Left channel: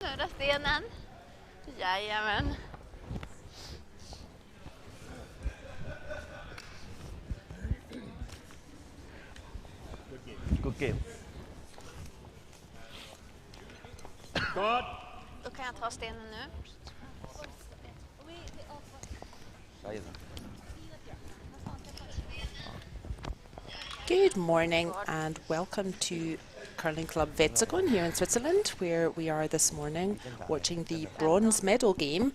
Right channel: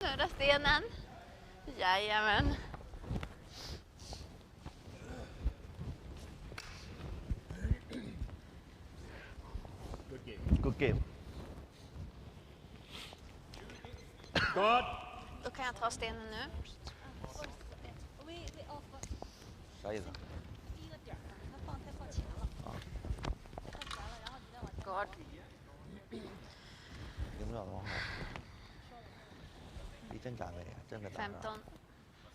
Snurra stenen. Jajamän. Good game. Då kan jag ta stenen nu. Good morning and welcome to Curling Club Wetzikon here in Switzerland, where we are this morning watching the bronze medal game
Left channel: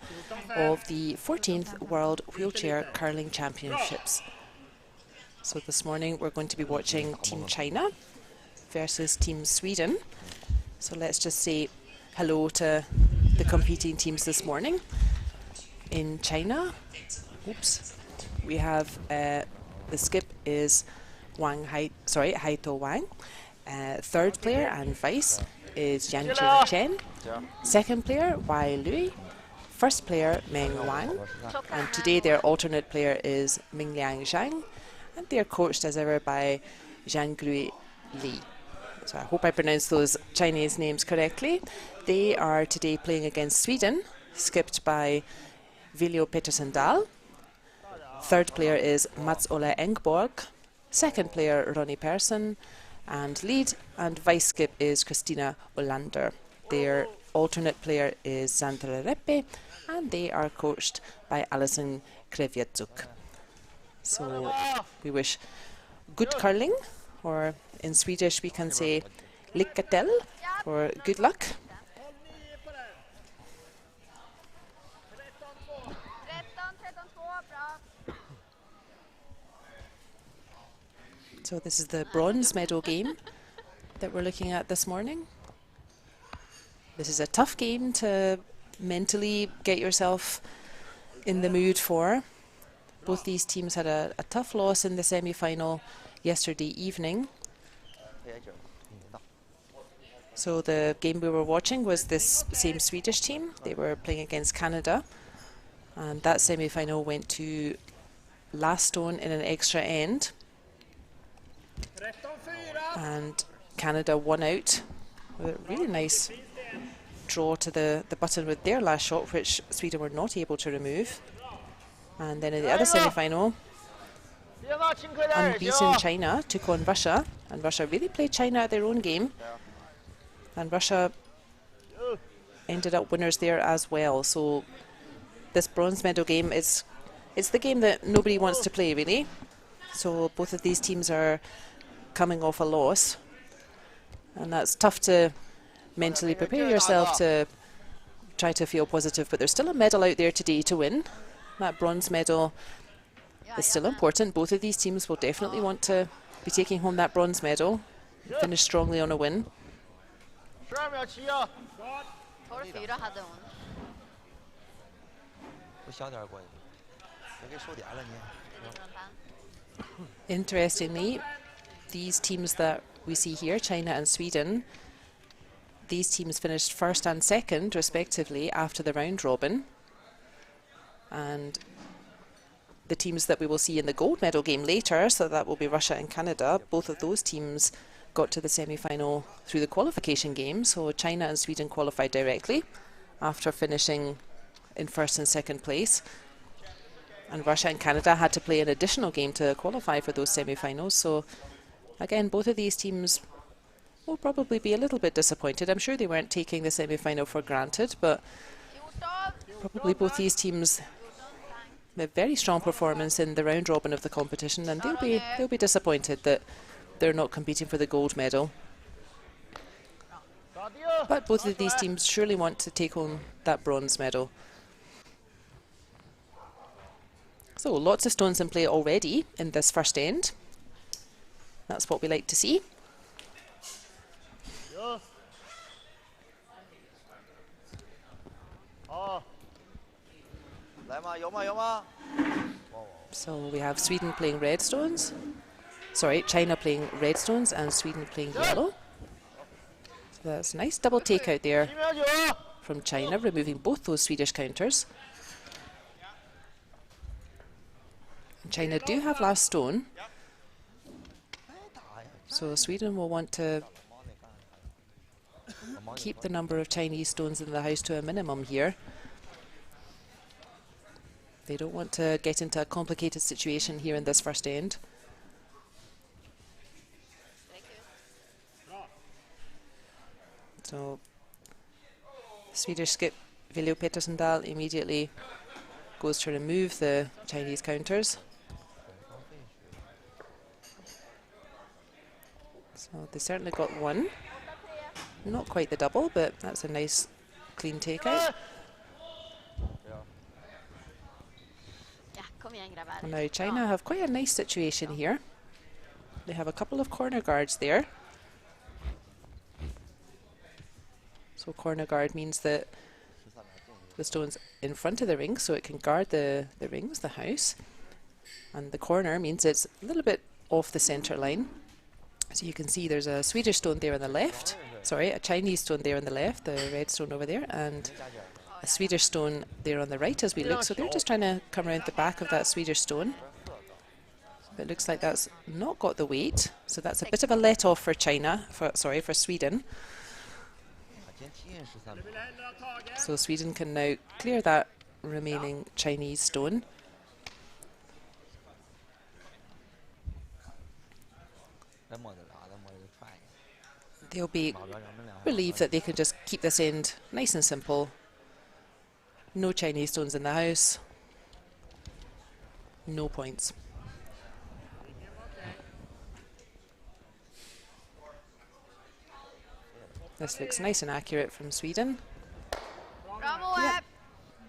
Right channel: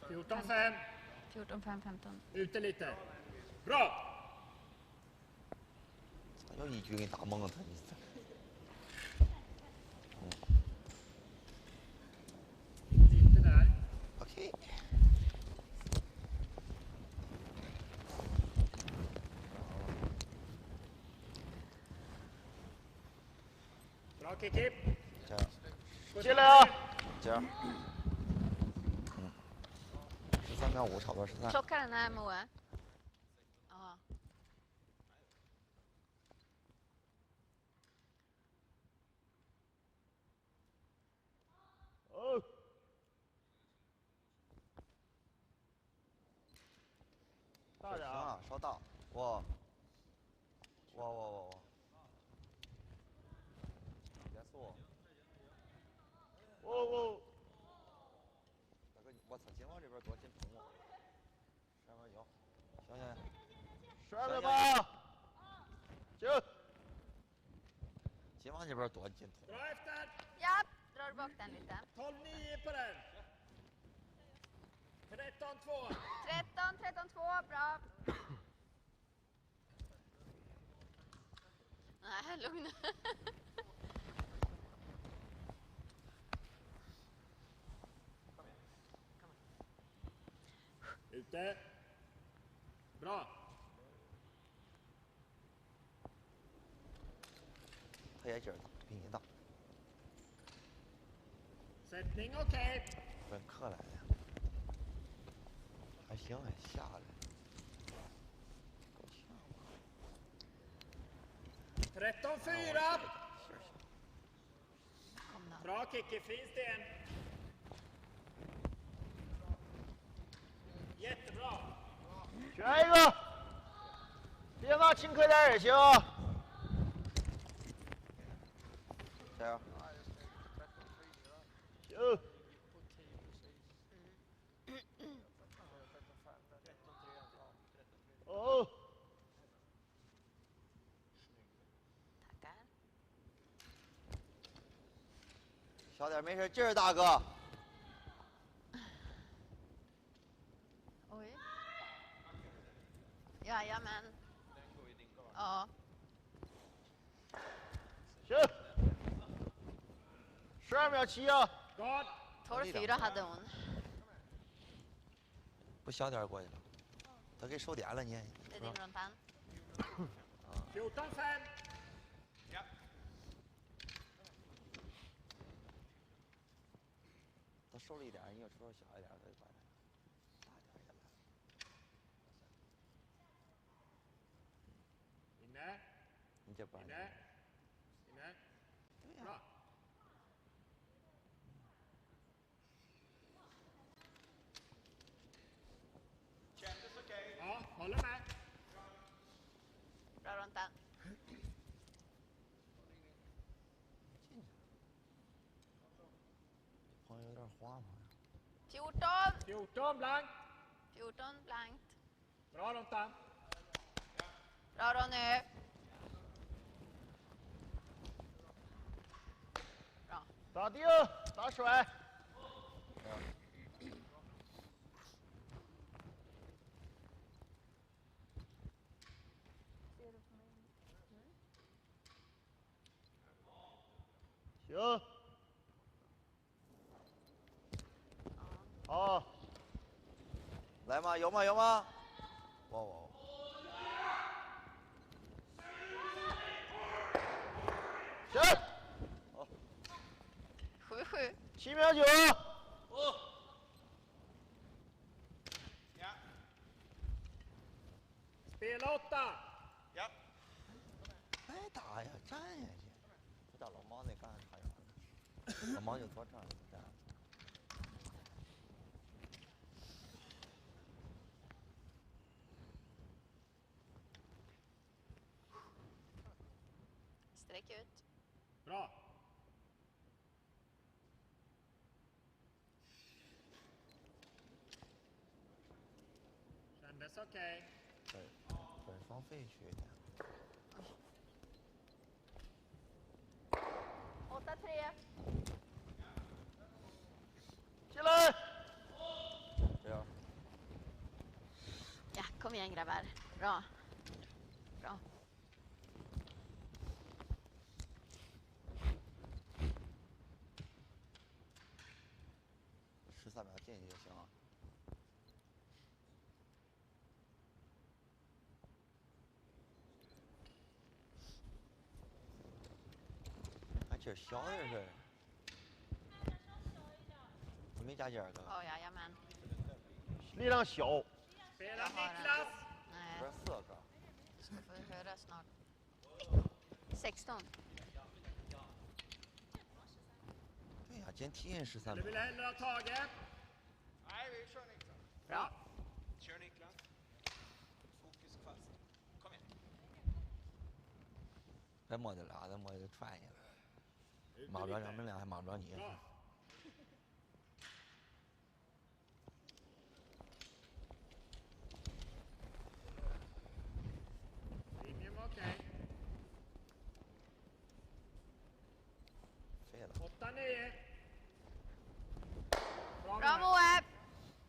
of the 14th World Wheelchair Curling Championships. So this morning we're going to be watching Team China versus Team Sweden. So let's just say hello to the competing teams this morning. In China, we have the skip is Haito Wang. Third player and vice is Yanjun Chen. Second player, Wai Lui. First player, Meng Wang. And today their alternate player is Mingliang Zhang. And they are coached as ever by Zhangrui Li. So I hope I pronounced those Chinese names correctly. They are today playing against Sweden, skipped by Viljo Petersen Dahl. Third player is Mats-Ola Engborg. Second player, Ronnie Persson. And lead and vice skip is Christina Olander. Their alternate player is Sandra Reppe, and they are coached by Alison Krevietzuk. So we wish good curling, or in Swedish we can say lycka till, or good luck. So this is the bronze medal game that we're looking at this morning. This is a tough game to mentally get yourself in the mood for. Both these teams had a tough loss in the semi-final yesterday evening. So the game we were watching was this same Swedish team. They were playing against Canada, and that semi-final went to last stone in an extra end. And Canada won out with a really nice draw to the button with their last shot, which Sweden were not able to remove. And then in the other semi-final, unbeaten China took on Russia, and Russia really played China at their own game, and Russia ended up winners there as well. So this bronze medal game it's the game that nobody wants to play, really. So both of these teams are coming off a loss, and that's tough to mentally prepare yourself to try to feel positive, but there's still a medal out there today to win. That bronze medal is still important. Both of these teams will definitely want to be taking home that bronze medal, finish strongly on a win. Interestingly, these teams that we see here, China and Sweden, these teams finished first and second respectively after the round robin. And the teams that we will see in the gold medal game later, so that will be Russia and Canada, both of those teams got to the semi-final through the qualification game. So China and Sweden qualified directly after finishing in first and second place. And Russia and Canada had to play an additional game to qualify for those semi-finals. So again, both of these teams will probably be a little bit disappointed. I'm sure they weren't taking the semi-final for granted, but probably both these teams have a very strong performance in the round robin of the competition, and they'll be disappointed that they're not competing for the gold medal. But both of these teams surely want to take home that bronze medal. So lots of stones in play already in this first end. That's what we like to see. So we have Sweden playing red stones. Sorry, China playing red stones and Sweden playing yellow. So that's a nice double take out there from China, removing both those Swedish counters. China do have last stone, so Sweden will want to keep the number of Chinese stones in the house to a minimum here. They don't want to get into a complicated situation here in this first end. So Swedish skip Viljo Pettersendal immediately goes to remove the Chinese counters. So they certainly got one. Not quite the double, but that's a nice clean takeout. Now China have quite a nice situation here. They have a couple of corner guards there. So corner guard means that the stone's in front of the ring, so it can guard the rings, the house. And the corner means it's a little bit off the center line. So you can see there's a Swedish stone there on the left. Sorry, a Chinese stone there on the left, the red stone over there, and a Swedish stone there on the right as we look. So they're just trying to come around the back of that Swedish stone. So it looks like that's not got the weight. So that's a bit of a let off for China, for Sweden. So Sweden can now clear that remaining Chinese stone. They'll be relieved that they can just keep this end nice and simple. No Chinese stones in the house. No points. This looks nice and accurate from Sweden. Yep.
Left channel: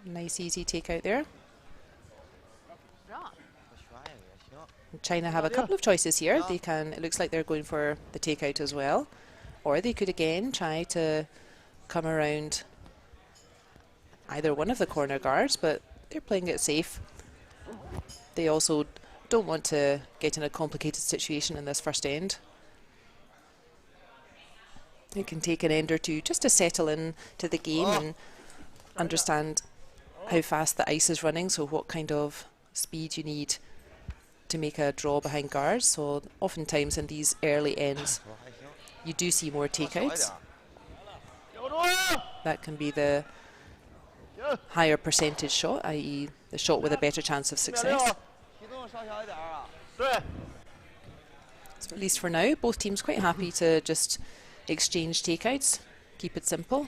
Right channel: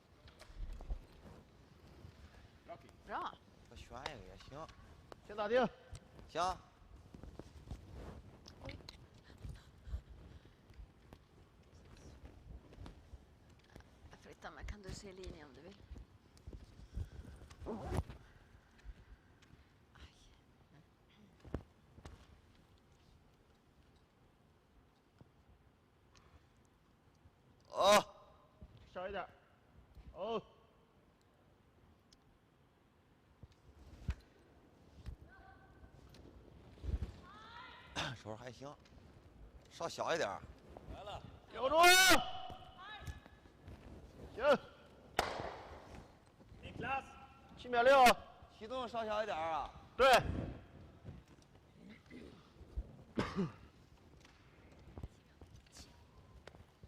Nice easy takeout there. China have a couple of choices here. They can, it looks like they're going for the takeout as well. Or they could again try to come around either one of the corner guards, but they're playing it safe. They also don't want to get in a complicated situation in this first end. It can take an end or two just to settle in to the game and understand how fast the ice is running, so what kind of speed you need to make a draw behind guards. So oftentimes in these early ends you do see more takeouts. That can be the higher percentage shot, i.e. the shot with a better chance of success. So at least for now, both teams quite happy to just exchange takeouts, keep it simple.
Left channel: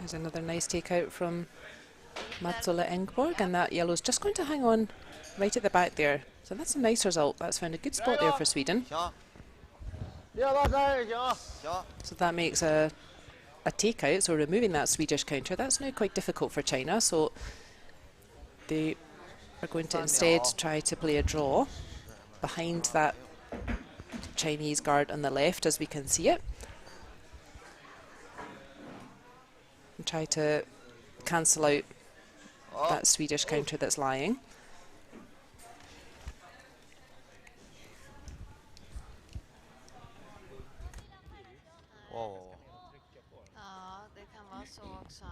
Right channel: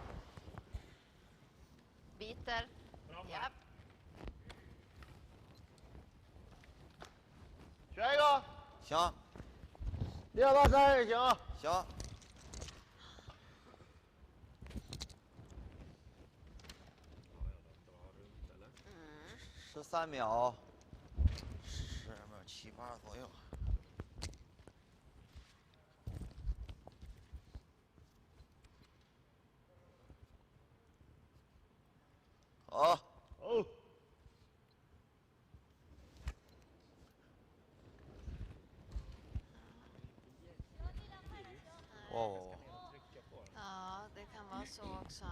There's another nice takeout from Matsola Engborg, and that yellow's just going to hang on right at the back there. So that's a nice result. That's found a good spot there for Sweden. So that makes a takeout, so removing that Swedish counter. That's now quite difficult for China, so they are going to instead try to play a draw behind that Chinese guard on the left as we can see it. And try to cancel out that Swedish counter that's lying. Det kan vara så också.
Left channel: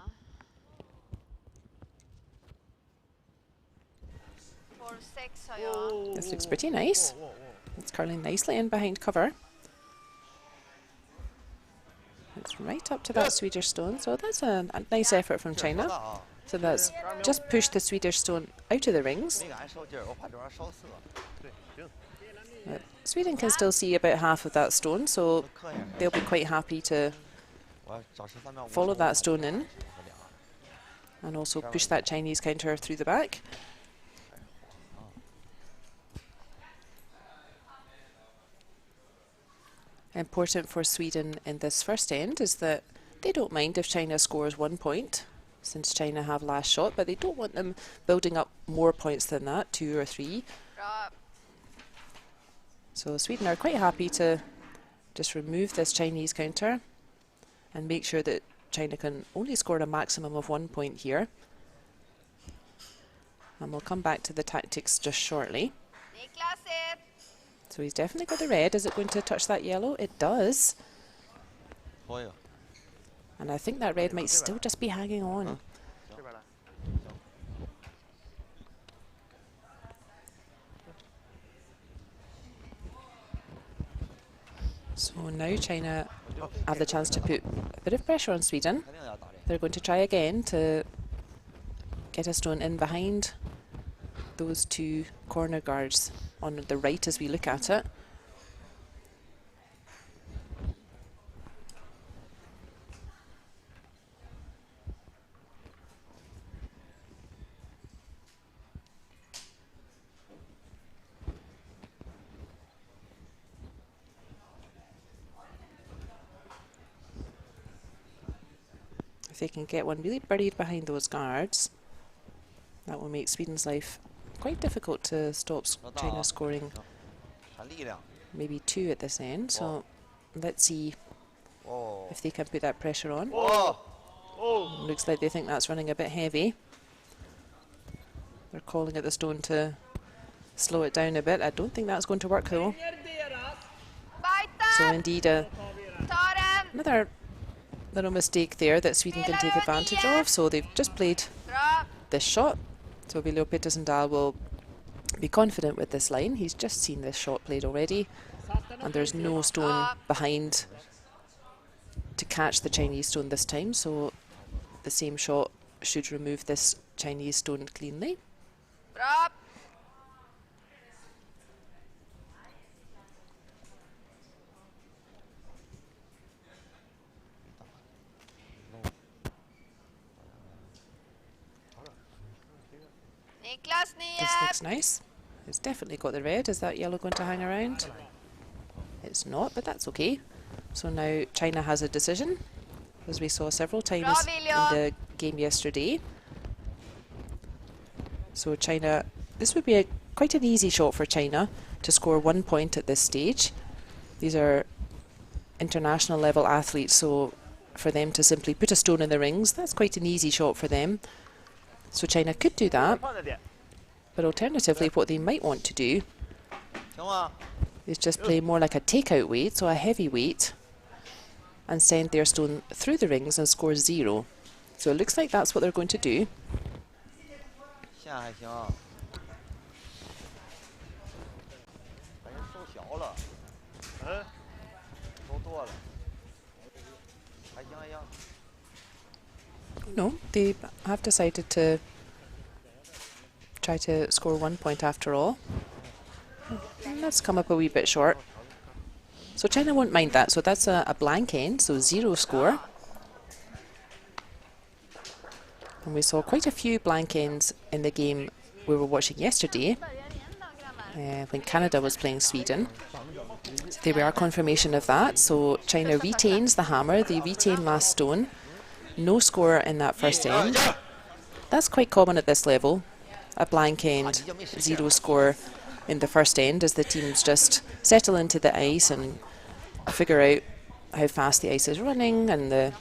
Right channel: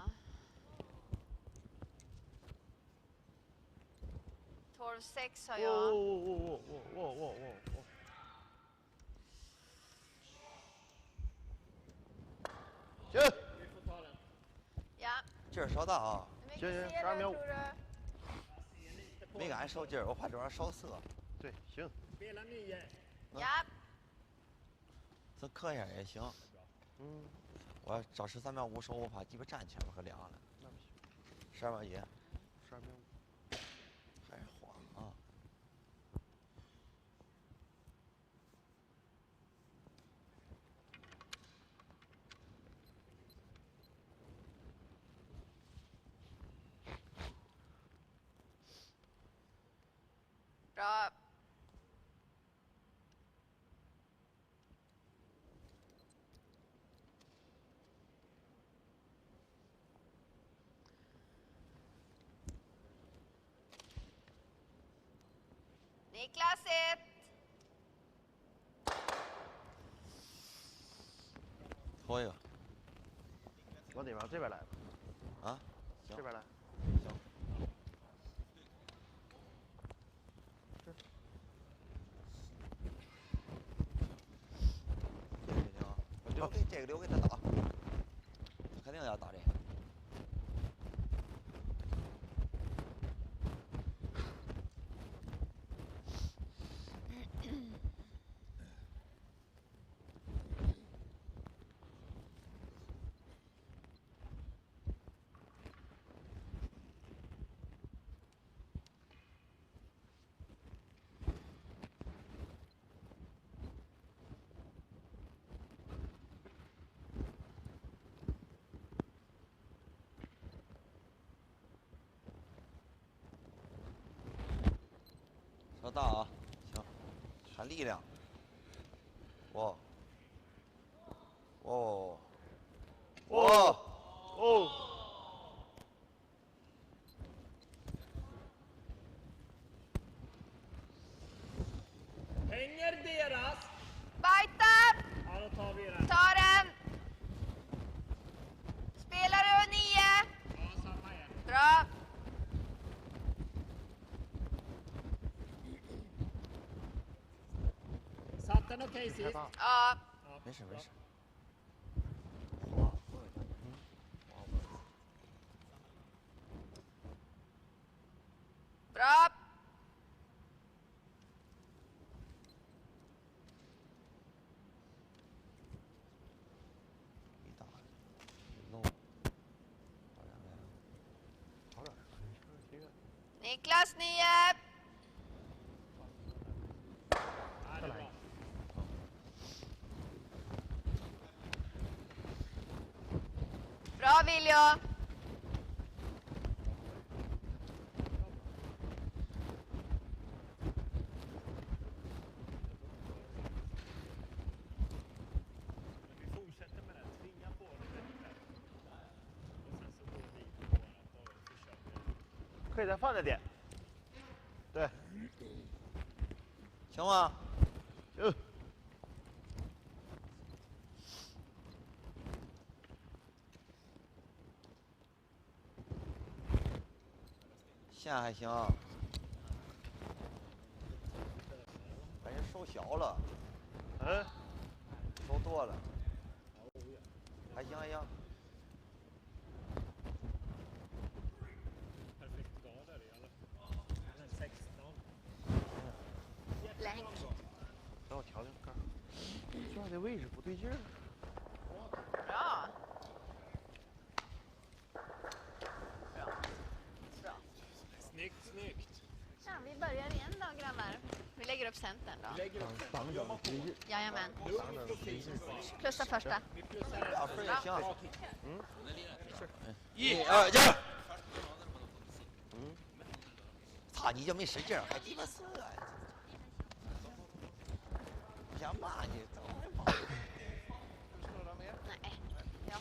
12-6 har jag. This looks pretty nice. It's curling nicely in behind cover. It's right up to that Swedish stone, so that's a nice effort from China. So that's just pushed the Swedish stone out of the rings. Sweden can still see about half of that stone, so they'll be quite happy to follow that stone in and also push that Chinese counter through the back. Important for Sweden in this first end is that they don't mind if China scores 1 point, since China have last shot, but they don't want them building up more points than that, 2 or 3. So Sweden are quite happy to just remove this Chinese counter and make sure that China can only score a maximum of 1 point here. And we'll come back to the tactics just shortly. So he's definitely got the red. Is it going to touch that yellow? It does. And I think that red might still just be hanging on. So now China have the chance to put a bit of pressure on Sweden. They're going to try again to get a stone in behind those two corner guards on the right as we look at it. If they can get one really buried behind those guards, that will make Sweden's life quite difficult to stop China scoring maybe 2 at this end. So let's see if they can put that pressure on. Looks like they think that's running a bit heavy. They're calling at the stone to slow it down a bit. I don't think that's going to work though. So indeed another little mistake there that Sweden can take advantage of. So they've just played this shot. So William Petersen-Dahl will be confident with this line. He's just seen this shot played already, and there's no stone behind to catch the Chinese stone this time. So the same shot should remove this Chinese stone cleanly. This looks nice. It's definitely got the red. Is that yellow going to hang around? It's not, but that's okay. So now China has a decision, as we saw several times in the game yesterday. So China, this would be quite an easy shot for China to score 1 point at this stage. These are international level athletes, so for them to simply put a stone in the rings, that's quite an easy shot for them. So China could do that, but alternatively what they might want to do is just play more like a takeout weight, so a heavy weight, and send their stone through the rings and score 0. So it looks like that's what they're going to do. No, they have decided to try to score 1 point after all. And that's come up a wee bit short. So China won't mind that, so that's a blank end, so 0 score. And we saw quite a few blank ends in the game we were watching yesterday, when Canada was playing Sweden. So they were a confirmation of that, so China retains the hammer, they retain last stone. No score in that first end. That's quite common at this level. A blank end, 0 score in the first end as the teams just settle into the ice and figure out how fast the ice is running and the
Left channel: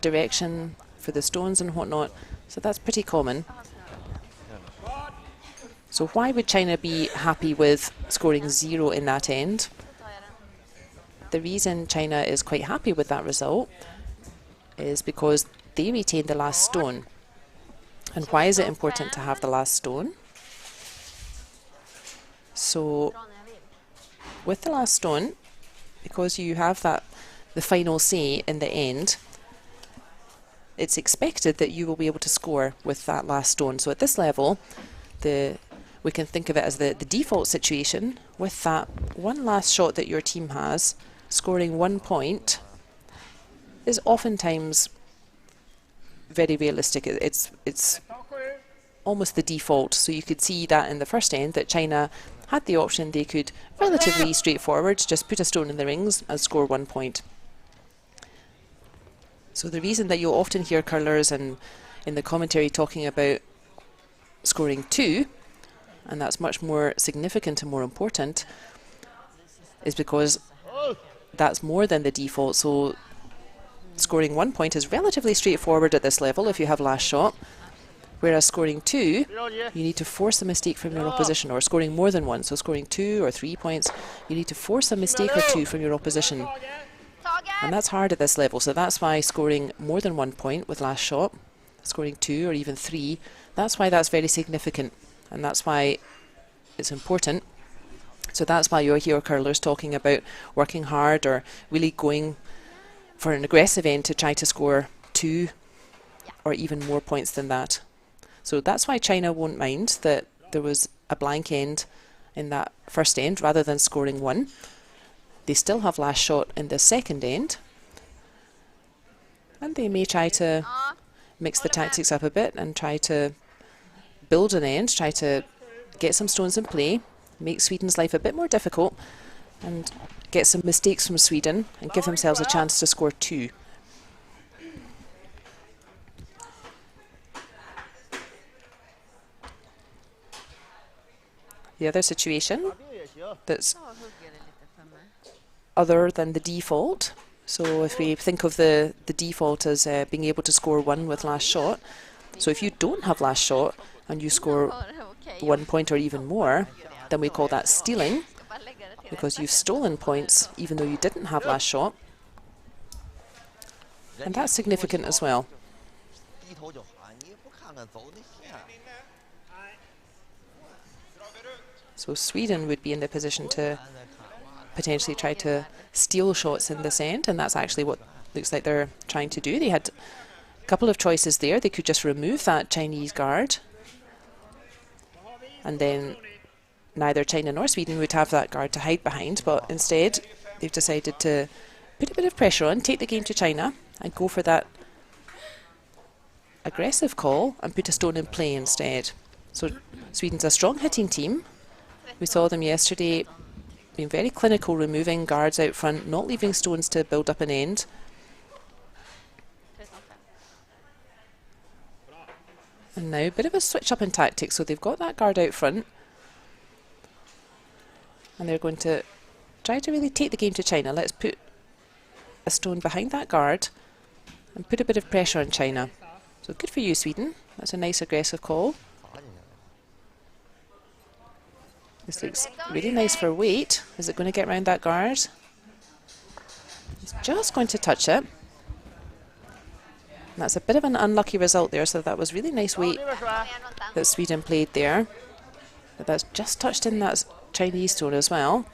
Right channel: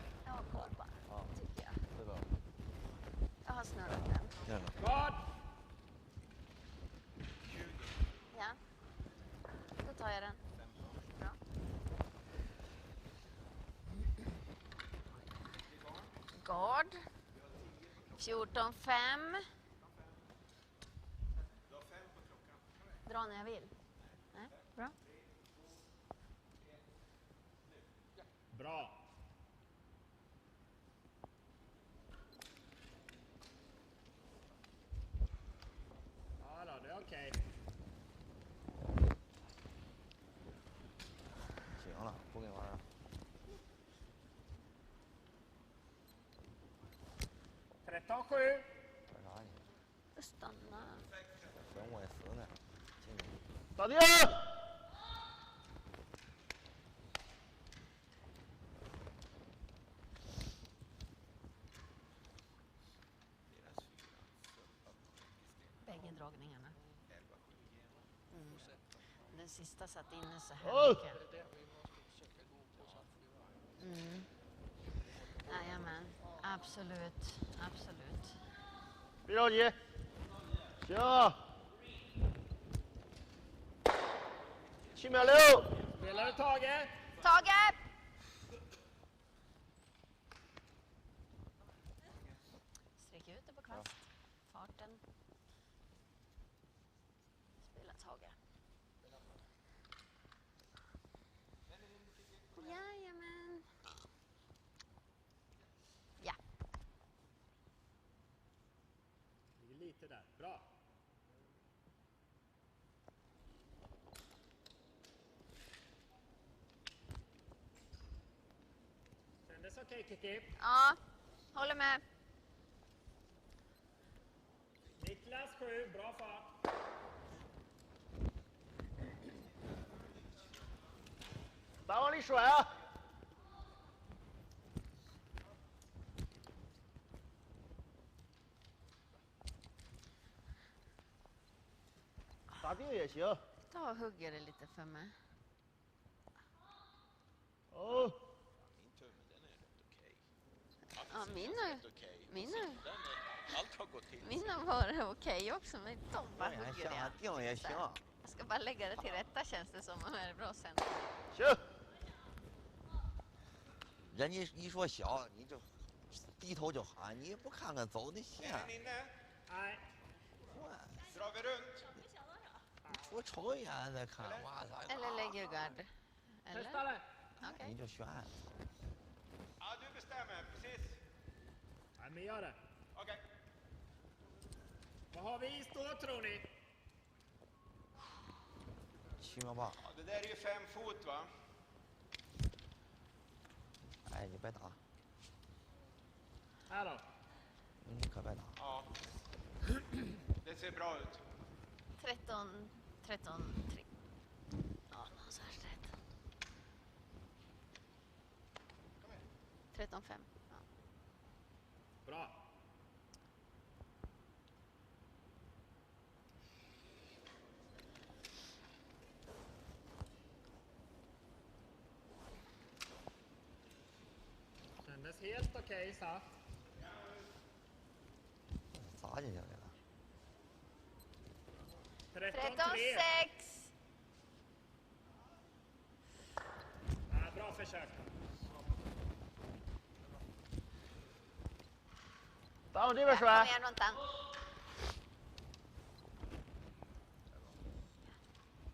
direction for the stones and whatnot. So that's pretty common. So why would China be happy with scoring 0 in that end? The reason China is quite happy with that result is because they retain the last stone. And why is it important to have the last stone? So with the last stone, because you have the final say in the end, it's expected that you will be able to score with that last stone. So at this level, we can think of it as the default situation. With that one last shot that your team has, scoring 1 point is oftentimes very realistic. It's almost the default. So you could see that in the first end that China had the option. They could relatively straightforward just put a stone in the rings and score 1 point. So the reason that you'll often hear curlers and in the commentary talking about scoring 2, and that's much more significant and more important, is because that's more than the default, so scoring 1 point is relatively straightforward at this level if you have last shot. Whereas scoring 2, you need to force a mistake from your opposition, or scoring more than 1. So scoring 2 or 3 points, you need to force a mistake or 2 from your opposition. And that's hard at this level, so that's why scoring more than 1 point with last shot, scoring 2 or even 3, that's why that's very significant, and that's why it's important. So that's why you'll hear curlers talking about working hard or really going for an aggressive end to try to score 2 or even more points than that. So that's why China won't mind that there was a blank end in that first end rather than scoring 1. They still have last shot in the second end, and they may try to mix the tactics up a bit and try to build an end, try to get some stones in play, make Sweden's life a bit more difficult, and get some mistakes from Sweden and give themselves a chance to score 2. The other situation that's other than the default, so if we think of the default as being able to score 1 with last shot, so if you don't have last shot and you score 1 point or even more, then we call that stealing, because you've stolen points even though you didn't have last shot, and that's significant as well. So Sweden would be in the position to potentially try to steal shots in this end, and that's actually what looks like they're trying to do. They had a couple of choices there. They could just remove that Chinese guard, and then neither China nor Sweden would have that guard to hide behind, but instead they've decided to put a bit of pressure on, take the game to China, and go for that aggressive call and put a stone in play instead. So Sweden's a strong hitting team. We saw them yesterday being very clinical, removing guards out front, not leaving stones to build up an end. And now a bit of a switch up in tactics, so they've got that guard out front, and they're going to try to really take the game to China. Let's put a stone behind that guard and put a bit of pressure on China. So good for you, Sweden. That's a nice aggressive call. This looks really nice for weight. Is it going to get around that guard? It's just going to touch it. And that's a bit of an unlucky result there, so that was really nice weight that Sweden played there. But that's just touched in that Chinese stone as well.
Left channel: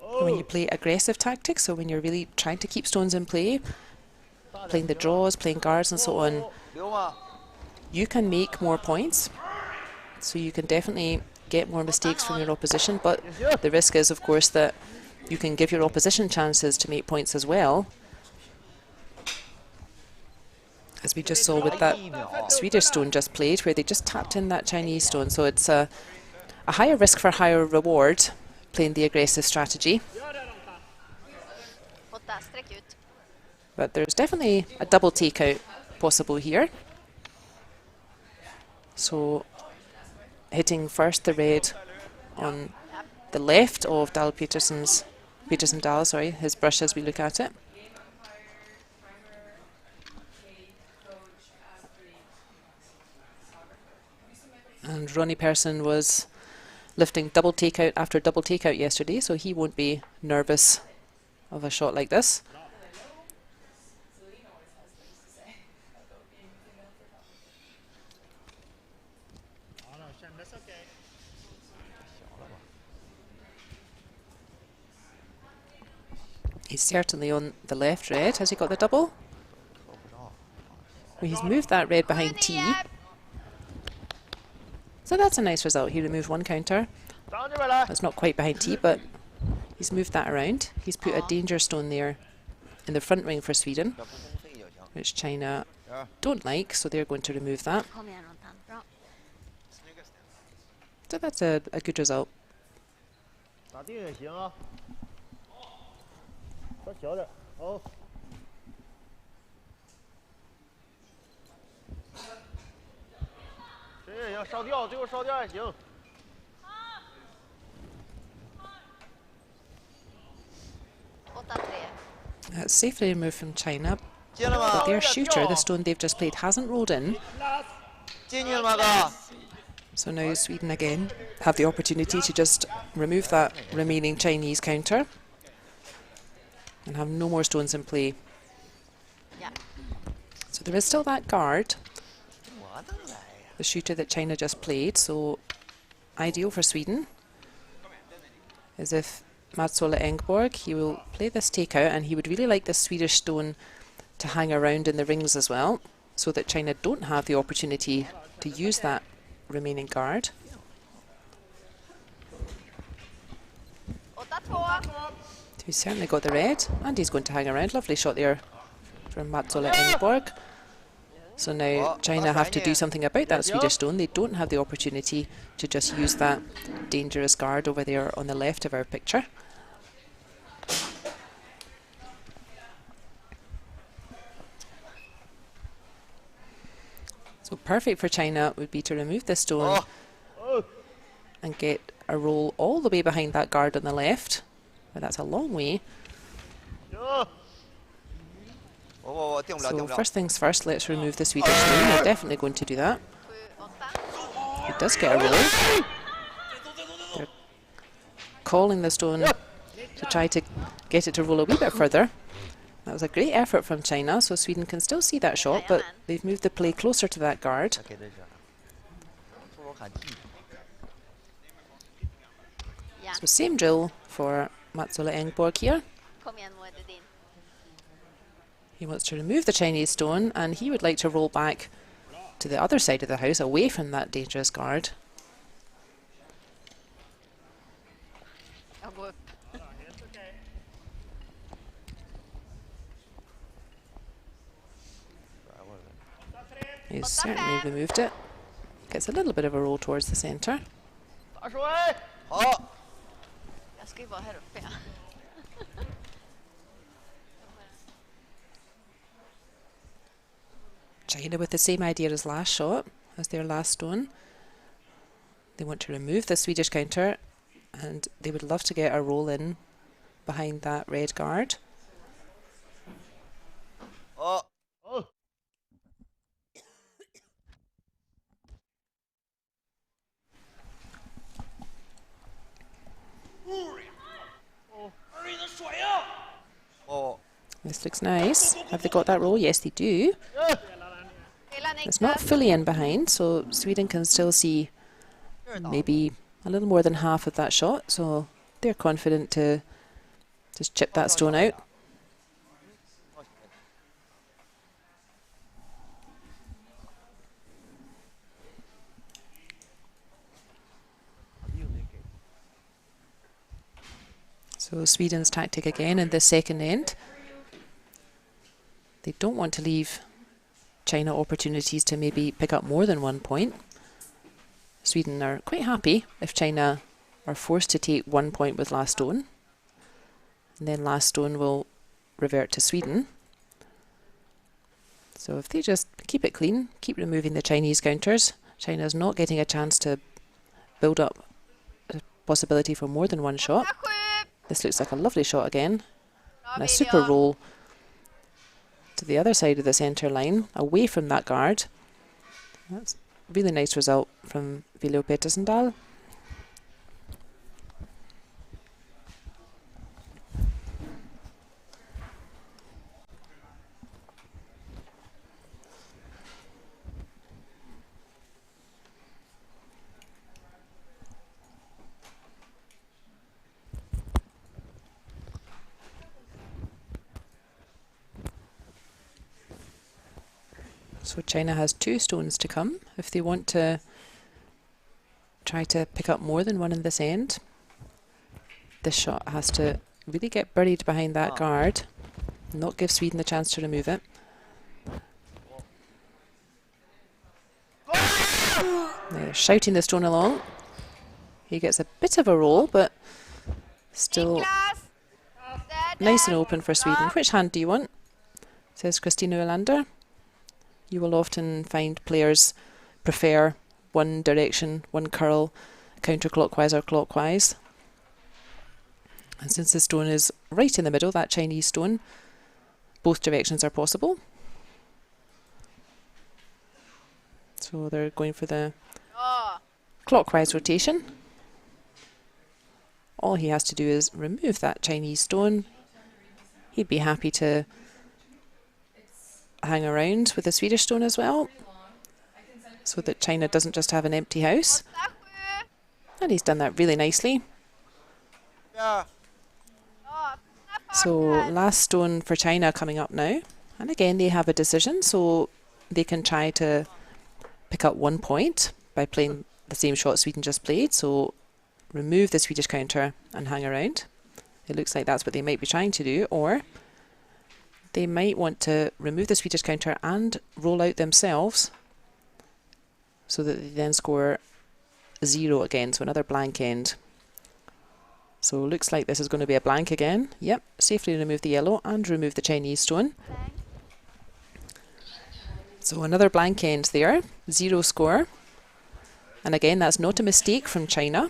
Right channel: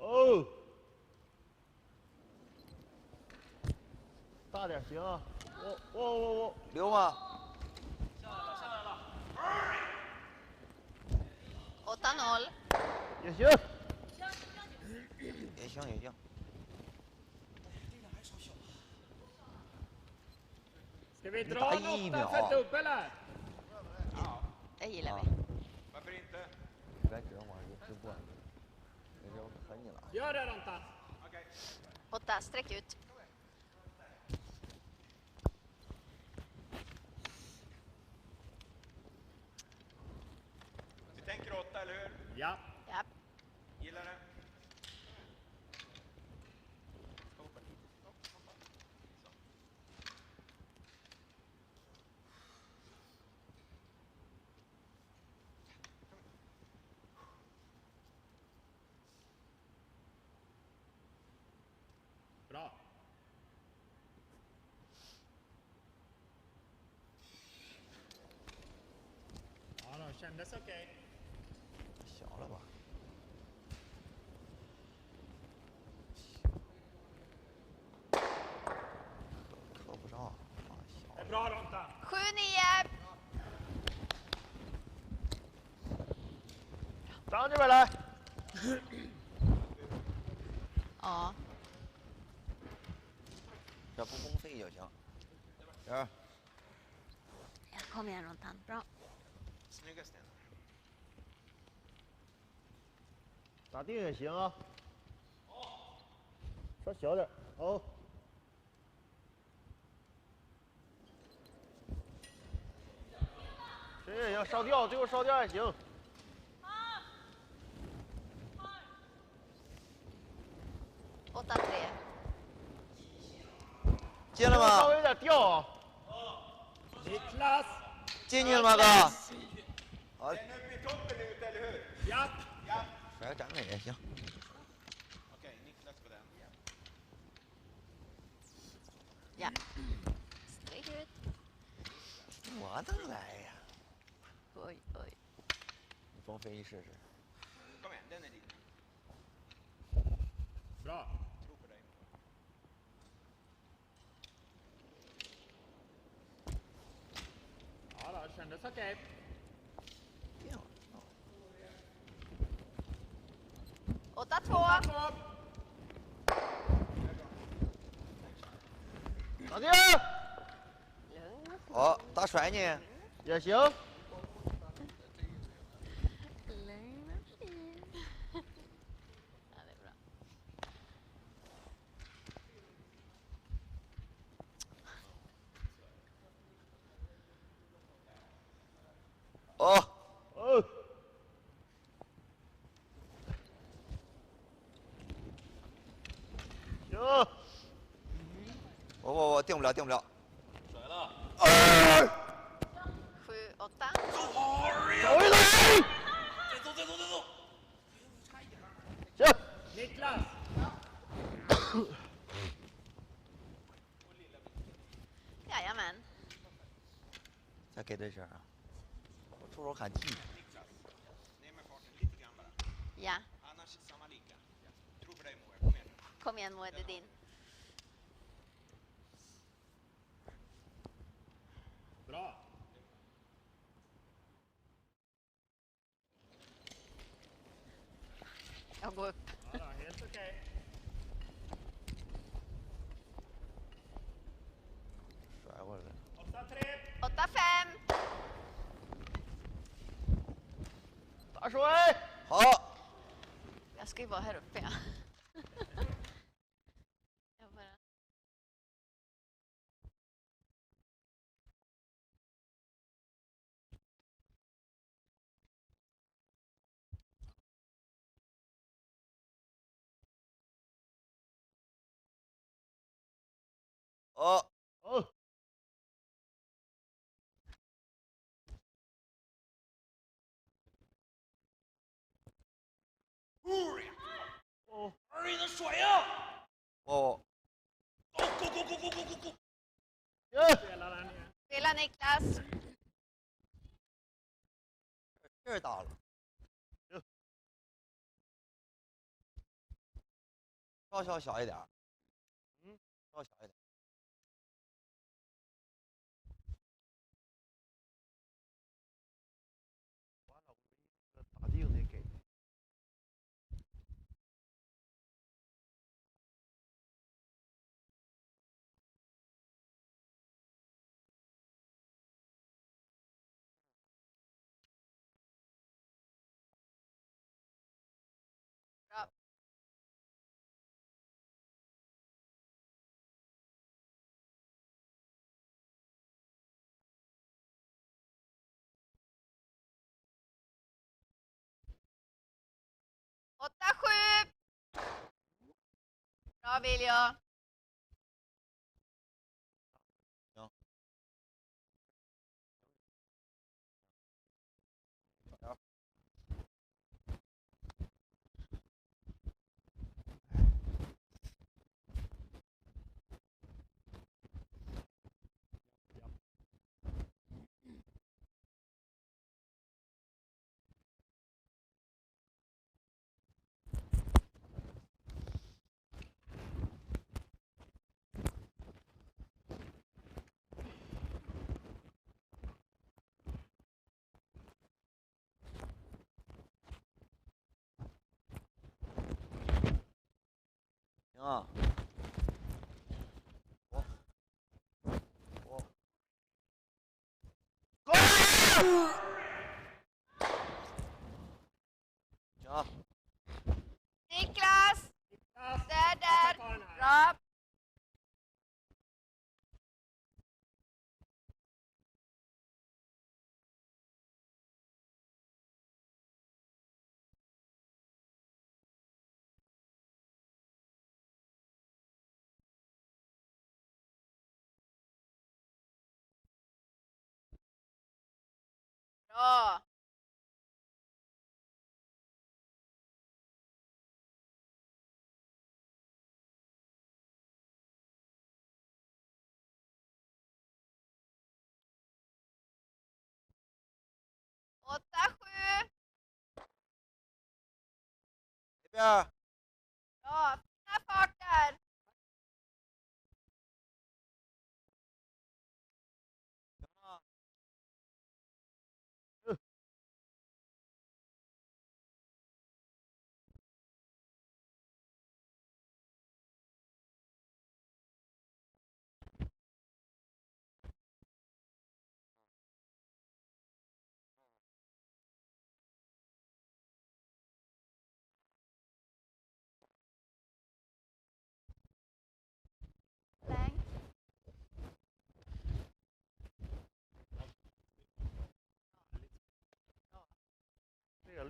When you play aggressive tactics, so when you're really trying to keep stones in play, playing the draws, playing guards and so on, you can make more points. So you can definitely get more mistakes from your opposition, but the risk is, of course, that you can give your opposition chances to make points as well. As we just saw with that Swedish stone just played, where they just tapped in that Chinese stone. So it's a higher risk for higher reward playing the aggressive strategy. But there's definitely a double takeout possible here. So hitting first the red on the left of Dahl Petersen Dahl, sorry, his brush as we look at it. And Ronnie Persson was lifting double takeout after double takeout yesterday, so he won't be nervous of a shot like this. He's certainly on the left red. Has he got the double? Well, he's moved that red behind T. So that's a nice result. He removed one counter. That's not quite behind T, but he's moved that around. He's put a danger stone there in the front ring for Sweden, which China don't like, so they're going to remove that. So that's a good result. That's safely removed from China. Their shooter, the stone they've just played, hasn't rolled in. So now Sweden again have the opportunity to just remove that remaining Chinese counter and have no more stones in play. Yeah. So there is still that guard, the shooter that China just played, so ideal for Sweden is if Mats-Ola Engborg, he will play this takeout, and he would really like this Swedish stone to hang around in the rings as well, so that China don't have the opportunity to use that remaining guard. So he's certainly got the red, and he's going to hang around. Lovely shot there from Mats-Ola Engborg. So now China have to do something about that Swedish stone. They don't have the opportunity to just use that dangerous guard over there on the left of our picture. So perfect for China would be to remove this stone and get a roll all the way behind that guard on the left. But that's a long way. So first things first, let's remove the Swedish stone. We're definitely going to do that. It does get a roll. They're calling the stone to try to get it to roll a wee bit further. That was a great effort from China, so Sweden can still see that shot, but they've moved the play closer to that guard. So same drill for Mats-Ola Engborg here. He wants to remove the Chinese stone, and he would like to roll back to the other side of the house, away from that dangerous guard. He's certainly removed it. Gets a little bit of a roll towards the centre. China with the same idea as last shot, as their last stone. They want to remove the Swedish counter, and they would love to get a roll in behind that red guard. This looks nice. Have they got that roll? Yes, they do. It's not fully in behind, so Sweden can still see maybe a little more than half of that shot, so they're confident to just chip that stone out. So Sweden's tactic again in the second end. They don't want to leave China opportunities to maybe pick up more than 1 point. Sweden are quite happy if China are forced to take 1 point with last stone. And then last stone will revert to Sweden. So if they just keep it clean, keep removing the Chinese counters, China's not getting a chance to build up a possibility for more than one shot. This looks like a lovely shot again. And a super roll to the other side of the centre line, away from that guard. That's a really nice result from Vilo Petersendal. So China has 2 stones to come if they want to try to pick up more than one in this end. This shot has to really get buried behind that guard, not give Sweden the chance to remove it. They're shouting the stone along. He gets a bit of a roll, but still nice and open for Sweden. Which hand do you want? Says Christina Olander. You will often find players prefer one direction, one curl, counterclockwise or clockwise. And since the stone is right in the middle, that Chinese stone, both directions are possible. So they're going for the clockwise rotation. All he has to do is remove that Chinese stone. He'd be happy to hang around with the Swedish stone as well, so that China doesn't just have an empty house. And he's done that really nicely. So last stone for China coming up now. And again, they have a decision, so they can try to pick up 1 point by playing the same shot Sweden just played. So remove the Swedish counter and hang around. It looks like that's what they might be trying to do. Or they might want to remove the Swedish counter and roll out themselves, so that they then score 0 again, so another blank end. So looks like this is going to be a blank again. Yep, safely remove the yellow and remove the Chinese stone. So another blank end there, 0 score. And again, that's not a mistake from China.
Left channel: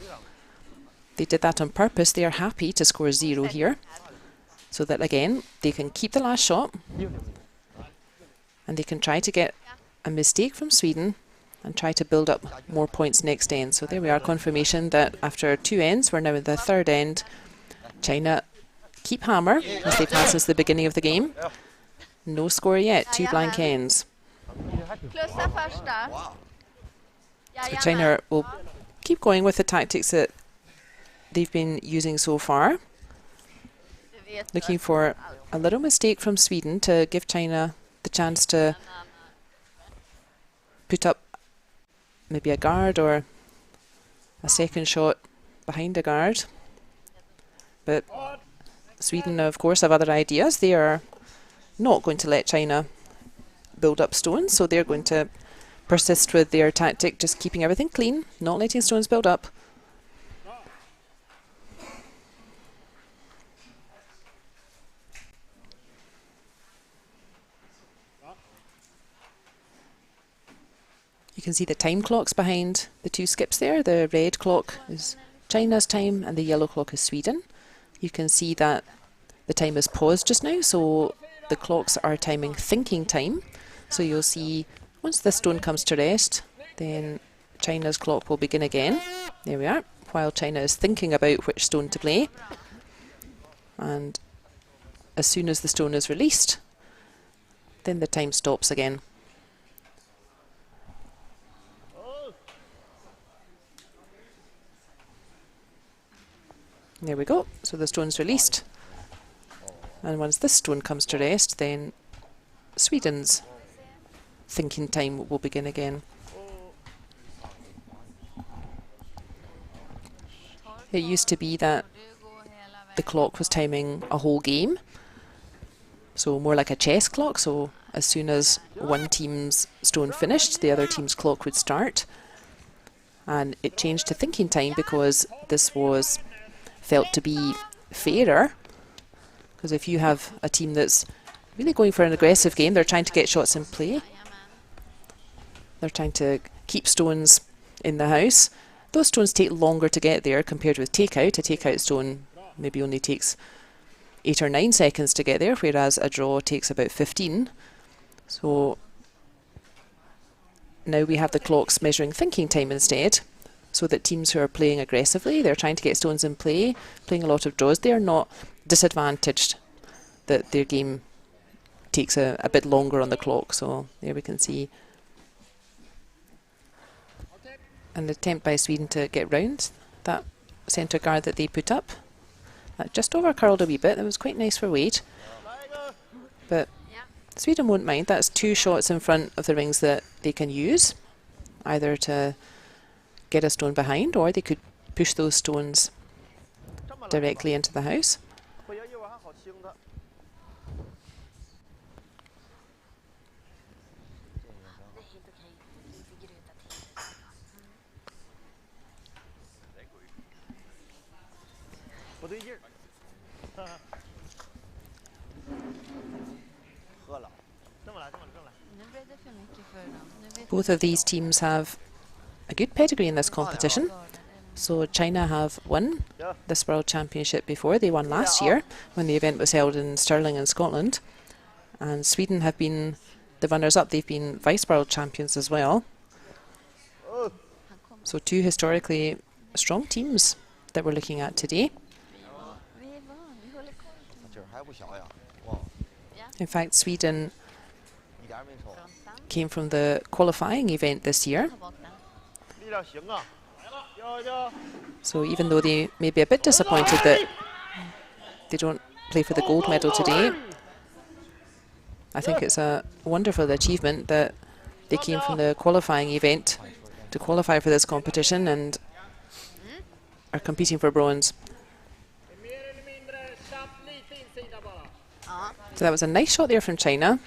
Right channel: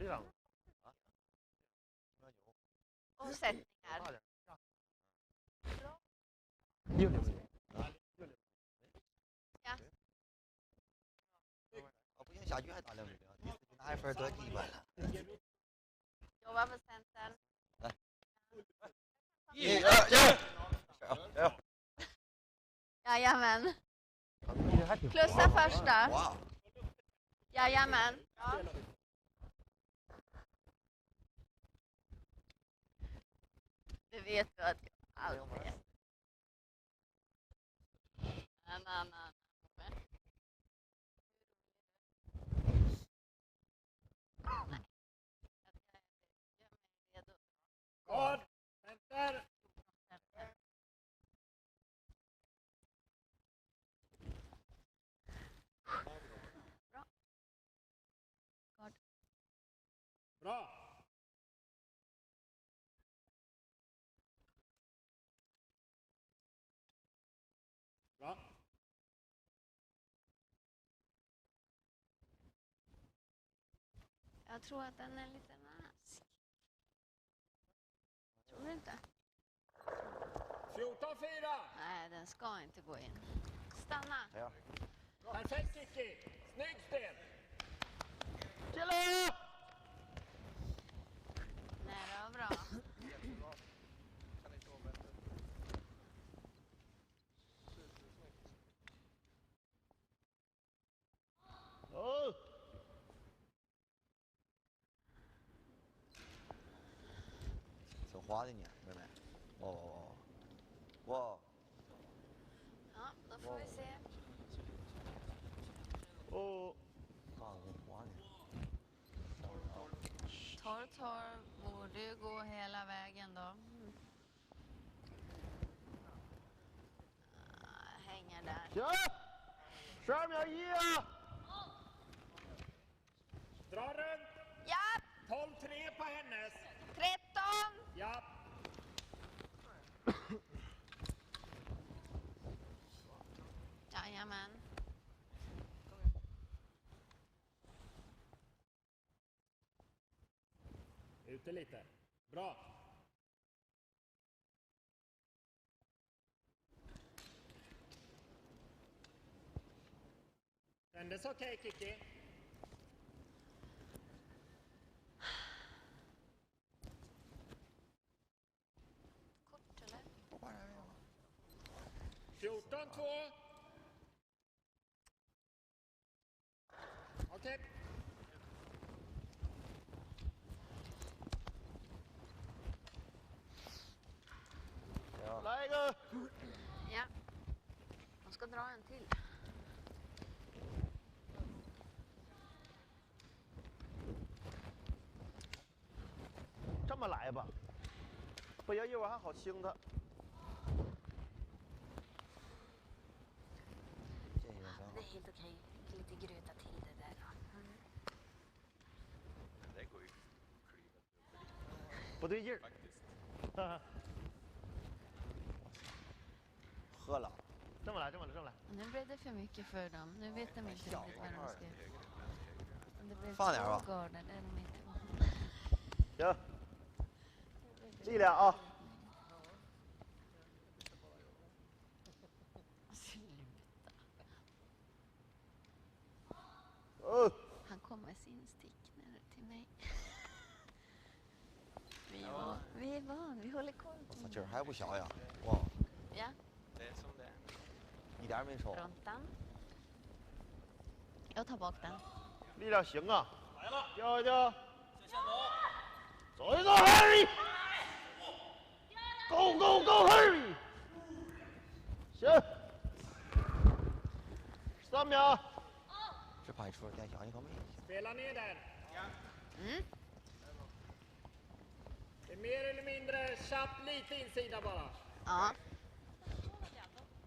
They did that on purpose. They are happy to score 0 here, so that again, they can keep the last shot and they can try to get a mistake from Sweden and try to build up more points next end. So there we are, confirmation that after 2 ends, we're now in the 3rd end. China keep hammer, as they've had since the beginning of the game. No score yet, 2 blank ends. So China will keep going with the tactics that they've been using so far, looking for a little mistake from Sweden to give China the chance to put up maybe a guard or a second shot behind a guard. But Sweden, of course, have other ideas. They are not going to let China build up stones, so they're going to persist with their tactic, just keeping everything clean, not letting stones build up. You can see the time clocks behind the 2 skips there. The red clock is China's time and the yellow clock is Sweden. You can see that the time is paused just now, so the clocks are timing thinking time. So you'll see once the stone comes to rest, then China's clock will begin again. There we are, while China is thinking about which stone to play. And as soon as the stone is released, then the time stops again. There we go, so the stone's released. And once this stone comes to rest, then Sweden's thinking time will begin again. It used to be that the clock was timing a whole game, so more like a chess clock, so as soon as one team's stone finished, the other team's clock would start. And it changed to thinking time because this was felt to be fairer, because if you have a team that's really going for an aggressive game, they're trying to get shots in play, they're trying to keep stones in the house, those stones take longer to get there compared with takeout. A takeout stone maybe only takes 8 or 9 seconds to get there, whereas a draw takes about 15. So now we have the clocks measuring thinking time instead, so that teams who are playing aggressively, they're trying to get stones in play, playing a lot of draws, they're not disadvantaged that their game takes a bit longer on the clock. So there we can see an attempt by Sweden to get round that centre guard that they put up. That just over curled a wee bit. That was quite nice for weight. But Sweden won't mind. That's 2 shots in front of the rings that they can use, either to get a stone behind, or they could push those stones directly into the house. Both of these teams have a good pedigree in this competition. So China have won this World Championship before. They won last year when the event was held in Stirling in Scotland. And Sweden have been the runners-up. They've been Vice World Champions as well. So two historically strong teams that we're looking at today. In fact, Sweden came from the qualifying event this year. So even though they may be a bit disappointed that they don't play for the gold medal today, I think it's a wonderful achievement that they came from the qualifying event to qualify for this competition and are competing for bronze. So that was a nice shot there from China.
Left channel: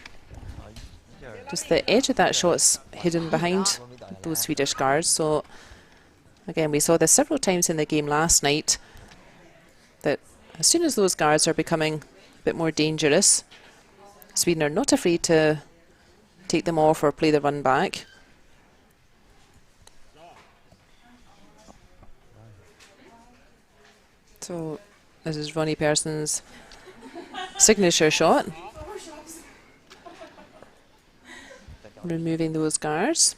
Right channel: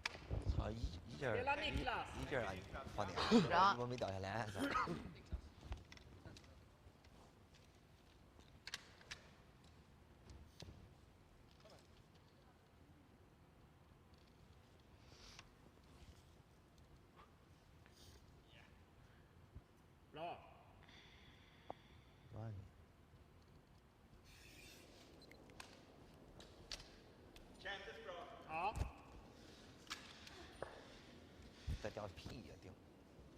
Just the edge of that shot's hidden behind those Swedish guards. So again, we saw this several times in the game last night, that as soon as those guards are becoming a bit more dangerous, Sweden are not afraid to take them off or play the run back. So this is Ronnie Person's signature shot. Removing those guards.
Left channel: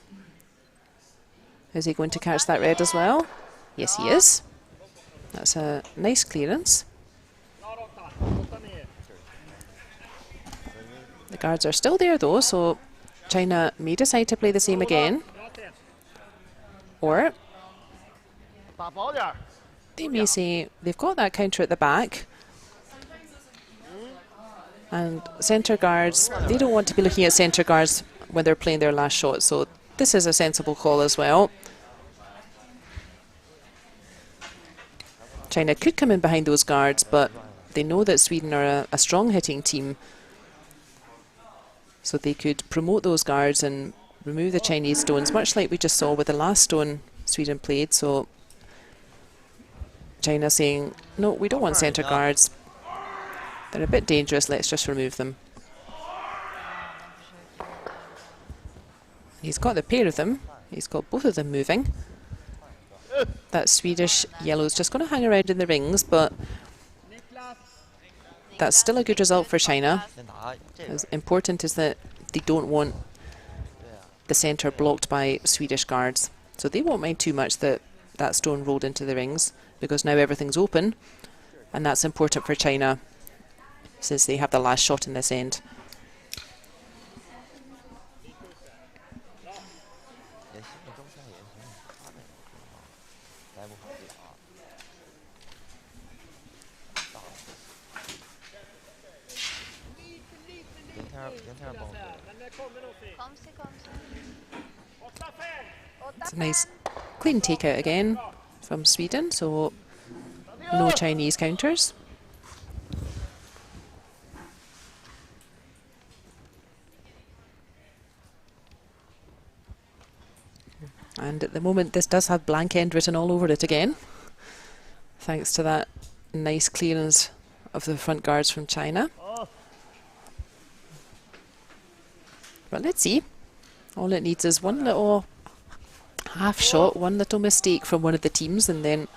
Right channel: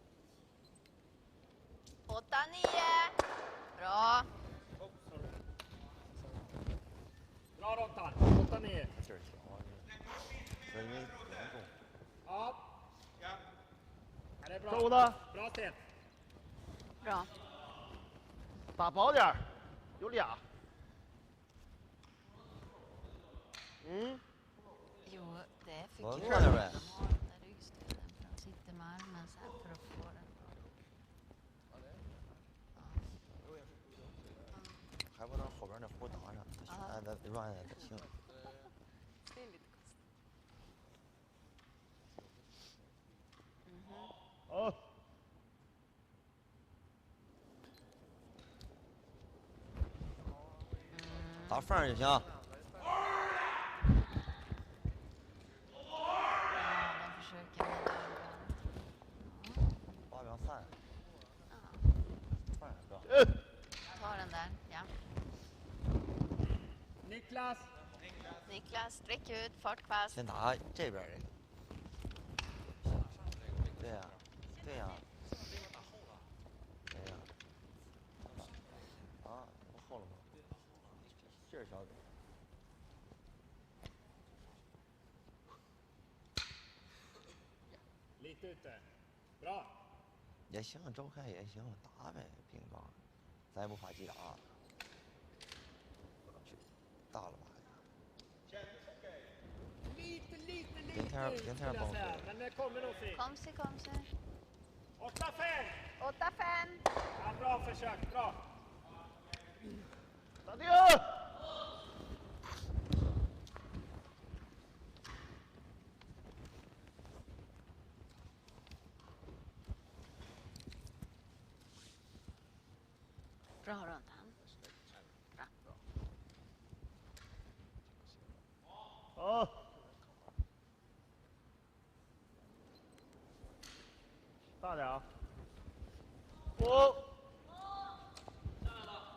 Is he going to catch that red as well? Yes, he is. That's a nice clearance. The guards are still there though, so China may decide to play the same again. Or they may say they've got that counter at the back. And centre guards, they don't want to be looking at centre guards when they're playing their last shot, so this is a sensible call as well. China could come in behind those guards, but they know that Sweden are a strong hitting team, so they could promote those guards and remove the Chinese stones, much like we just saw with the last stone Sweden played. So China saying, no, we don't want centre guards. They're a bit dangerous, let's just remove them. He's got the pair of them. He's got both of them moving. That Swedish yellow is just going to hang around in the rings, but that's still a good result for China. As important is that they don't want the centre blocked by Swedish guards. So they won't mind too much that that stone rolled into the rings, because now everything's open, and that's important for China since they have the last shot in this end. It's a nice clean takeout again from Sweden, so no Chinese counters. And at the moment this does have blank end written all over it again, thanks to that nice clearance of the front guards from China. But let's see. All it needs is one little half shot, one little mistake from one of the teams, and then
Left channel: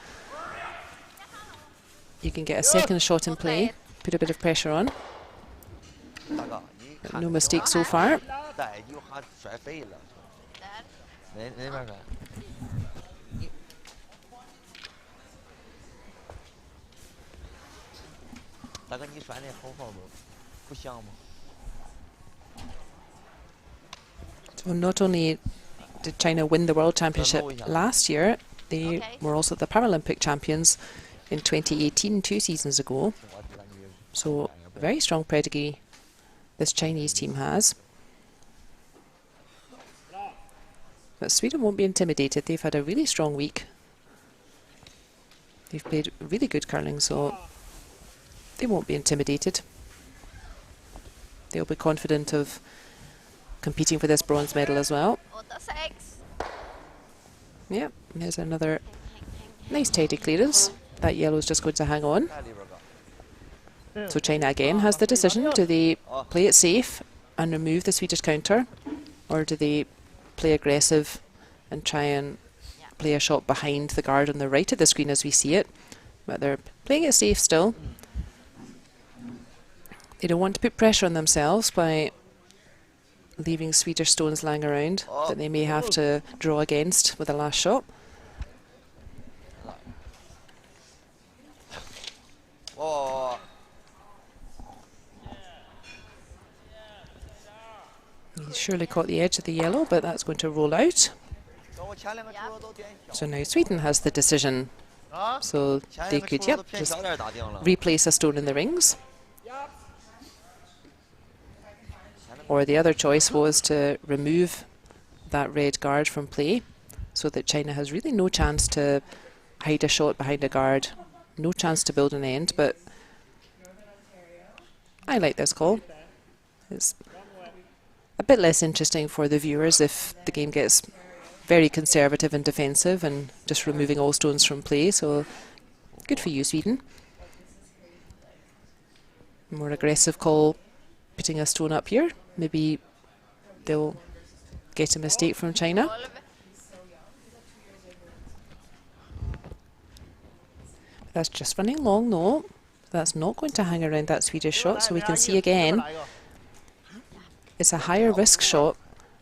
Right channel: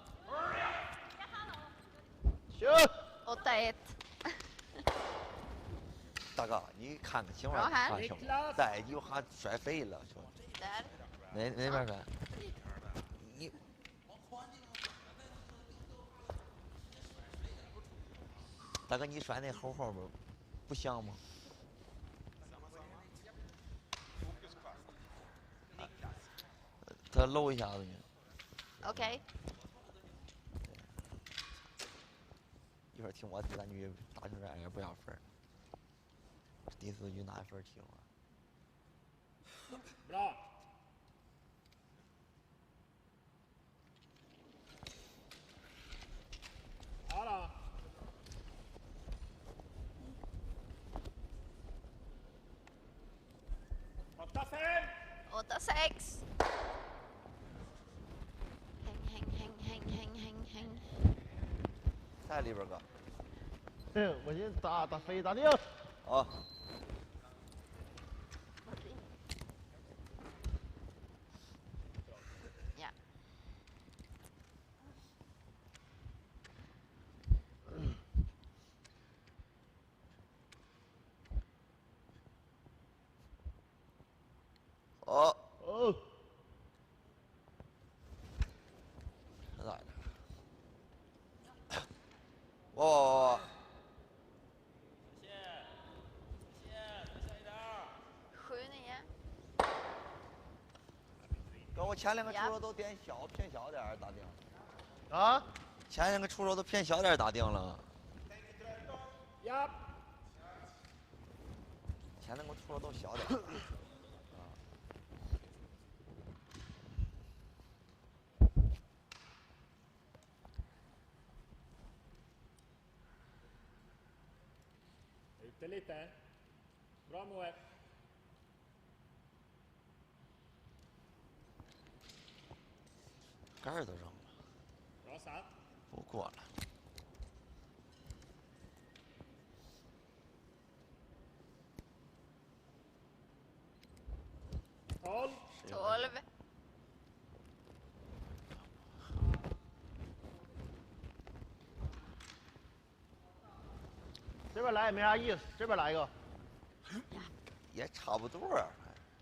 you can get a second shot in play. Put a bit of pressure on. No mistakes so far. So not only did China win the World Championship last year, they were also the Paralympic champions in 2018, 2 seasons ago. So very strong pedigree this Chinese team has. But Sweden won't be intimidated. They've had a really strong week. They've played really good curling, so they won't be intimidated. They'll be confident of competing for this bronze medal as well. Yep, here's another nice tidy clearance. That yellow is just going to hang on. So China again has the decision. Do they play it safe and remove the Swedish counter, or do they play aggressive and try and play a shot behind the guard on the right of the screen as we see it, but they're playing it safe still. They don't want to put pressure on themselves by leaving Swedish stones lying around that they may have to draw against with the last shot. He's surely caught the edge of the yellow, but that's going to roll out. So now Sweden has the decision. So they could, just replace a stone in the rings. Or the other choice was to remove that red guard from play, so that China has really no chance to hide a shot behind a guard, no chance to build an end. But I like this call. It's a bit less interesting for the viewers if the game gets very conservative and defensive and just removing all stones from play. So good for you, Sweden. More aggressive call, putting a stone up here. Maybe they'll get a mistake from China. That's just running long, no. That's not going to hang around that Swedish shot, so we can see again it's a higher risk shot,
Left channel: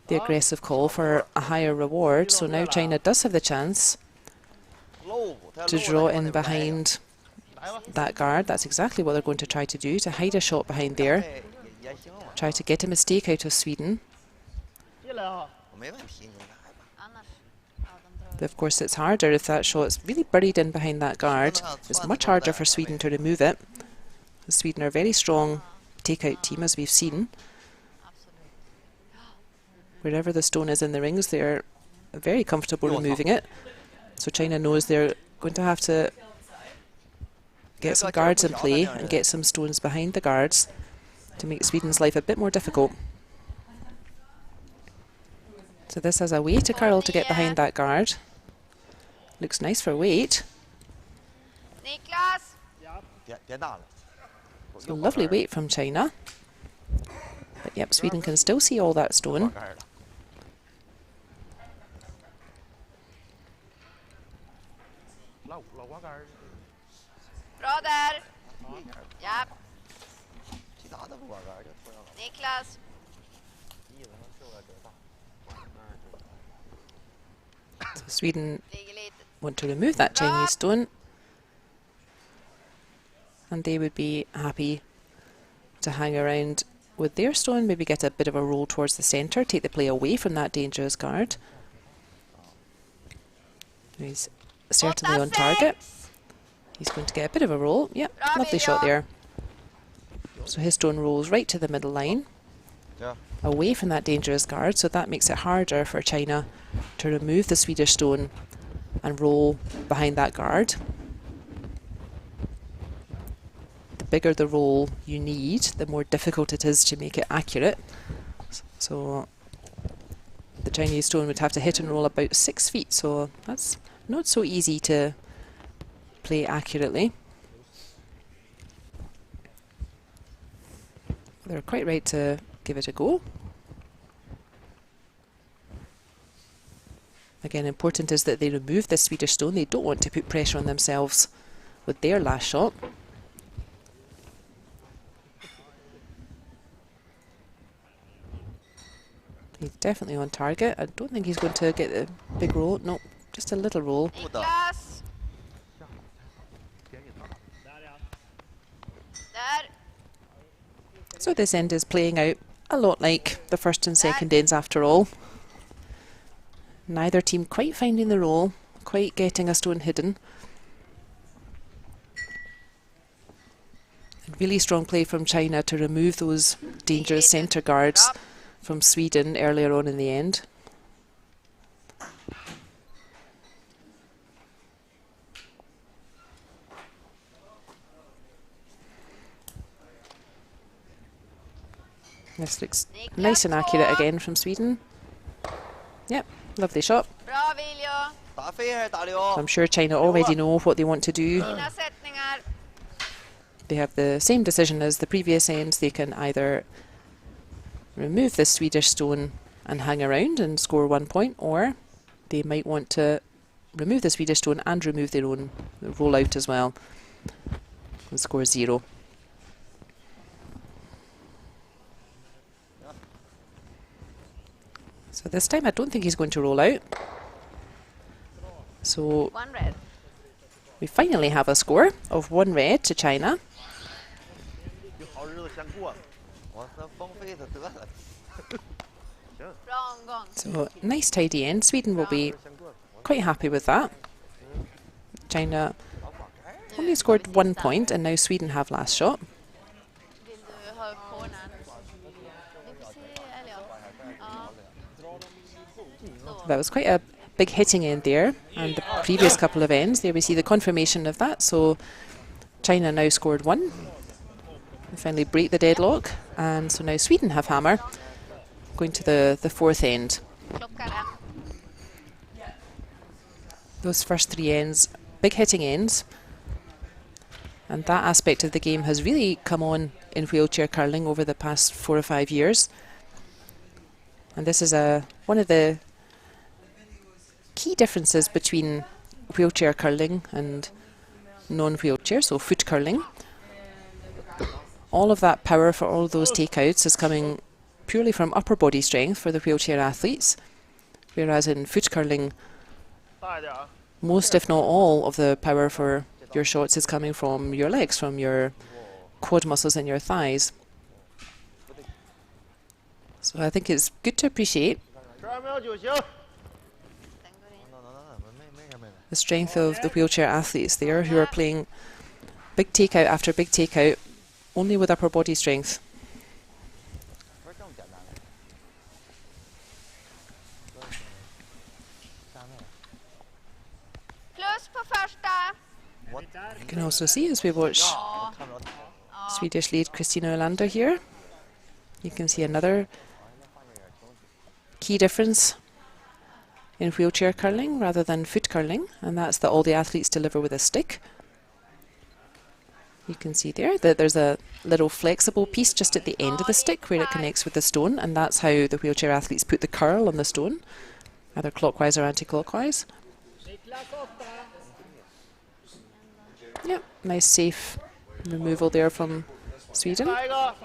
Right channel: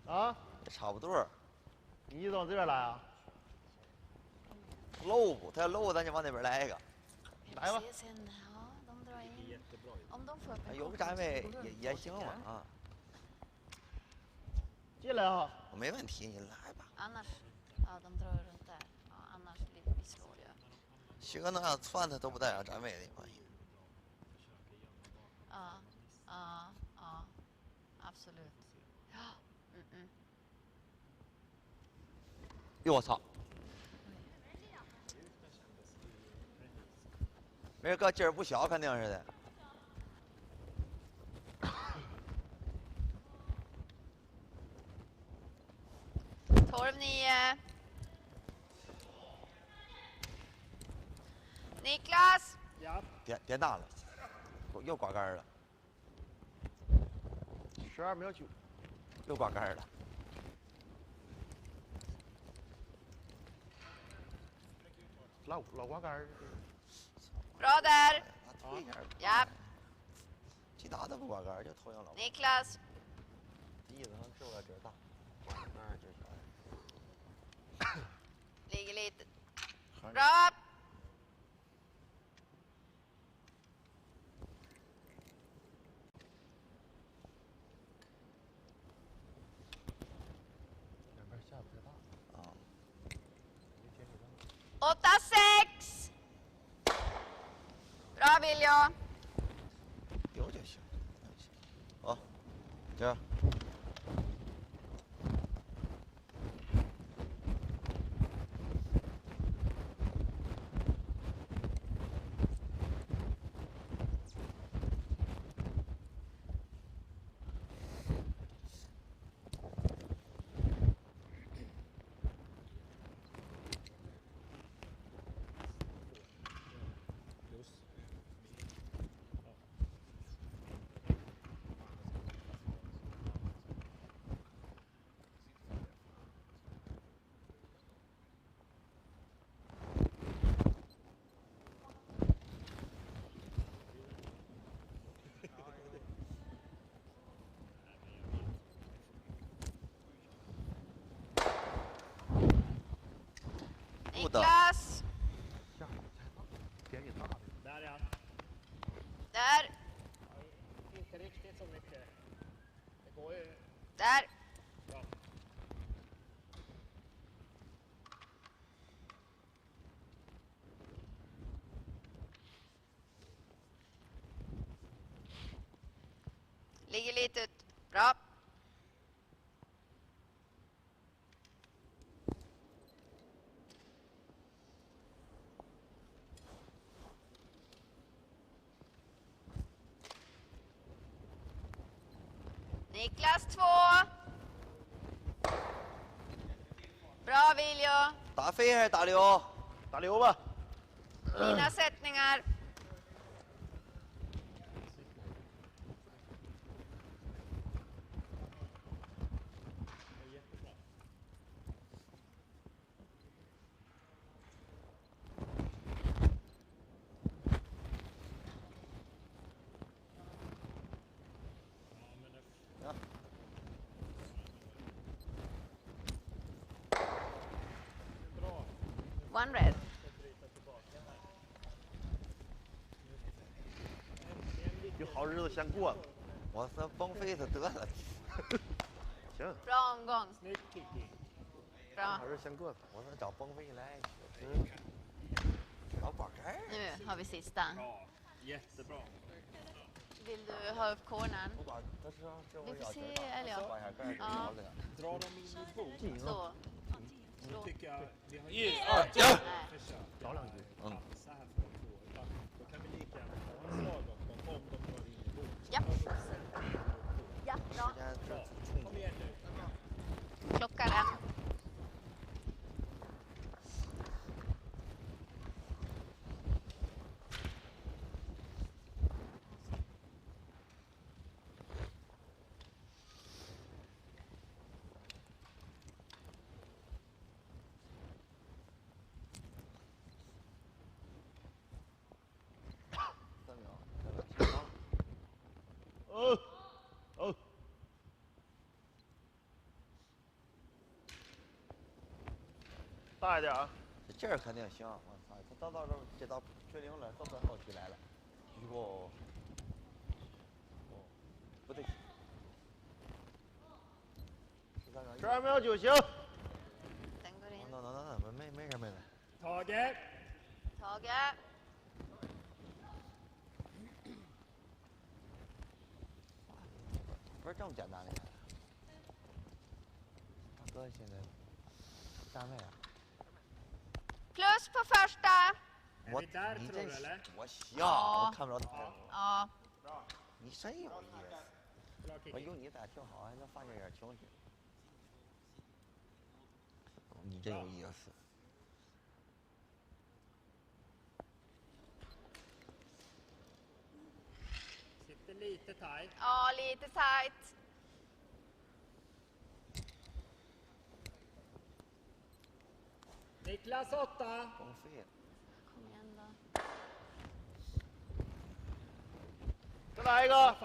the aggressive call, for a higher reward. So now China does have the chance to draw in behind that guard. That's exactly what they're going to try to do, to hide a shot behind there, try to get a mistake out of Sweden. But of course it's harder if that shot's really buried in behind that guard. It's much harder for Sweden to remove it. Sweden are a very strong take-out team, as we've seen. Wherever the stone is in the rings, they're very comfortable removing it. So China knows they're going to have to get some guards in play and get some stones behind the guards to make Sweden's life a bit more difficult. So this has a way to curl to get behind that guard. Looks nice for weight. So lovely weight from China. But yep, Sweden can still see all that stone. Bra där. Ja. Niklas. So Sweden want to remove that Chinese stone, and they would be happy to hang around with their stone, maybe get a bit of a roll towards the centre, take the play away from that dangerous guard. He's certainly on target. He's going to get a bit of a roll. Yep, lovely shot there. So his stone rolls right to the middle line, away from that dangerous guard, so that makes it harder for China to remove the Swedish stone and roll behind that guard. The bigger the roll you need, the more difficult it is to make it accurate. So the Chinese stone would have to hit and roll about 6 feet, so that's not so easy to play accurately. They're quite right to give it a go. Again, important is that they remove the Swedish stone. They don't want to put pressure on themselves with their last shot. He's definitely on target. I don't think he's going to get the big roll. No, just a little roll. Niklas. Där. So this end is playing out a lot like the first and second ends after all. Neither team quite finding the roll, quite getting a stone hidden. And really strong play from China to remove those dangerous centre guards from Sweden earlier on in the end. This looks nice and accurate again from Sweden. Yep, lovely shot. Bra Viljo. I'm sure China already know what they want to do. Fina sättningar. They have the same decision as the previous ends. They can either remove the Swedish stone and hang around and score 1 point, or they might want to remove the Swedish stone and remove their own roll out as well. The score is 0. So this time I don't think he's going to roll out. So 1 red. we finally have a score of 1 red to China. 有好日子先过了。我说崩飞就得了。Wrong gong. So nice tidy end. Sweden will be 先过了。 quite happy with that. China only scored 1 point and now Sweden have last shot. Vill du ha upp cornern? Vi får se, eller ja. Så. That was quite a big hitting end there, and the previous couple of ends, there we see the confirmation of that. So China now scored 1. They finally break the deadlock, and so now Sweden have hammer, going to the 4th end. Klockar 1. Those first 3 ends, big hitting ends, and that aspect of the game has really come on in wheelchair curling over the past 4 or 5 years. And this is one of the key differences between wheelchair curling and non-wheelchair, so foot curling. All of that power for all those takeouts is coming purely from upper body strength for the wheelchair athletes, whereas in foot curling, 大一点啊。 most if not all of the power for your shots is coming from your legs, from your quad muscles and your thighs. So I think it's good to appreciate 12秒就行。 Den går in. the strength of the wheelchair athletes there who are playing big takeout after big takeout only with upper body strength. Plus på första. You can also see as we watch Swedish lead Kristina Olander here, you can see another key difference in wheelchair curling rather than foot curling, and that's that all the athletes deliver with a stick. You can see there that there's a little flexible piece just at the end of the stick where it connects with the stone, and that's how the wheelchair athletes put the curl on the stone, either clockwise or anti-clockwise. Yep, nice safe removal there from Sweden. 来一个。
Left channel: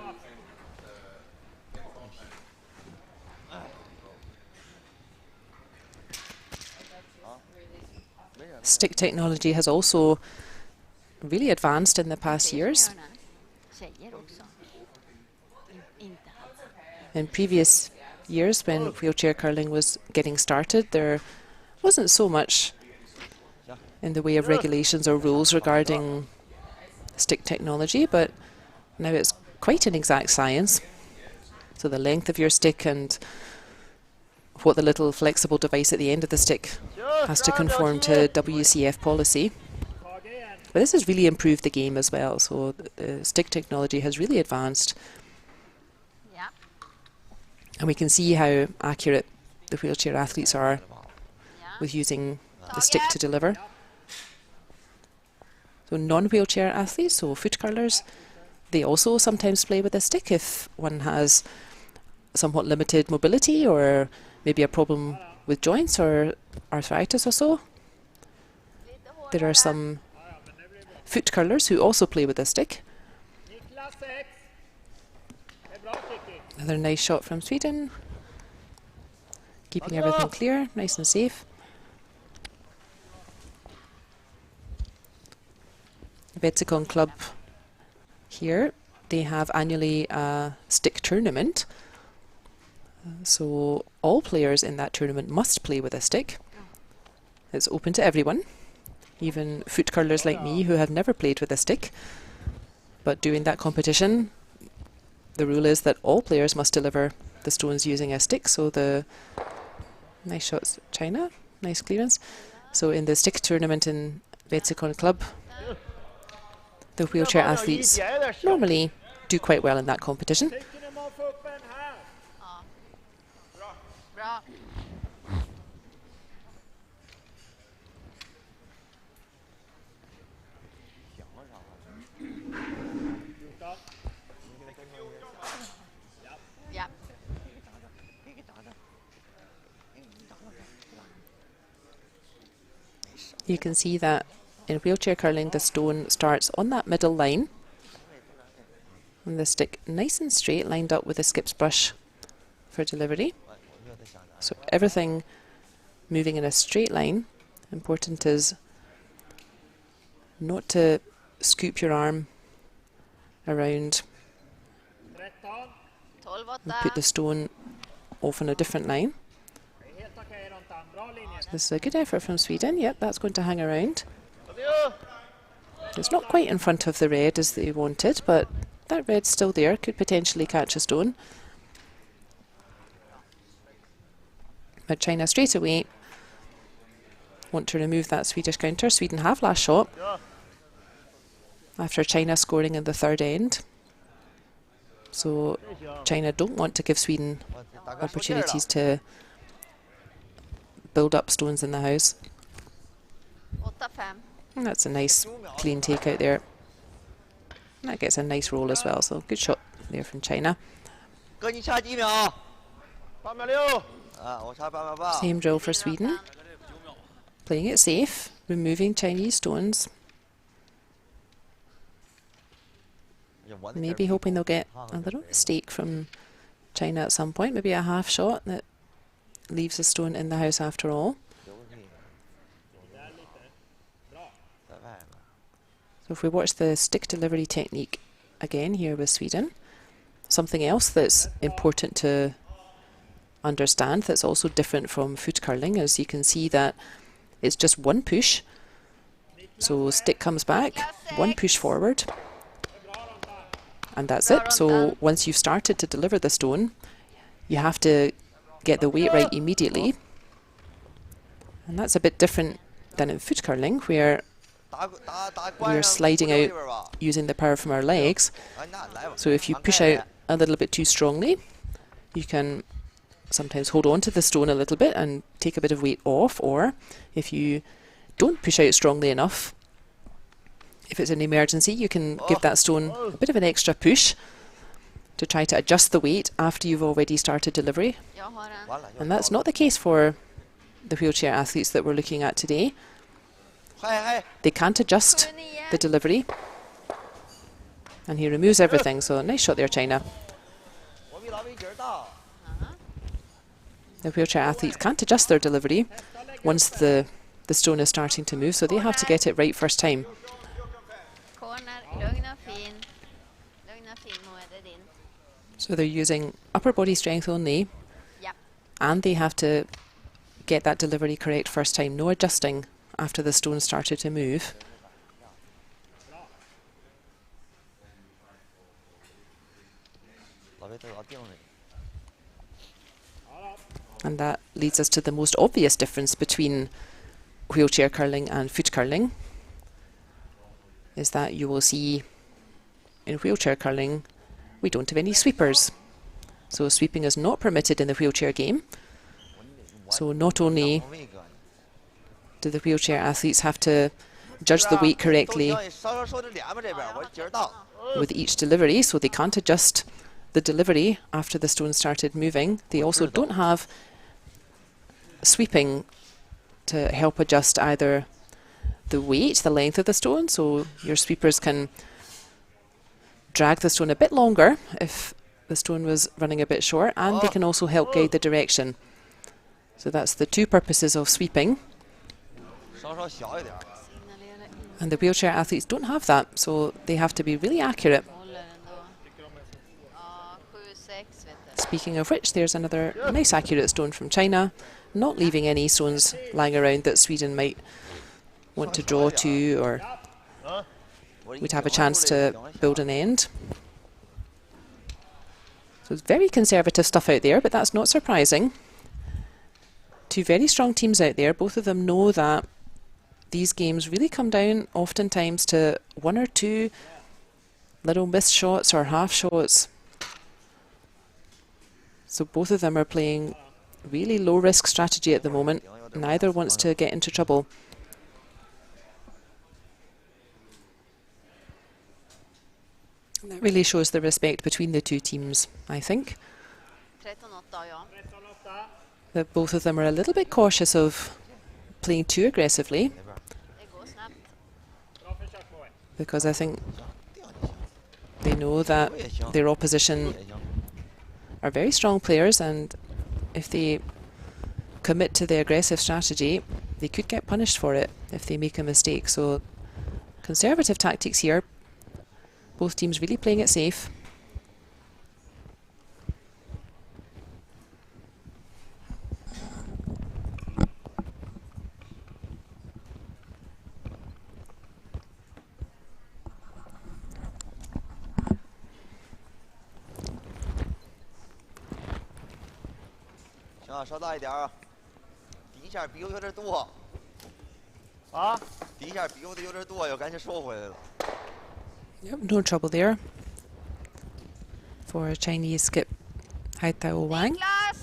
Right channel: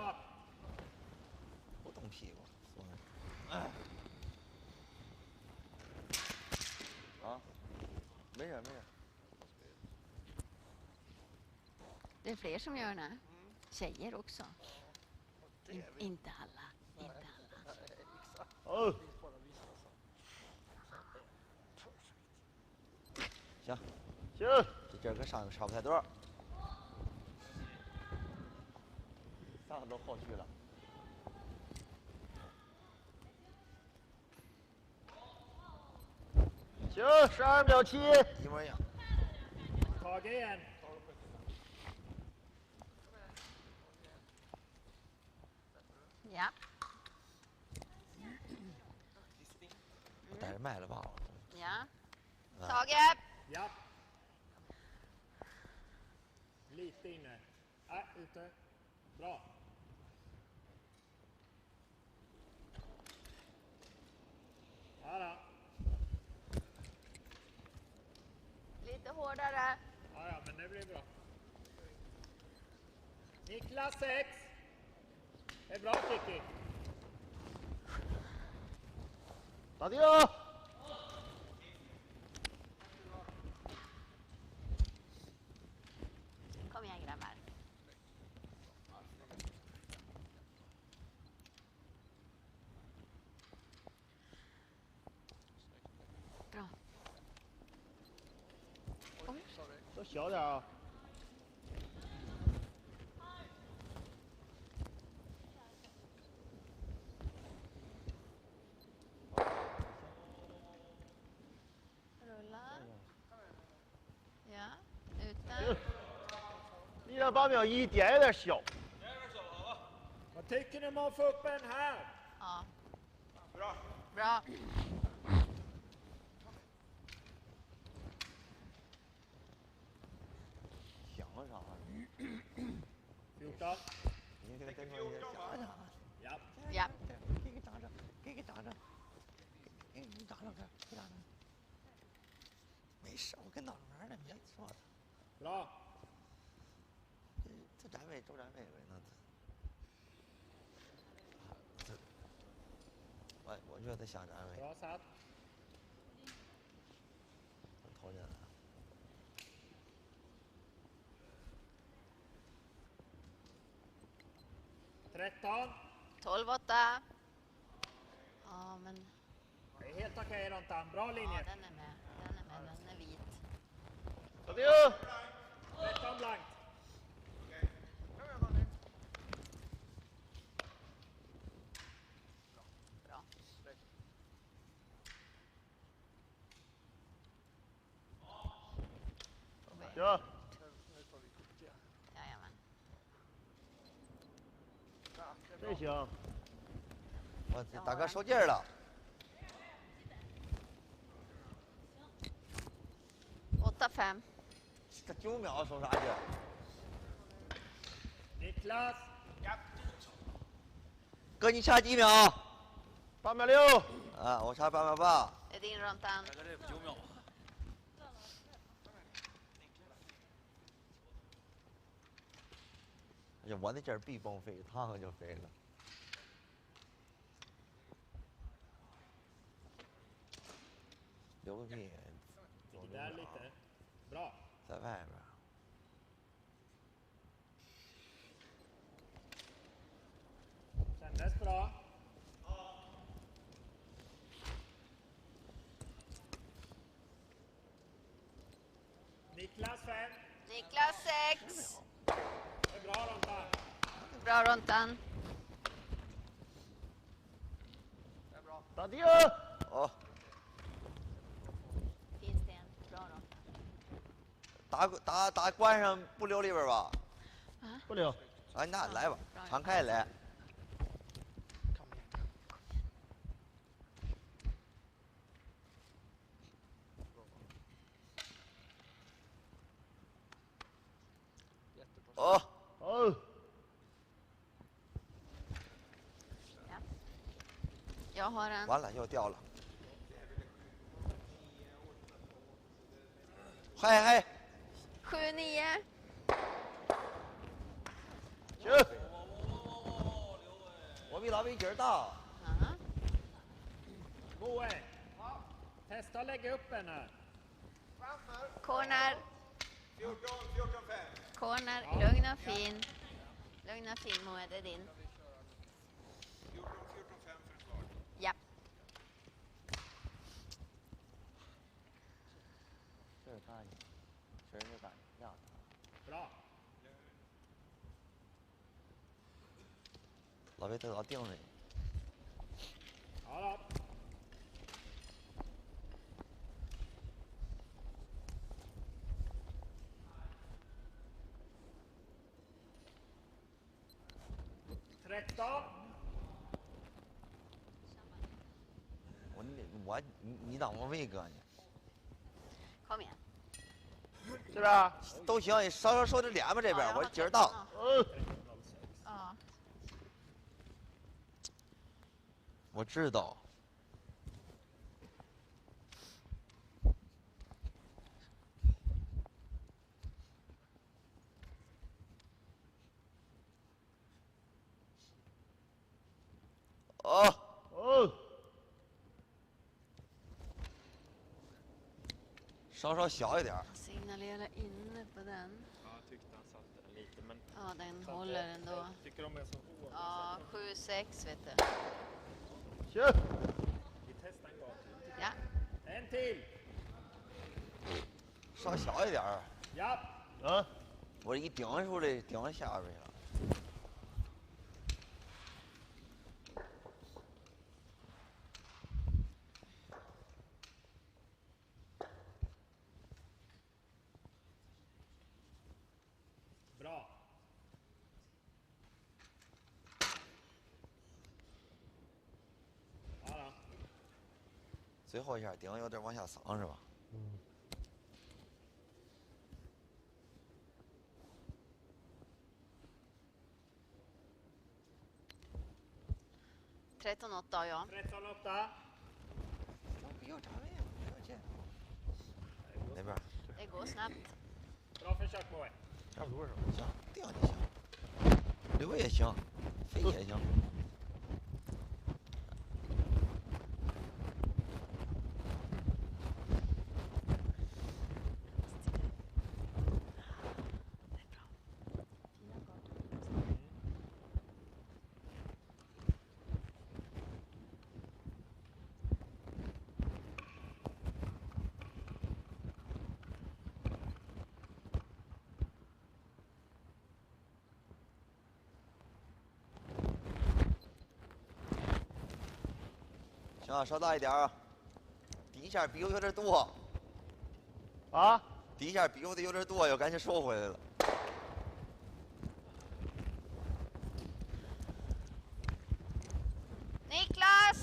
Stick technology has also really advanced in the past years. Tjejer också. Inte alla. In previous years, when wheelchair curling was getting started, there wasn't so much in the way of regulations or rules regarding stick technology, but now it's quite an exact science. So the length of your stick and what the little flexible device at the end of the stick has to conform to WCF policy. But this has really improved the game as well, so the stick technology has really advanced. Ja. And we can see how accurate the wheelchair athletes are Ja. with using the stick to deliver. So non-wheelchair athletes, so foot curlers, they also sometimes play with a stick if one has somewhat limited mobility or maybe a problem with joints or arthritis or so. Lite There are hårdare. some foot curlers who also play with a stick. Another nice shot from Sweden. Keeping everything clear, nice and safe. Wetzikon club here, they have annually a stick tournament. So all players in that tournament must play with a stick. It's open to everyone, even foot curlers like me who have never played with a stick. But during that competition, the rule is that all players must deliver the stones using a stick. So the nice shots, China, nice clearance. So in the stick tournament in Wetzikon club, the wheelchair athletes normally do quite well in that competition. Bra. Ja. You can see that in wheelchair curling the stone starts on that middle line and the stick nice and straight lined up with the skip's brush for delivery. So everything moving in a straight line. Important is not to scoop your arm around and put the stone off on a different line. This is a good effort from Sweden. Yep, that's going to hang around. It's not quite in front of the red as they wanted, but that red's still there, could potentially catch a stone. But China straight away want to remove that Swedish counter. Sweden have last shot after China scoring in the third end. So China don't want to give Sweden opportunities to build up stones in the house. And that's a nice clean take out there. That gets a nice roll as well, so good shot there from China. Same drill for Sweden. Playing it safe, removing Chinese stones. Maybe hoping they'll get a little mistake from China at some point, maybe a half shot that leaves a stone in the house after all. So if we watch the stick delivery technique again here with Sweden, something else that's important to understand that's also different from foot curling is you can see that it's just one push. So stick comes back, one push forward, and that's it. So once you've started to deliver the stone, you have to get the weight right immediately. And that's a bit different than in foot curling, where we're sliding out using the power from our legs. So if you push out a little bit too strongly, you can sometimes hold on to the stone a little bit and take a bit of weight off, or if you don't push out strongly enough, if it's an emergency, you can give that stone a bit of an extra push to try to adjust the weight after you've already started delivery. And that's not the case for the wheelchair athletes that we're looking at today. They can't adjust the delivery. And he removes everything, so nice shot there, China. The wheelchair athletes can't adjust their delivery once the stone is starting to move, so they have to get it right first time. So they're using upper body strength only, and they have to get that delivery correct first time, no adjusting after the stone started to move. And that leads us to the most obvious difference between wheelchair curling and foot curling, is that you will see in wheelchair curling we don't have any sweepers. So sweeping is not permitted in the wheelchair game. So not only do the wheelchair athletes have to judge the weight correctly with each delivery, so they can't adjust the delivery after the stone started moving, they also don't have sweeping to help adjust either the weight, the length of the stone, so your sweepers can drag the stone a bit longer if the stone was running a bit short, and they can also help guide the direction. So that's the two purposes of sweeping. And the wheelchair athletes don't have that, so they have to be really accurate. Speaking of which, there's another nice accurate stone from China, not leaving any stones lying around that Sweden might want to draw to, or would have a chance to build an end. So it's very conservative stuff out there, but that's not surprising. Two very strong teams out there. Both of them know that these games really come down oftentimes to one or two little missed shots or half shots. So both of them are playing really low risk strategy at the moment. Neither wants to get into trouble. That really shows the respect between the two teams, I think. That both of them are a little bit cautious of playing too aggressively, Det går snabbt. because I think they know that their opposition are very strong players, and if they commit to the aggressive strategy, they could get punished for it if they make a mistake. So conservative tactics here. Both teams really playing it safe. Yep, no trouble there for Chinese skip Haitao Wang. Niklas!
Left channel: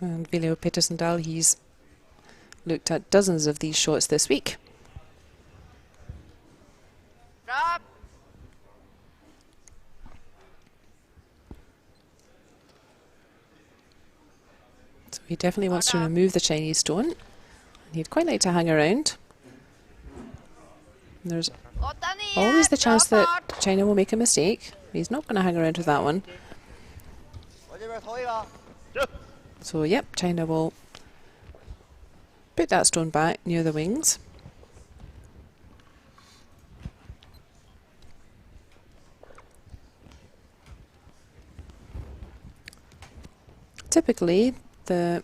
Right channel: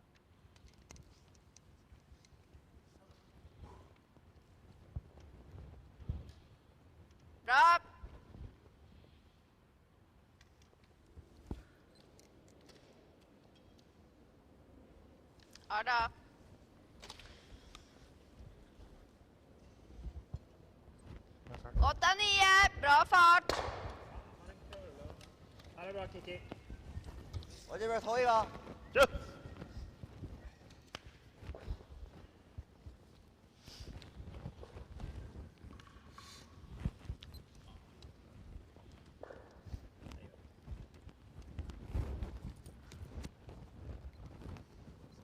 And Viljo Petersendal, he's looked at dozens of these shots this week. Bra! So he definitely wants to remove the Chinese stone. He'd quite like to hang around. And there's 8-9. always the chance Bra that fart. China will make a mistake. He's not going to hang around with that one. So yep, China will put that stone back near the wings. Typically, the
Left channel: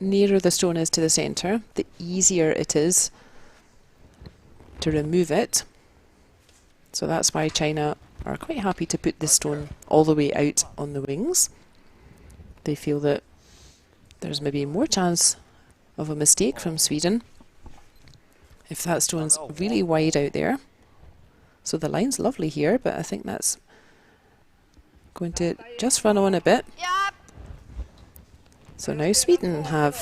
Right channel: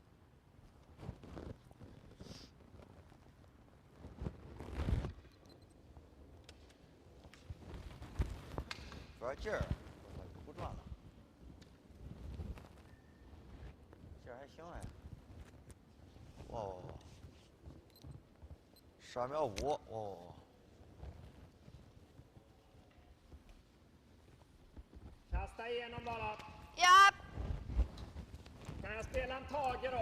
nearer the stone is to the centre, the easier it is to remove it. So that's why China are quite happy to put this stone all the way out on the wings. They feel that there's maybe more chance of a mistake from Sweden if that stone's really wide out there. So the line's lovely here, but I think that's going to just run on a bit. Ja, So now Sweden have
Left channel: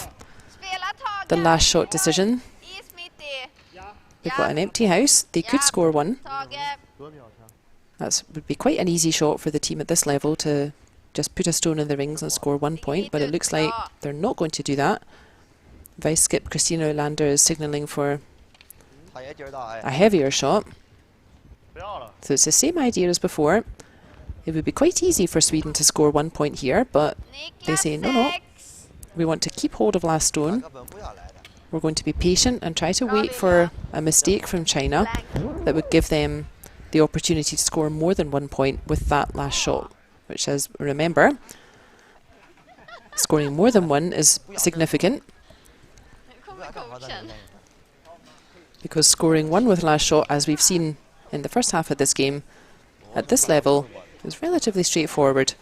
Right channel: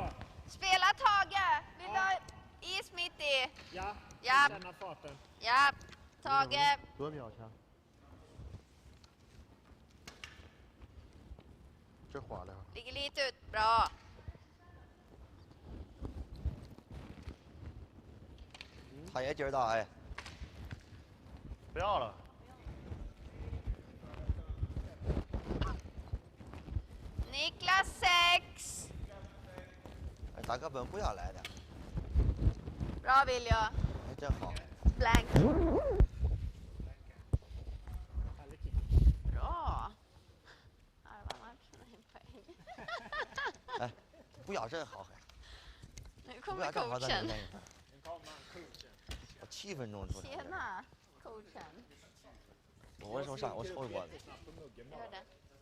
spela taget. the last shot decision. Is mitt i. They've got an empty house. They could score one. Taget. That would be quite an easy shot for the team at this level to just put a stone in the rings and score 1 point, but it looks like they're not going to do that. Vice skip Christina Olander is signalling for a heavier shot. So it's the same idea as before. It would be quite easy for Sweden to score 1 point here, but they say no, we want to keep hold of last stone. We're going to be patient and try to wait for a mistake from China that would give them the opportunity to score more than 1 point with that last shot, which, as remember, scoring more than one is significant, Nu kommer coachen. because scoring one with last shot, as we've seen in the first half of this game, at this level is relatively straightforward.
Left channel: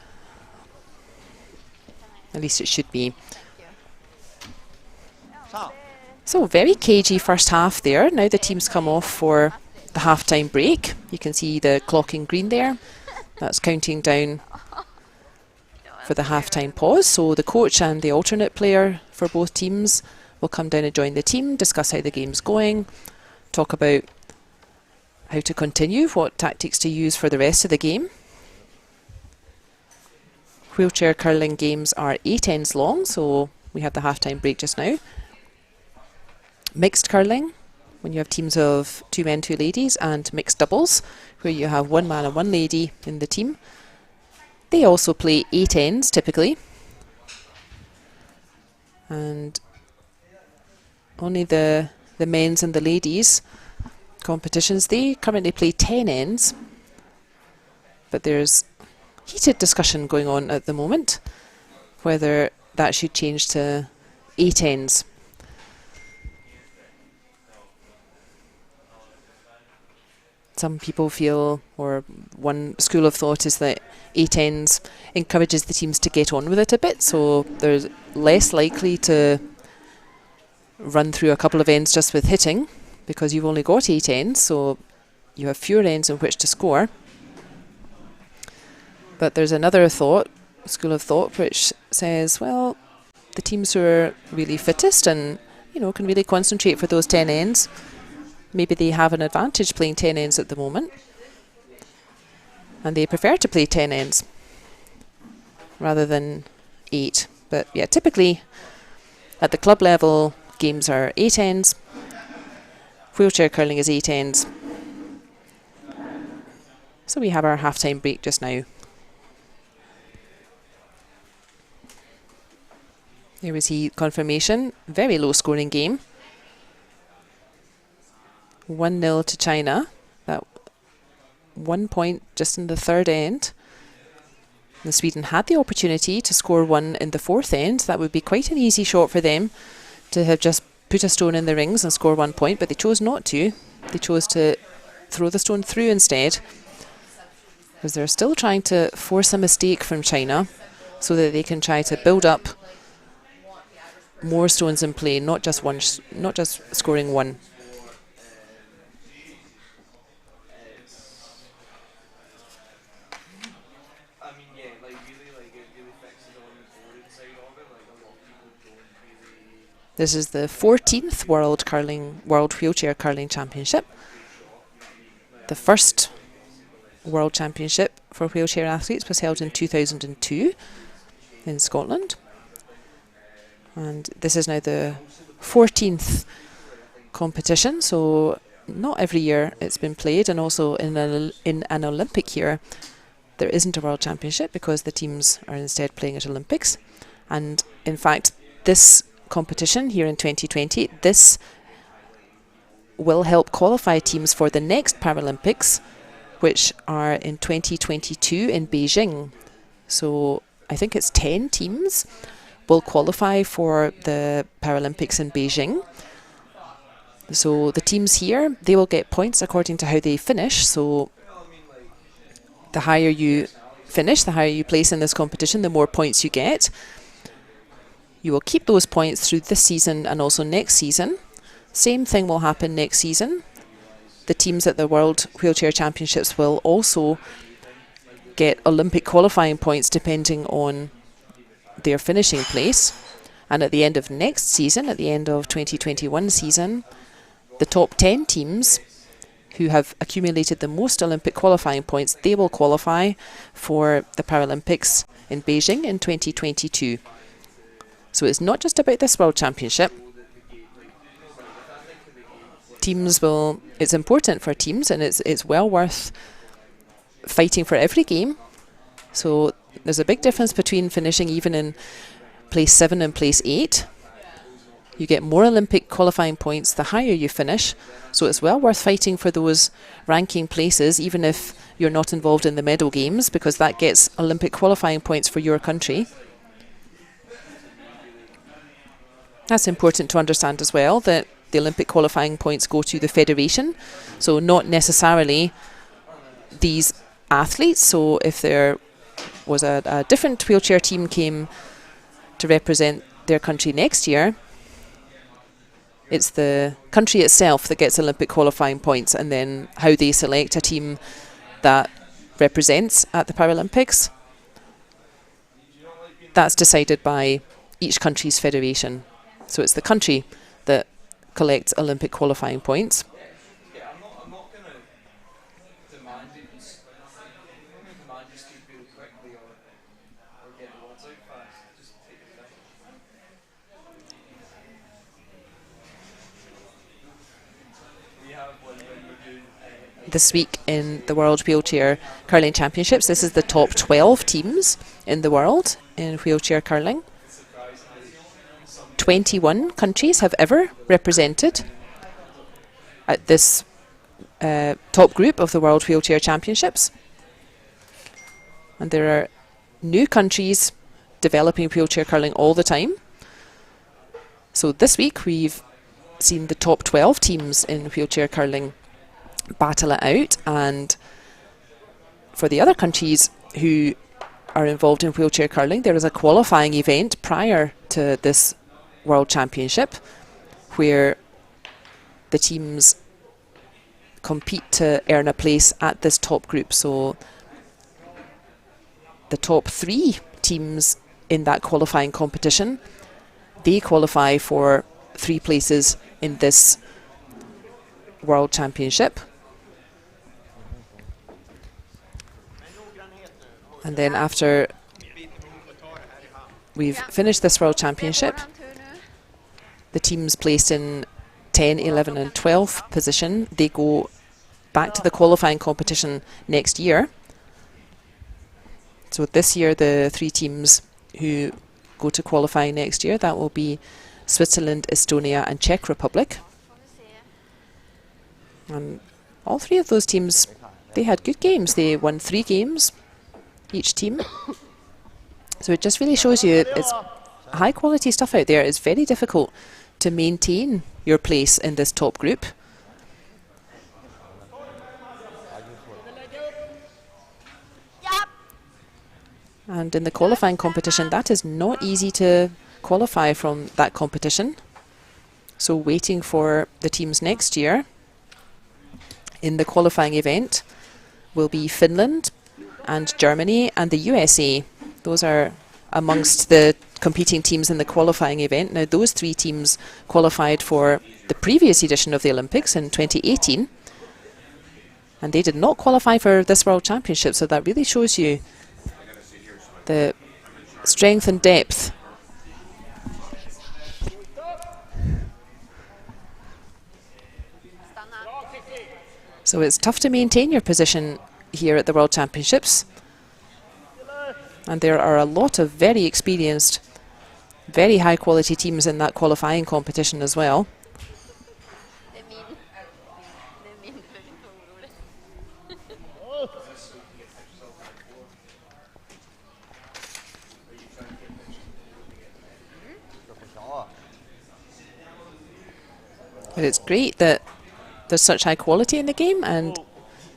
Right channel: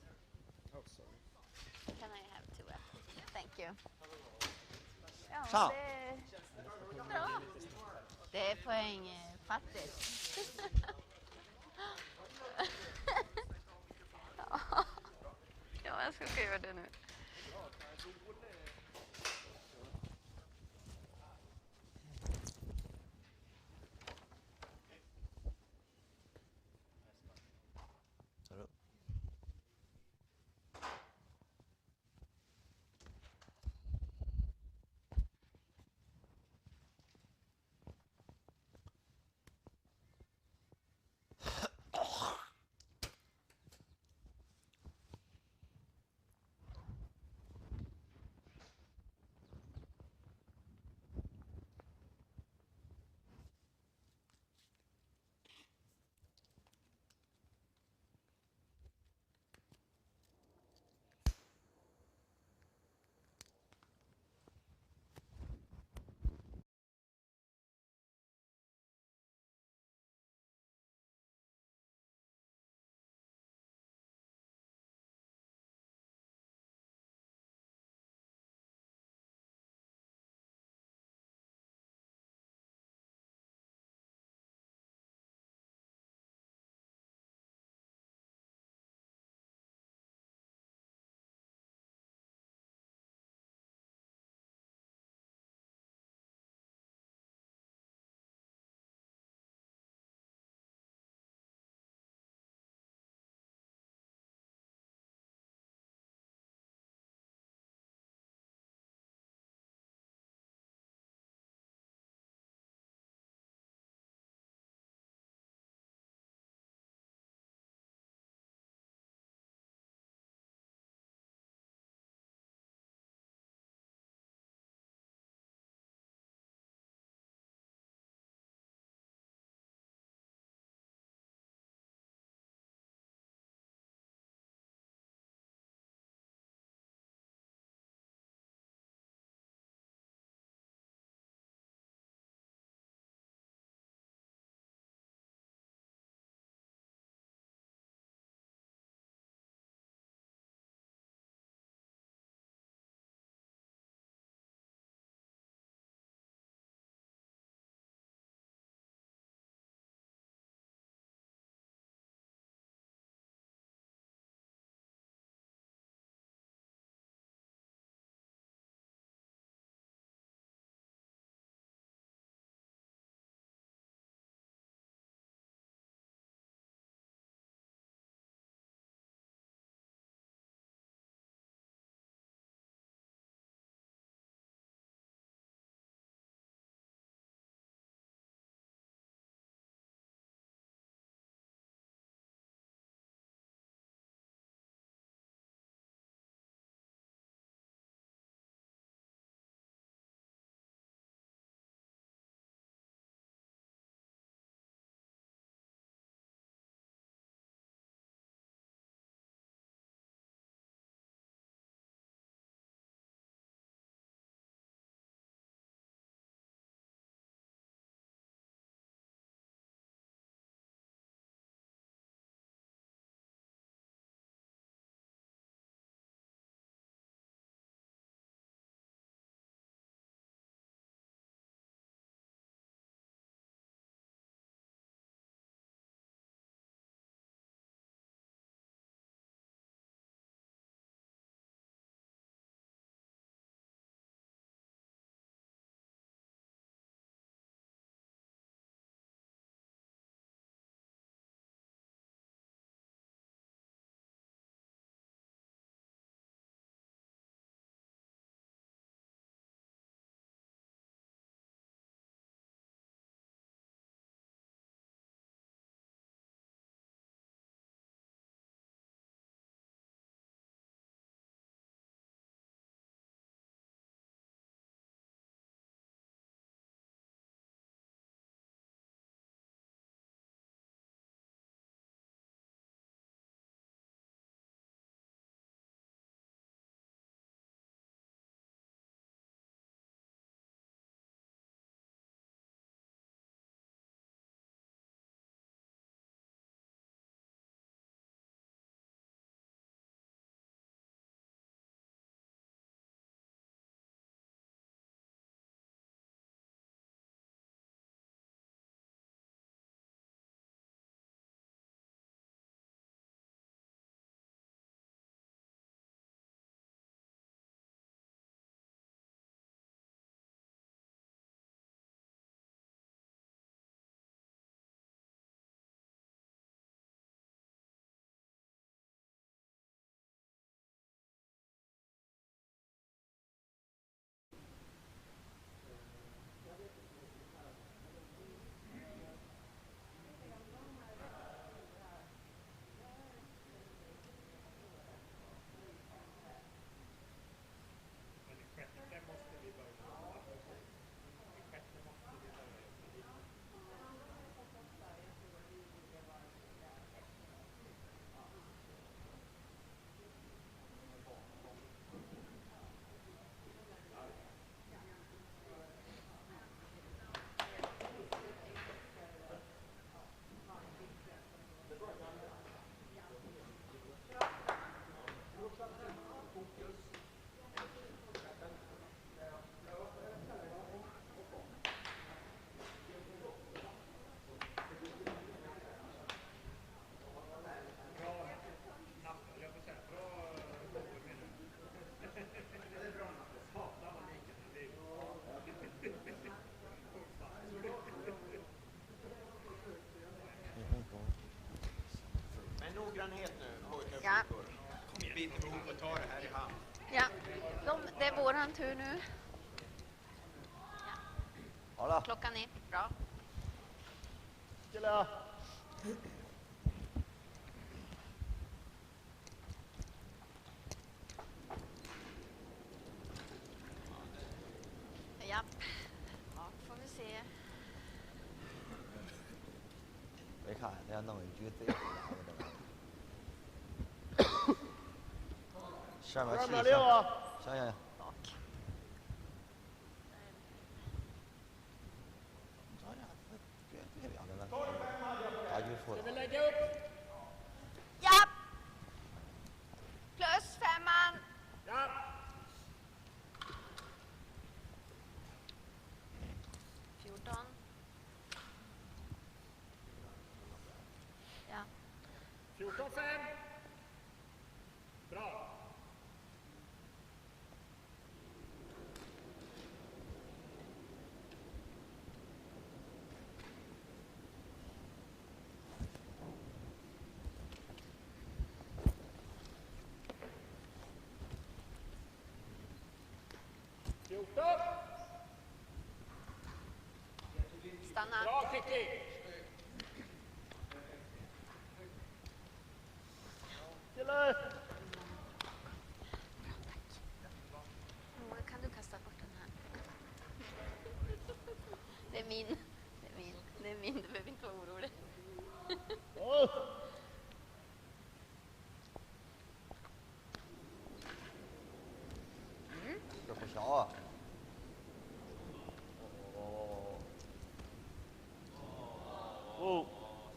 At least it should be. Thank you. So very cagey first half there. Now the teams come off for the half-time break. You can see the clock in green there. That's counting down for the half-time pause. So the coach and the alternate player for both teams will come down and join the team, discuss how the game's going, talk about how to continue, what tactics to use for the rest of the game. Wheelchair curling games are 8 ends long, so we had the half-time break just now. Mixed curling, when you have teams of 2 men, 2 ladies, and mixed doubles, where you have 1 man and 1 lady in the team. They also play 8 ends, typically. And only the men's and the ladies' competitions, they currently play 10 ends. But there's heated discussion going on at the moment, whether that should change to 8 ends. Some people feel, or one school of thought is that 8 ends encourages the teams to get on with it a bit, so they're less likely to run through a couple of ends just with hitting, because you've only got 8 ends, so you have fewer ends in which to score. But there's another school of thought, which says, well, the teams who are really fittest and, you know, can really concentrate for those 10 ends, maybe they have an advantage playing 10 ends at the moment. And they prefer to play 10 ends rather than 8. But yeah, typically at the club level, games are 8 ends. Wheelchair curling is 8 ends. So we have our half-time break just now. There we see confirmation. Very low scoring game. 1-0 to China. That 1 point just in the third end. And Sweden had the opportunity to score 1 in the fourth end. That would be quite an easy shot for them to have just put a stone in the rings and score 1 point, but they chose not to. They chose to throw the stone through instead, because they're still trying to force a mistake from China so that they can try to build up more stones in play, not just scoring 1. This is the 14th World Wheelchair Curling Championship. The first World Championship for wheelchair athletes was held in 2002 in Scotland. And this is now the 14th competition, so not every year it's been played, and also in an Olympic year there isn't a World Championship because the teams are instead playing at Olympics. And in fact, this competition here in 2020, this will help qualify teams for the next Paralympics, which are in 2022 in Beijing. So I think it's 10 teams will qualify for the Paralympics in Beijing. So the teams here, they will get points according to how they finish. So the higher you finish, the higher you place in this competition, the more points you get. You will keep those points through this season and also next season. Same thing will happen next season. The teams at the World Wheelchair Championships will also get Olympic qualifying points depending on their finishing place. And at the end of next season, at the end of 2021 season, the top 10 teams who have accumulated the most Olympic qualifying points, they will qualify for the Paralympics in Beijing in 2022. So it's not just about this World Championship. It's important for teams, and it's well worth fighting for every game. So there's a big difference between finishing even in place 7 and place 8. You get more Olympic qualifying points the higher you finish. So it's well worth fighting for those ranking places, even if you're not involved in the medal games, because that gets Olympic qualifying points for your country. That's important to understand as well, that the Olympic qualifying points go to the federation, so not necessarily these athletes. So if there was a different wheelchair team came to represent their country next year, it's the country itself that gets Olympic qualifying points, and then how they select a team that represents at the Paralympics, that's decided by each country's federation. So it's the country that collects Olympic qualifying points. This week in the World Wheelchair Curling Championships, this is the top 12 teams in the world in wheelchair curling. 21 countries have ever represented at this top group of the World Wheelchair Championships. And there are new countries developing wheelchair curling all the time. So this week we've seen the top 12 teams in wheelchair curling battle it out, and for the other countries who are involved in wheelchair curling, there is a qualifying event prior to this World Championship where the teams compete to earn a place at this top group. So the top 3 teams in that qualifying competition, they qualify for 3 places in this World Championship. And then after we've finished this World Championship, the teams placed in 10, 11 and 12th position, they go back to the qualifying competition next year. So this year the 3 teams who go to qualify next year, that will be Switzerland, Estonia and Czech Republic. And all 3 of those teams, they had good games. They won 3 games, each team. So it just really shows you it's high quality stuff out there. It's very difficult to maintain your place in this top group. And in the qualifying competition, that is not easy to qualify from that competition. So waiting for the teams next year in the qualifying event will be Finland and Germany and the USA. Those are amongst the competing teams in the qualifying event. Now those 3 teams qualified for the previous edition of the Olympics in 2018, and they did not qualify for this World Championship, so that really shows you the strength and depth. So it's tough to maintain your position here at the World Championships. And there are a lot of very experienced, very high quality teams in that qualifying competition as well. But it's great that there's such high quality in the game, and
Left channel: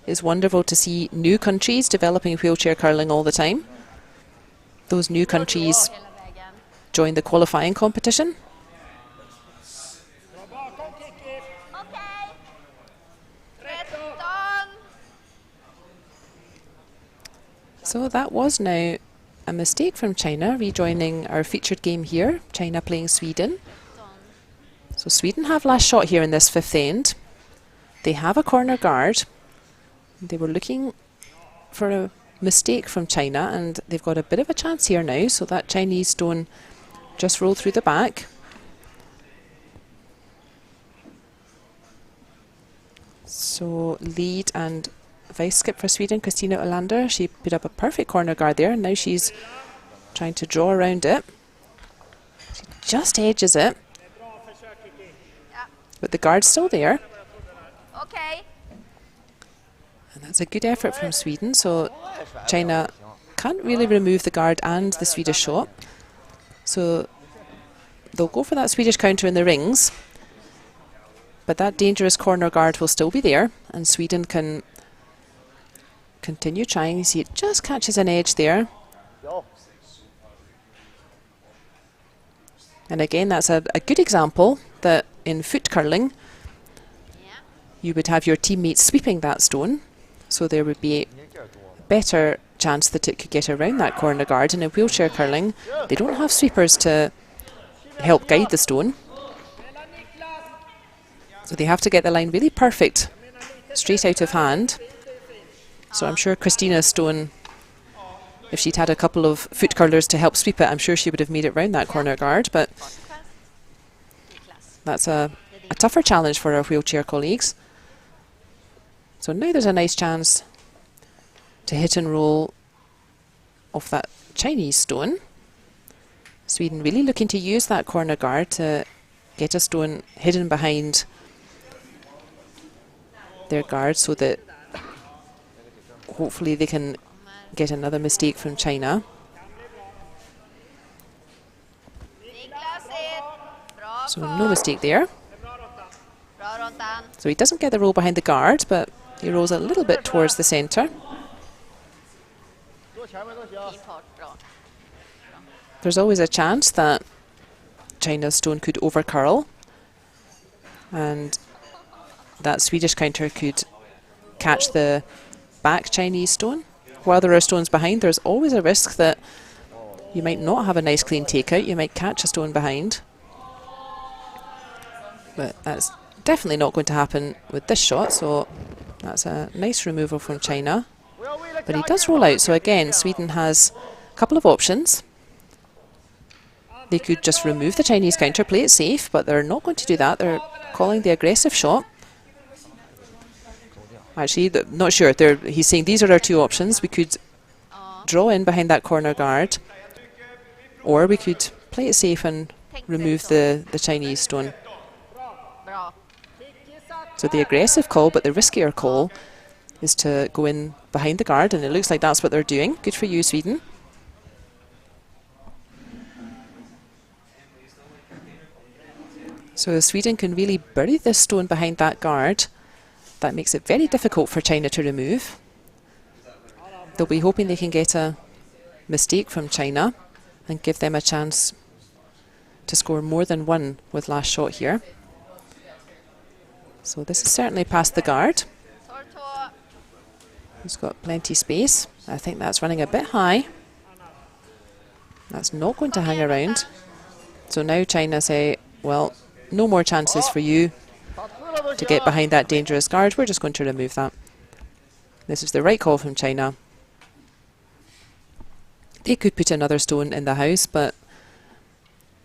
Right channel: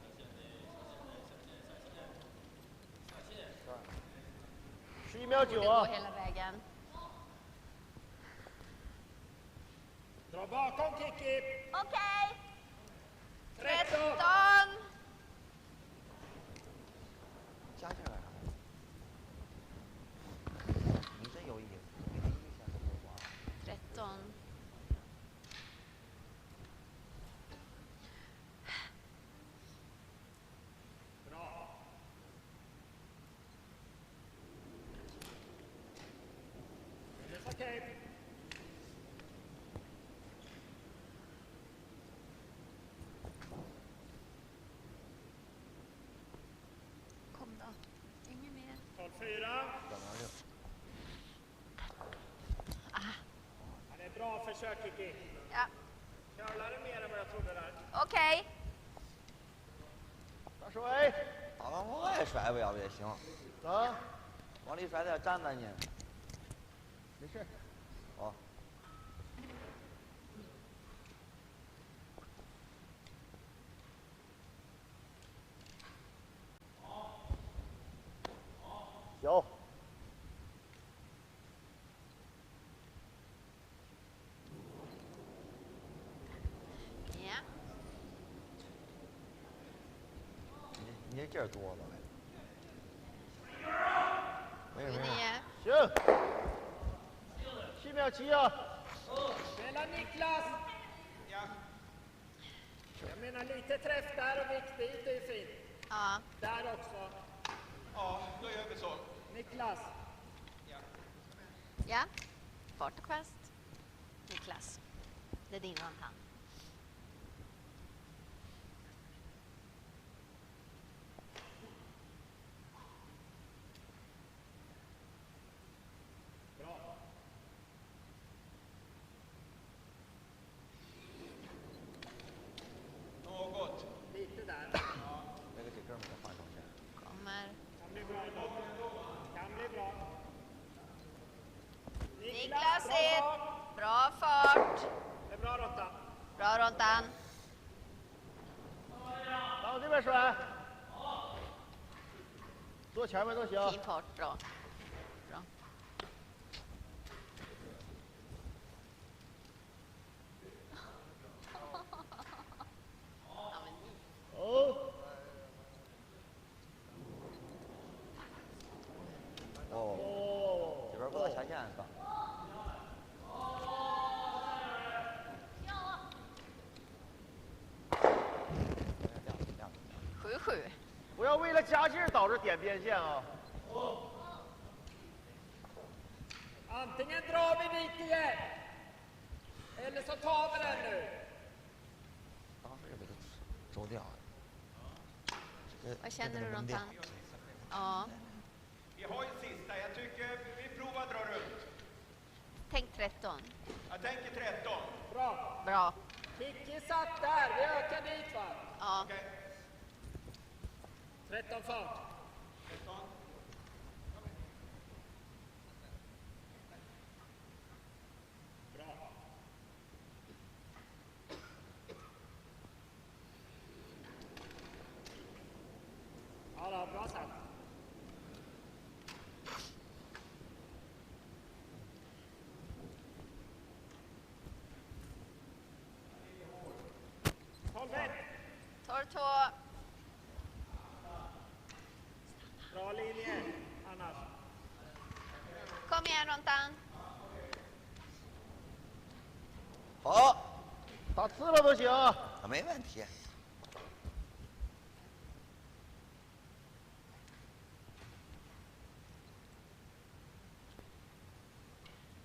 it's wonderful to see new countries developing wheelchair curling all the time. Those new countries join the qualifying competition. So that was now a mistake from China, rejoining our featured game here, China playing Sweden. So Sweden have last shot here in this 5th end. They have a corner guard. They were looking for a mistake from China, and they've got a bit of a chance here now. So that Chinese stone just rolled through the back. So lead and vice skip for Sweden, Kristina Olander. She put up a perfect corner guard there, and now she's trying to draw around it. She just edges it, but the guard's still there. Okay. And that's a good effort from Sweden. So China can't really remove the guard and the Swedish shot. So they'll go for that Swedish counter in the rings, but that dangerous corner guard will still be there, and Sweden can continue trying. You see it just catches an edge there. And again, that's a good example that in foot curling, you would have your teammates sweeping that stone, so there would be a better chance that it could get around that corner guard. And in wheelchair curling, they don't have sweepers to help guide the stone, so they have to get the line really perfect, straight out of hand. So I'm sure Christina's stone, if she'd had a couple of foot curlers to help sweep it, I'm sure she would have made it round that corner guard, but that's a tougher challenge for our wheelchair colleagues. So now there's a nice chance to hit and roll off that Chinese stone. Sweden really looking to use that corner guard to get a stone hidden behind their guard, so that hopefully they can get another mistake from China. So no mistake there. So he doesn't get the roll behind the guard, but he rolls a little bit towards the centre. There's always a chance that China's stone could overcurl, and that Swedish counter could catch the back Chinese stone. while there are stones behind, there's always a risk that you might not have a nice clean takeout. You might catch a stone behind. But that's definitely not going to happen with this shot, so that's a nice removal from China. But he does roll out, so again, Sweden has a couple of options. They could just remove the Chinese counter, play it safe, but they're not going to do that. They're calling the aggressive shot. Actually, not sure. He's saying these are our two options. We could draw in behind that corner guard, or we could play it safe and remove the Chinese stone. So the aggressive call, but the riskier call, is to go in behind the guard, and it looks like that's what they're doing. Good for you, Sweden. So Sweden can really bury this stone behind that guard. That makes it very difficult for China to remove. They'll be hoping they can get a mistake from China and give them a chance to score more than one with last shot here. So this is certainly past the guard. He's got plenty space. I think that's running a bit high. That's not going to hang around. So now China say, well, no more chances for you to get behind that dangerous guard. We're just going to remove that. This is the right call from China. They could put another stone in the house, but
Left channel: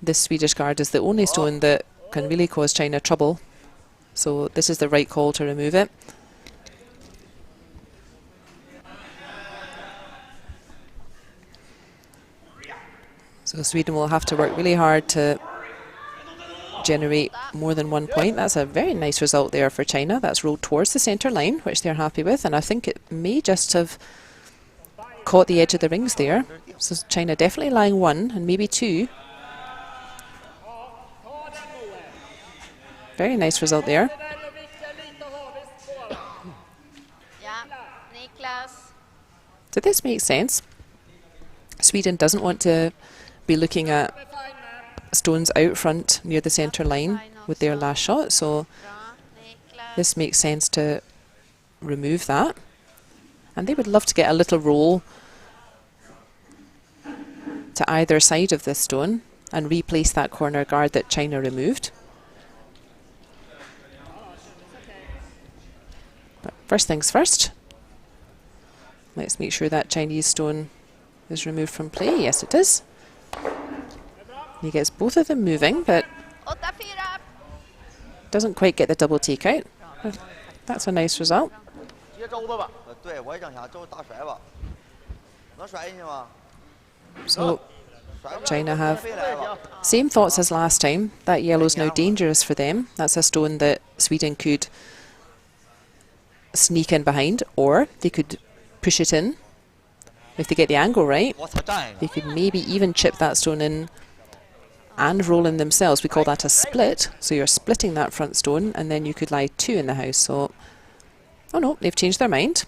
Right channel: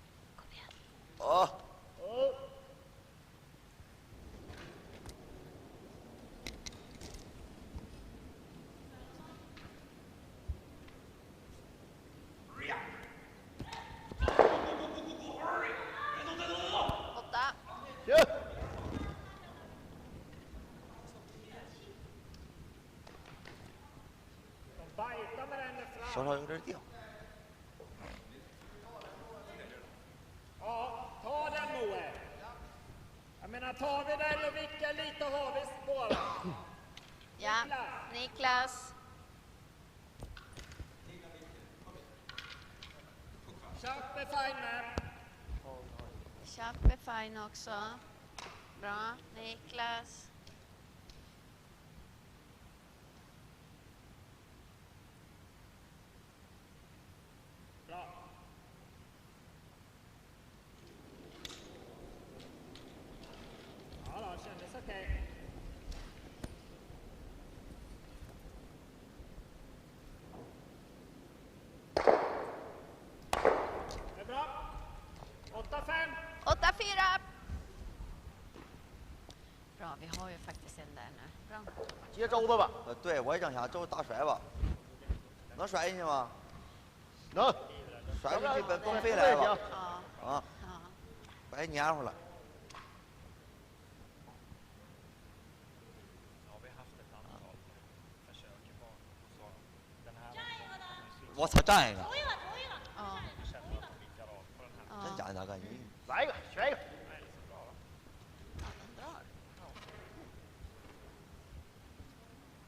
this Swedish guard is the only stone that can really cause China trouble. So this is the right call to remove it. So Sweden will have to work really hard to generate more than 1 point. That's a very nice result there for China. That's rolled towards the centre line, which they're happy with, and I think it may just have caught the edge of the rings there. So China definitely lying 1 and maybe 2. Very nice result there. So this makes sense. Sweden doesn't want to be looking at stones out front near the centre line with their last shot, so this makes sense to remove that. And they would love to get a little roll to either side of this stone and replace that corner guard that China removed. But first things first, let's make sure that Chinese stone is removed from play. Yes, it is. He gets both of them moving, but doesn't quite get the double take out. That's a nice result. So China have same thoughts as last time. That yellow's now dangerous for them. That's a stone that Sweden could sneak in behind, or they could push it in. If they get the angle right, they could maybe even chip that stone in and roll in themselves. We call that a split. So you're splitting that front stone, and then you could lie 2 in the house. So, oh no, they've changed their mind.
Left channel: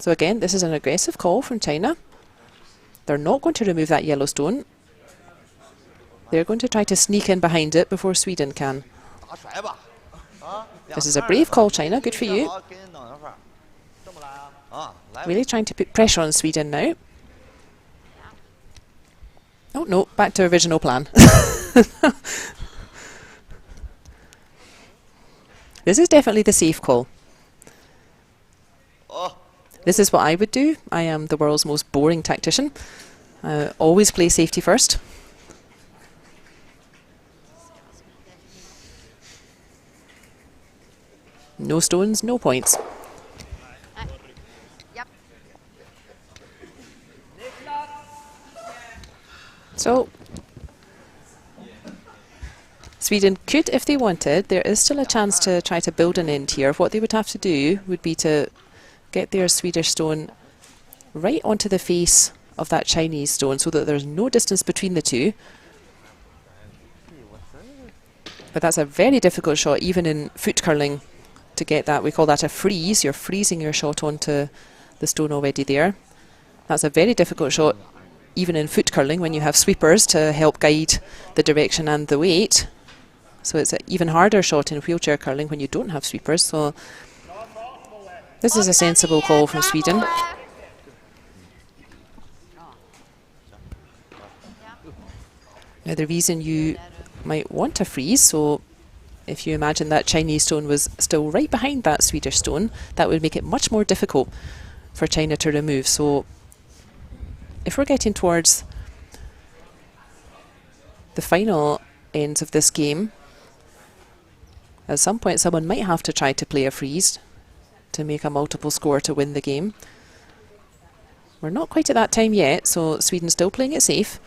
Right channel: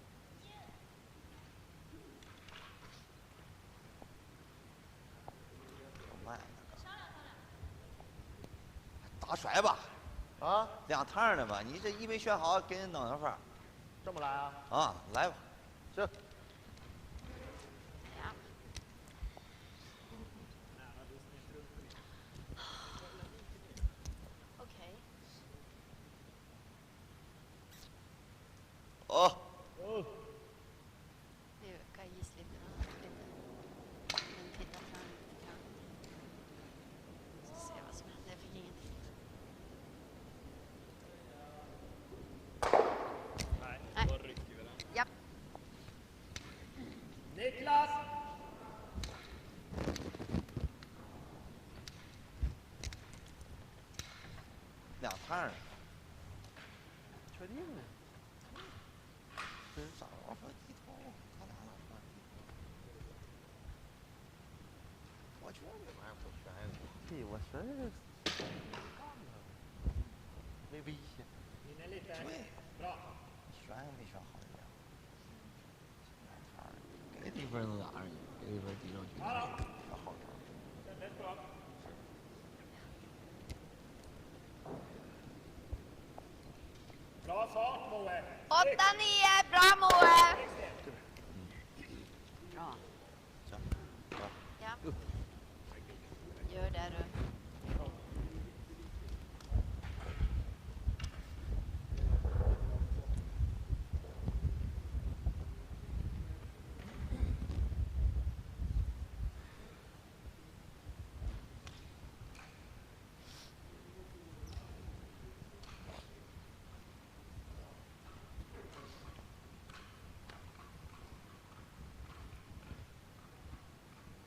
So again, this is an aggressive call from China. They're not going to remove that yellow stone. They're going to try to sneak in behind it before Sweden can. This is a brave call, China. Good for you. Really trying to put pressure on Sweden now. Oh no, back to original plan. This is definitely the safe call. This is what I would do. I am the world's most boring tactician. Always play safety first. No stones, no points. So, Sweden could, if they wanted, there is still a chance to try to build an end here. What they would have to do would be to get their Swedish stone right onto the face of that Chinese stone so that there's no distance between the two. But that's a very difficult shot, even in foot curling, to get that. We call that a freeze. You're freezing your shot onto the stone already there. That's a very difficult shot, even in foot curling, when you have sweepers to help guide the direction and the weight. So it's an even harder shot in wheelchair curling when you don't have sweepers. So this is a sensible call from Sweden. Now the reason you might want to freeze, so if you imagine that Chinese stone was still right behind that Swedish stone, that would make it much more difficult for China to remove. So if we're getting towards the final ends of this game, at some point someone might have to try to play a freeze to make a multiple score to win the game. We're not quite at that time yet, so Sweden's still playing it safe.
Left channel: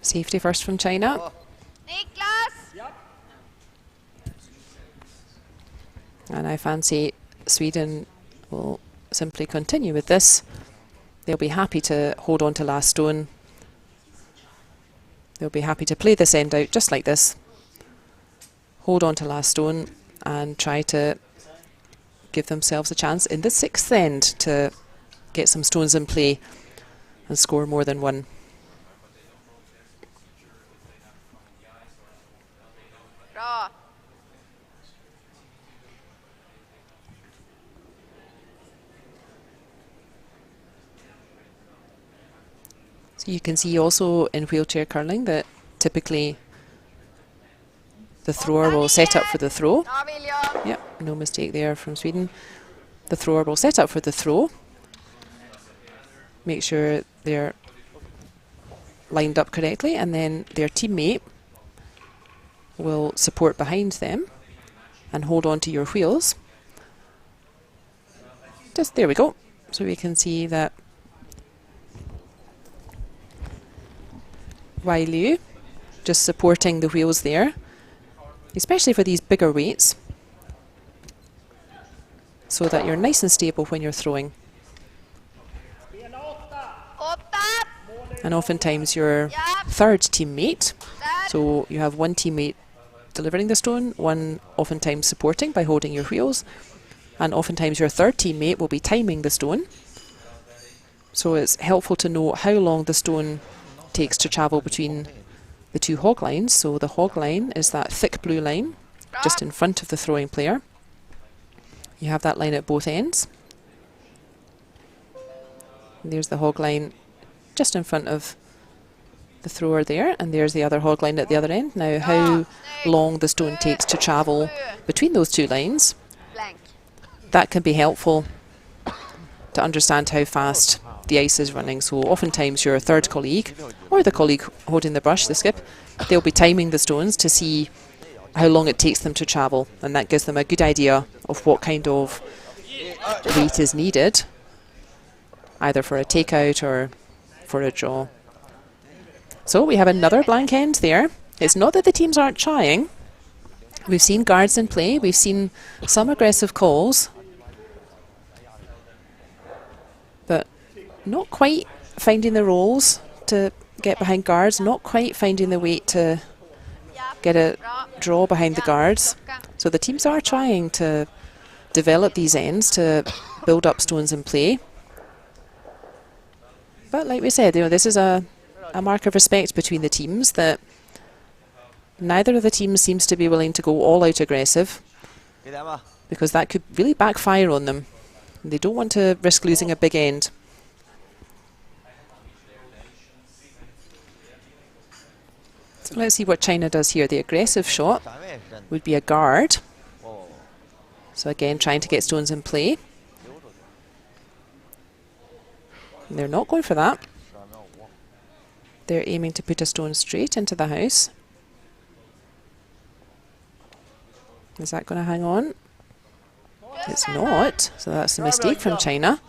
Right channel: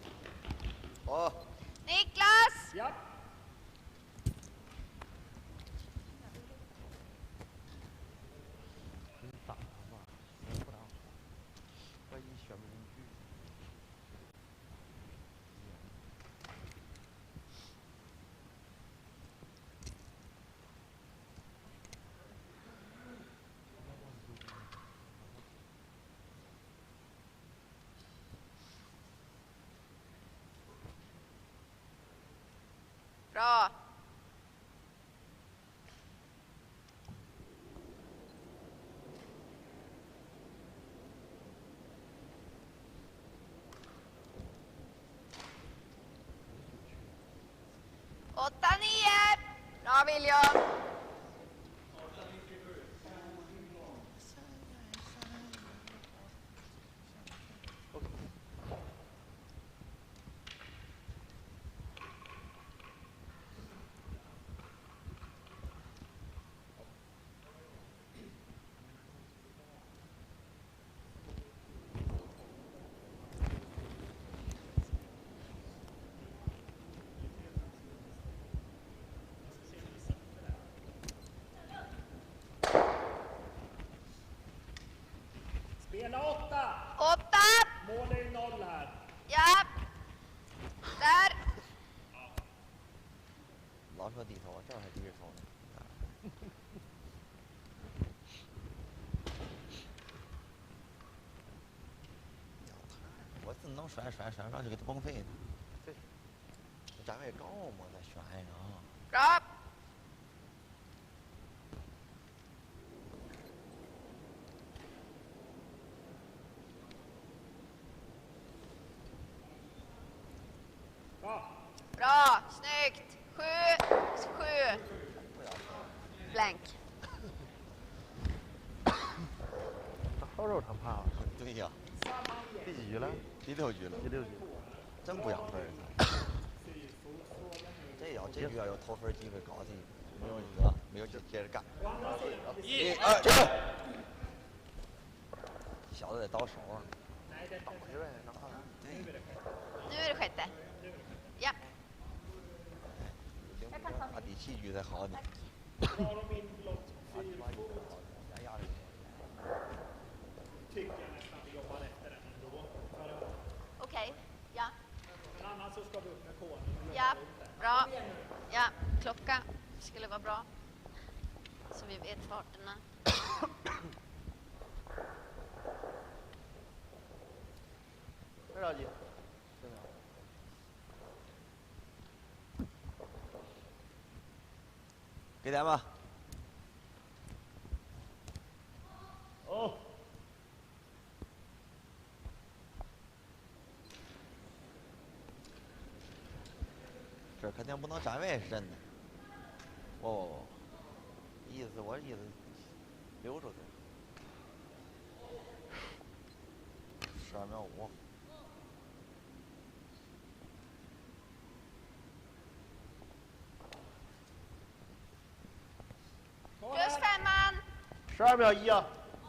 Safety first from China. Niklas! And I fancy Sweden will simply continue with this. They'll be happy to hold on to last stone. They'll be happy to play this end out just like this. Hold on to last stone and try to give themselves a chance in the sixth end to get some stones in play and score more than one. Bra! So you can see also in wheelchair curling that typically the thrower will set up for the throw. Bra William! Yep, no mistake there from Sweden. The thrower will set up for the throw. Make sure they're lined up correctly, and then their teammate will support behind them and hold on to your wheels. Just there we go. So we can see that Wai Liu just supporting the wheels there, especially for these bigger weights, so that you're nice and stable when you're throwing. And oftentimes your third teammate, so you have one teammate delivering the stone, one oftentimes supporting by holding your wheels, and oftentimes your third teammate will be timing the stone. So it's helpful to know how long the stone takes to travel between the two hog lines. So the hog line is that thick blue line just in front of the throwing player. You have that line at both ends. And there's the hog line just in front of the thrower there, and there's the other hog line at the other end. Now how long the stone takes to travel between those two lines, that can be helpful to understand how fast the ice is running. So oftentimes your third colleague, or the colleague holding the brush, the skip, they'll be timing the stones to see how long it takes them to travel, and that gives them a good idea of what kind of weight is needed, either for a takeout or for a draw. So we have another blank end there. It's not that the teams aren't trying. We've seen guards in play, we've seen some aggressive calls, but not quite finding the rolls to get behind guards, not quite finding the weight to get a draw behind the guards. So the teams are trying to develop these ends to build up stones in play. But like we said, you know, this is a mark of respect between the teams, that neither of the teams seems to be willing to go all out aggressive, because that could really backfire on them. They don't want to risk losing a big end. So let's see what China does here. The aggressive shot would be a guard. So again, trying to get stones in play. And they're not going for that. They're aiming to put a stone straight into the house. Is that going to hang on? It's not. So that's a mistake from China.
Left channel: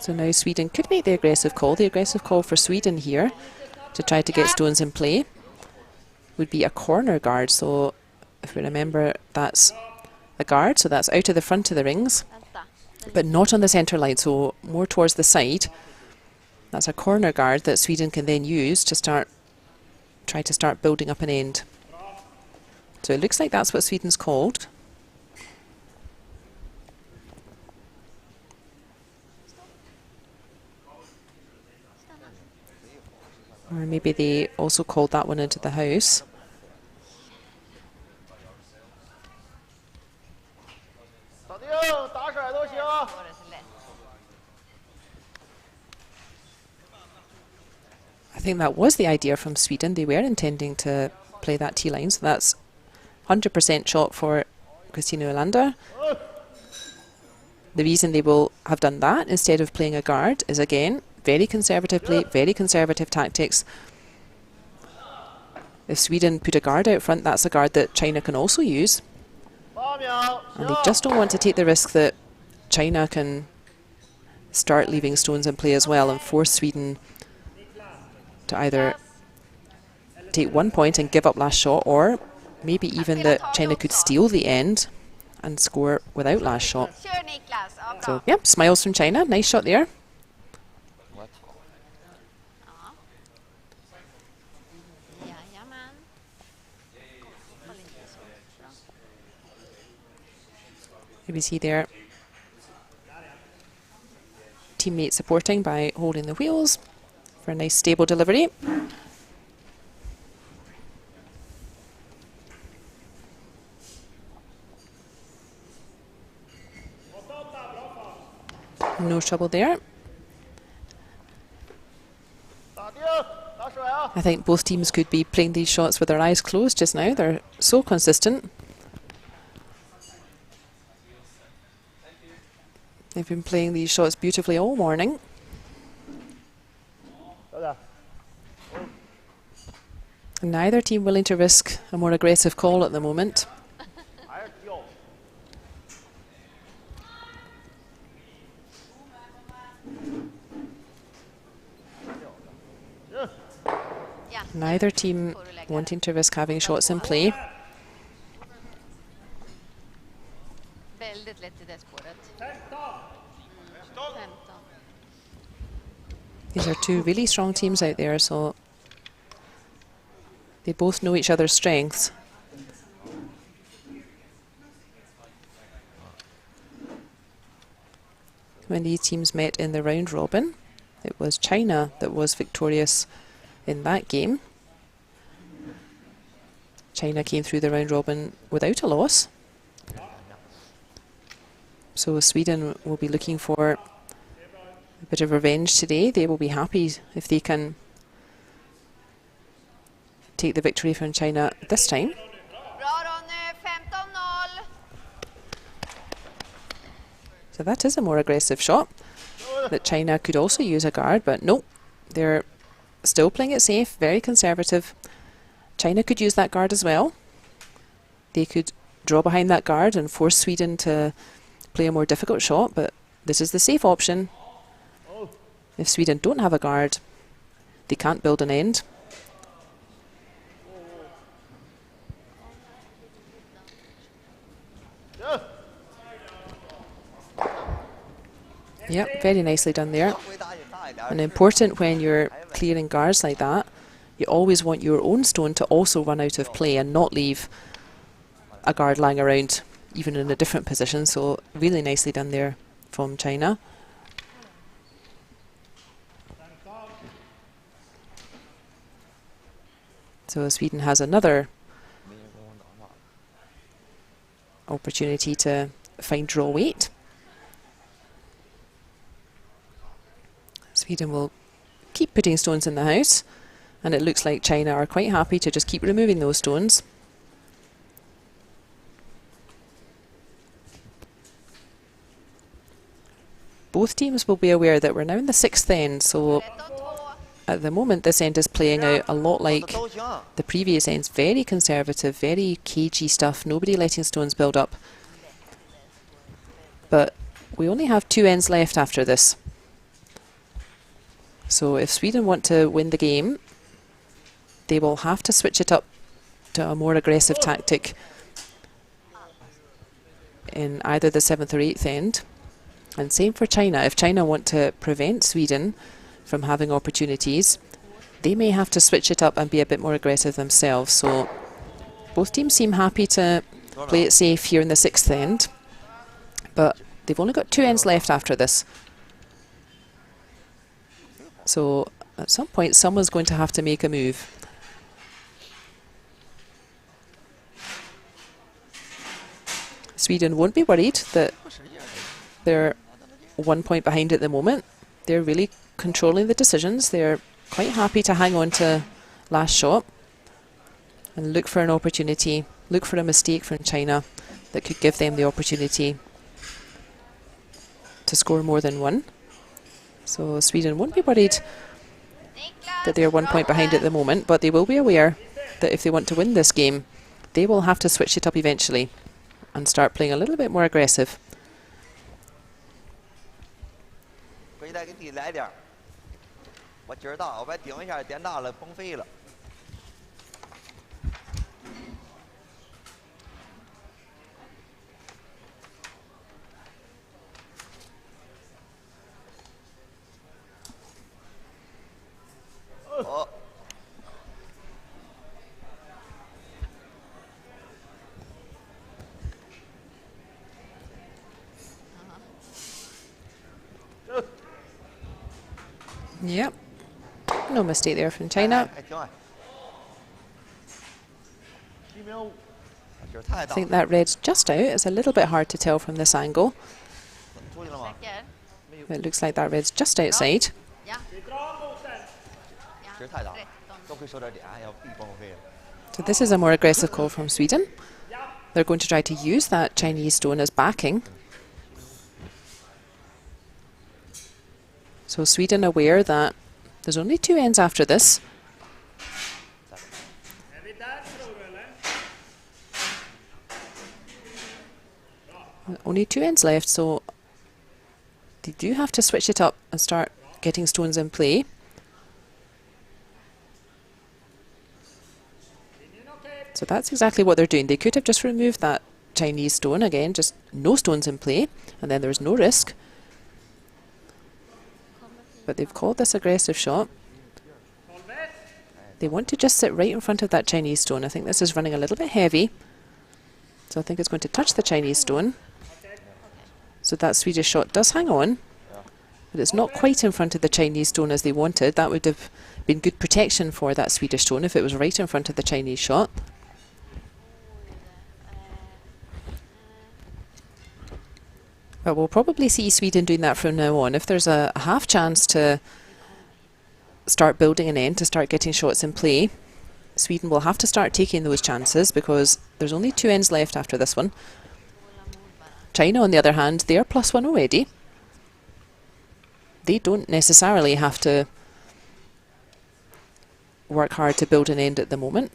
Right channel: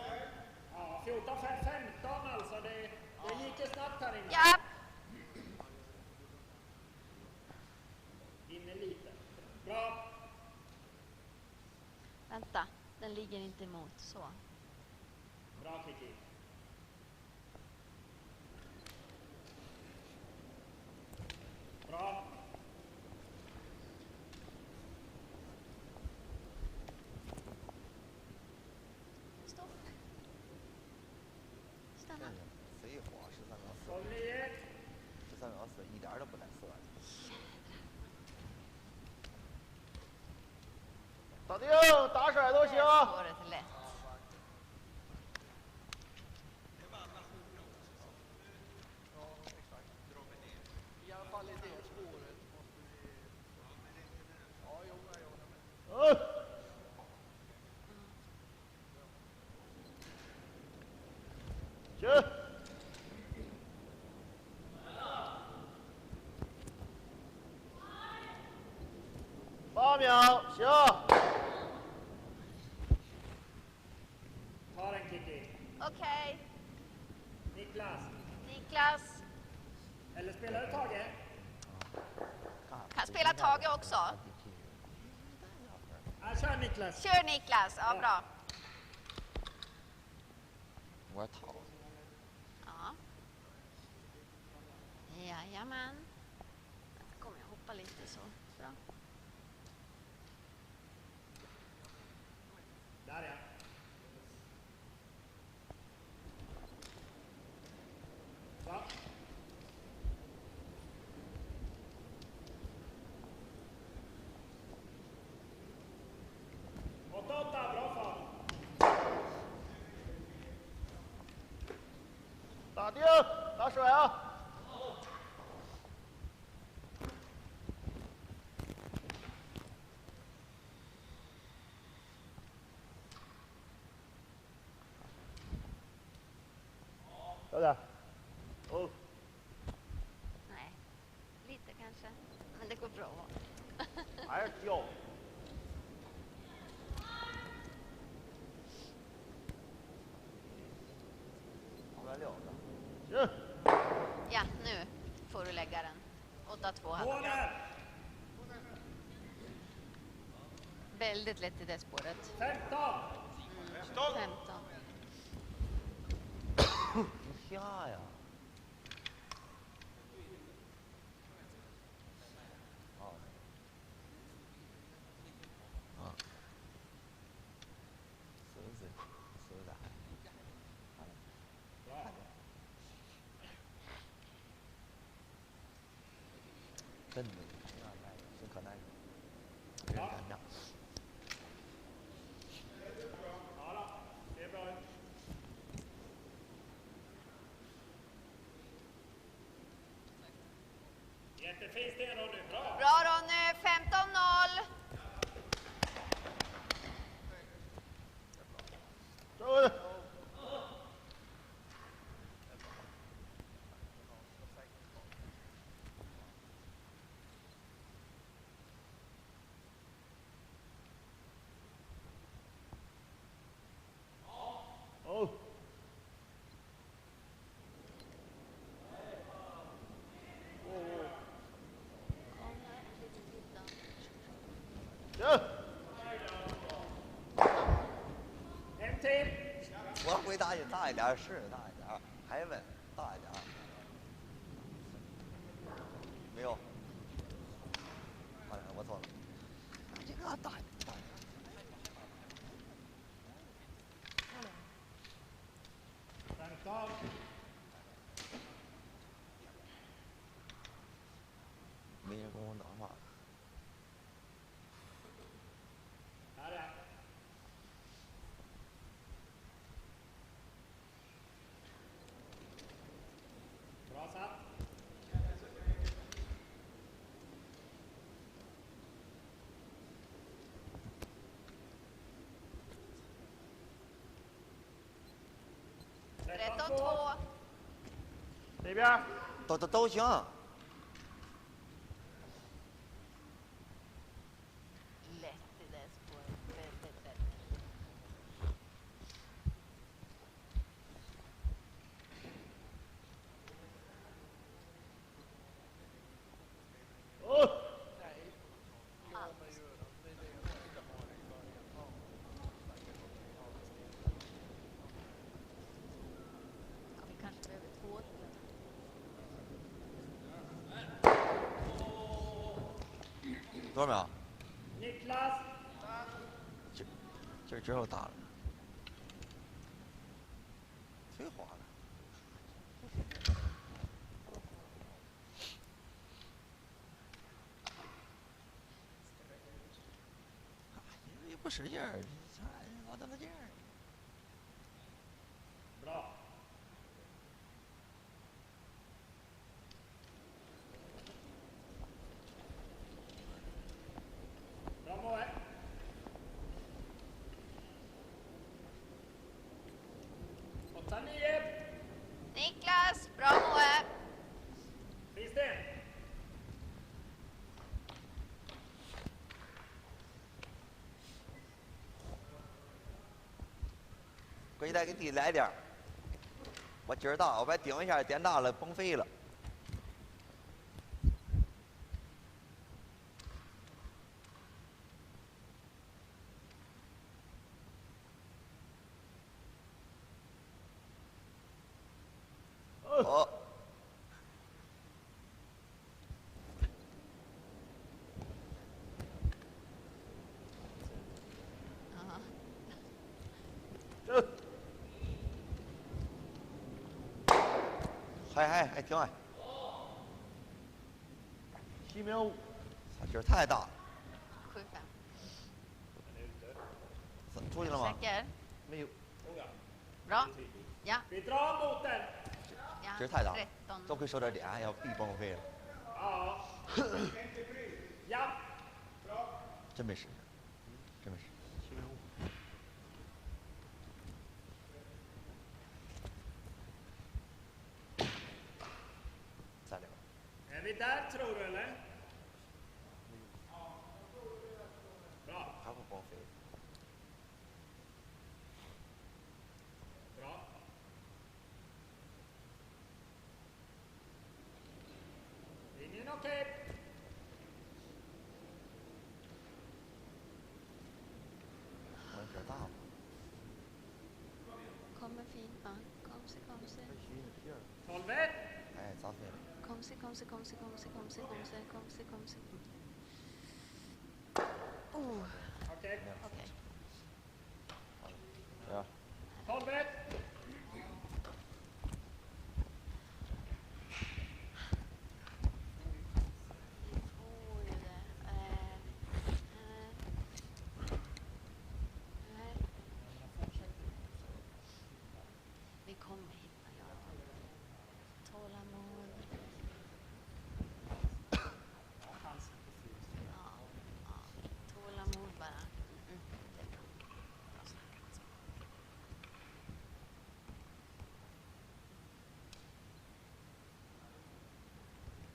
So now Sweden could make the aggressive call. The aggressive call for Sweden here to try to get stones in play would be a corner guard. So if we remember, that's a guard, so that's out of the front of the rings, but not on the centre line, so more towards the side. That's a corner guard that Sweden can then use to try to start building up an end. So it looks like that's what Sweden's called. Or maybe they also called that one into the house. I think that was the idea from Sweden. They were intending to play that T-line, so that's 100% shot for Kristina Olander. The reason they will have done that instead of playing a guard is, again, very conservative play, very conservative tactics. If Sweden put a guard out front, that's a guard that China can also use. And they just don't want to take the risk that China can start leaving stones in play as well and force Sweden to either take 1 point and give up last shot, or maybe even that China could steal the end and score without last shot. So, yep, smiles from China. Nice shot there. You see there, teammate supporting by holding the wheels for a nice stable delivery. No trouble there. I think both teams could be playing these shots with their eyes closed just now. They're so consistent. They've been playing these shots beautifully all morning. Neither team willing to risk a more aggressive call at the moment. Neither team wanting to risk having shots in play. These are two really strong teams out there, so they both know each other's strengths. When these teams met in the round robin, it was China that was victorious in that game. China came through the round robin without a loss. So Sweden will be looking for a bit of revenge today. They will be happy if they can take the victory from China this time. So that is a more aggressive shot. That China could also use a guard, but no, they're still playing it safe, very conservative. China could use that guard as well. They could draw behind that guard and force Sweden to play a more difficult shot, but this is the safe option. If Sweden don't have a guard, they can't build an end. Yep, very nicely done there. And important when you're clearing guards like that, you always want your own stone to also run out of play and not leave a guard lying around, even in a different position. So really nicely done there from China. So Sweden has another opportunity to find draw weight. Sweden will keep putting stones in the house, and it looks like China are quite happy to just keep removing those stones. Both teams will be aware that we're now in the sixth end, so at the moment this end is playing out a lot like the previous ends. Very conservative, very cagey stuff, nobody letting stones build up. But we only have 2 ends left after this. So if Sweden want to win the game, they will have to switch it up to a more aggressive tactic in either the 7th or 8th end. And same for China. If China want to prevent Sweden from having opportunities, they may have to switch it up and be a bit more aggressive themselves. So both teams seem happy to play it safe here in the 6th end, but they've only got 2 ends left after this. So at some point someone's going to have to make a move. Sweden won't be worried that they're 1 point behind at the moment. They're really controlling the decisions. They're quite happy to hang on to last shot and look for an opportunity, look for a mistake from China that could give them the opportunity to score more than one. So Sweden won't be worried that they're 1 point behind at the moment, but they will be aware that if they want to win this game, they will have to switch it up eventually and start playing a little bit more aggressive. 回去再给地来点儿，我劲儿大，我把顶一下，点大了，崩飞了。哦。 Yep, no mistake there from China. 还挺矮。7.5。 劲儿太 I 大。 think that red's just out. It's a little bit hard to tell from this angle. 出去了吗？ It looks like that red's just outside. Ja. 劲儿太大， 13. 多亏受点点，要必崩飞了。 So this is a more aggressive call from Sweden. They're going to try to use that Chinese stone as backing. So Sweden aware that there's only 2 ends after this. Only 2 ends left, so they do have to switch it up and start getting stones in play. So that's exactly what they're doing. They could have just removed that Chinese stone again, just no stones in play, and then there's no risk. But they've called this aggressive shot. They want to just sit right in front of that Chinese stone. I think this is running a little bit heavy. So I think it's going to touch the Chinese stone. So that Swedish shot does hang on. But it's not quite in front of the Chinese stone as they wanted. That would have been good protection for that Swedish stone if it was right in front of the Chinese shot. But we'll probably see Sweden doing that from now on. If there's a half chance to start building an end, to start getting shots in play, Sweden will have to start taking those chances because there's only 2 ends left after this one. China, on the other hand, they're +1 already. They don't necessarily have to work hard to build an end at the moment.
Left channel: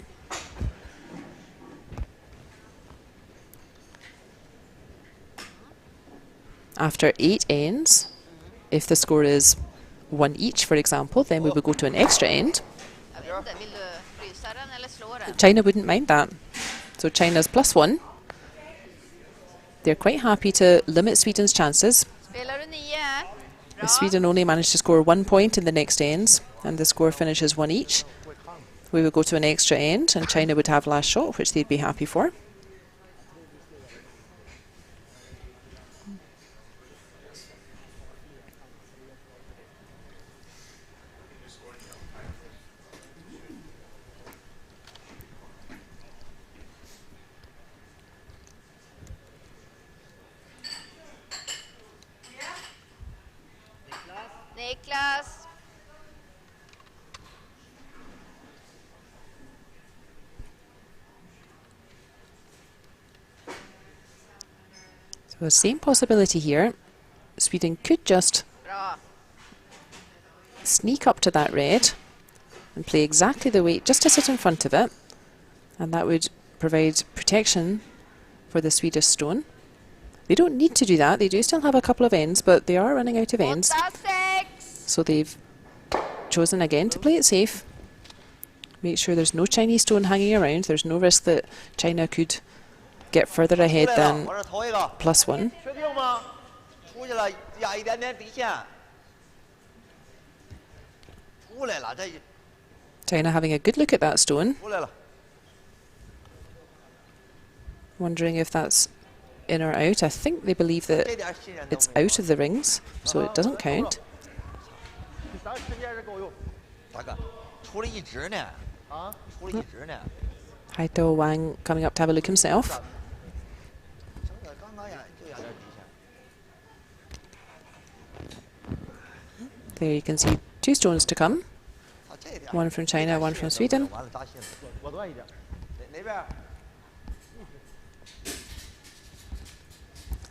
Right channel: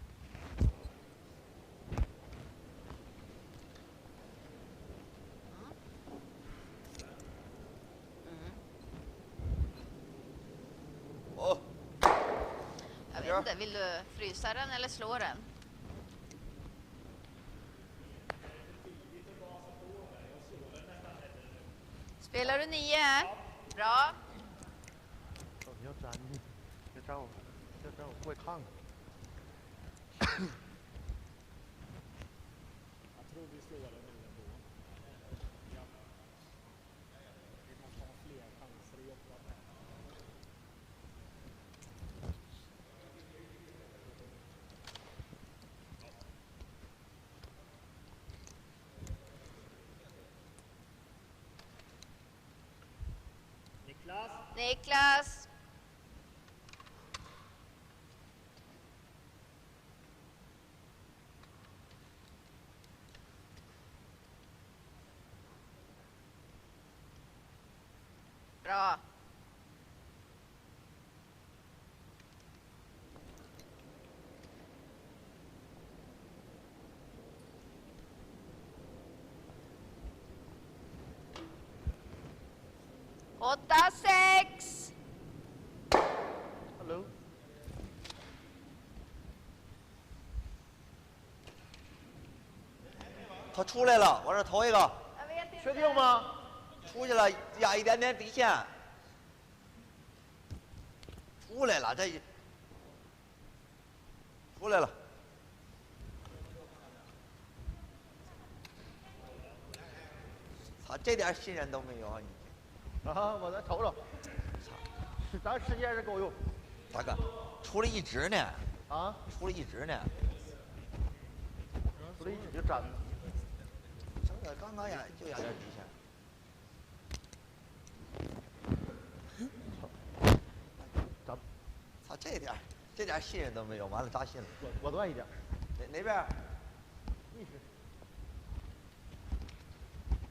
After 8 ends, if the score is 1 each, for example, then we would go to an extra end. China wouldn't mind that. So China's +1. They're quite happy to limit Sweden's chances. Sweden only managed to score 1 point in the next ends, and the score finishes 1 each. We would go to an extra end, and China would have last shot, which they'd be happy for. Niklas. So the same possibility here. Sweden could just Bra. sneak up to that red and play exactly the way, just to sit in front of it, and that would provide protection for the Swedish stone. They don't need to do that. They do still have a couple of ends, but they are running out of ends. 8-6. So they've chosen again to play it safe. Make sure there's no Chinese stone hanging around. There's no risk that China could get further ahead than +1. 确定吗？出去了，压一点点底线。出来了，这 China having a good look at that stone, 出来了。 wondering if that's in or out. I think they believe that 这点信任都 it's 没有 out of the rings, so it doesn't count. 咱时间是够用。大哥，出了一只呢。啊，出了一只呢。Haito Wang coming up to have a look himself. 整个刚刚呀，就有点底线。 There you can see 2 stones to come. 操，这点。One from China, one from Sweden. 完了，扎心了。我多一点。哪边？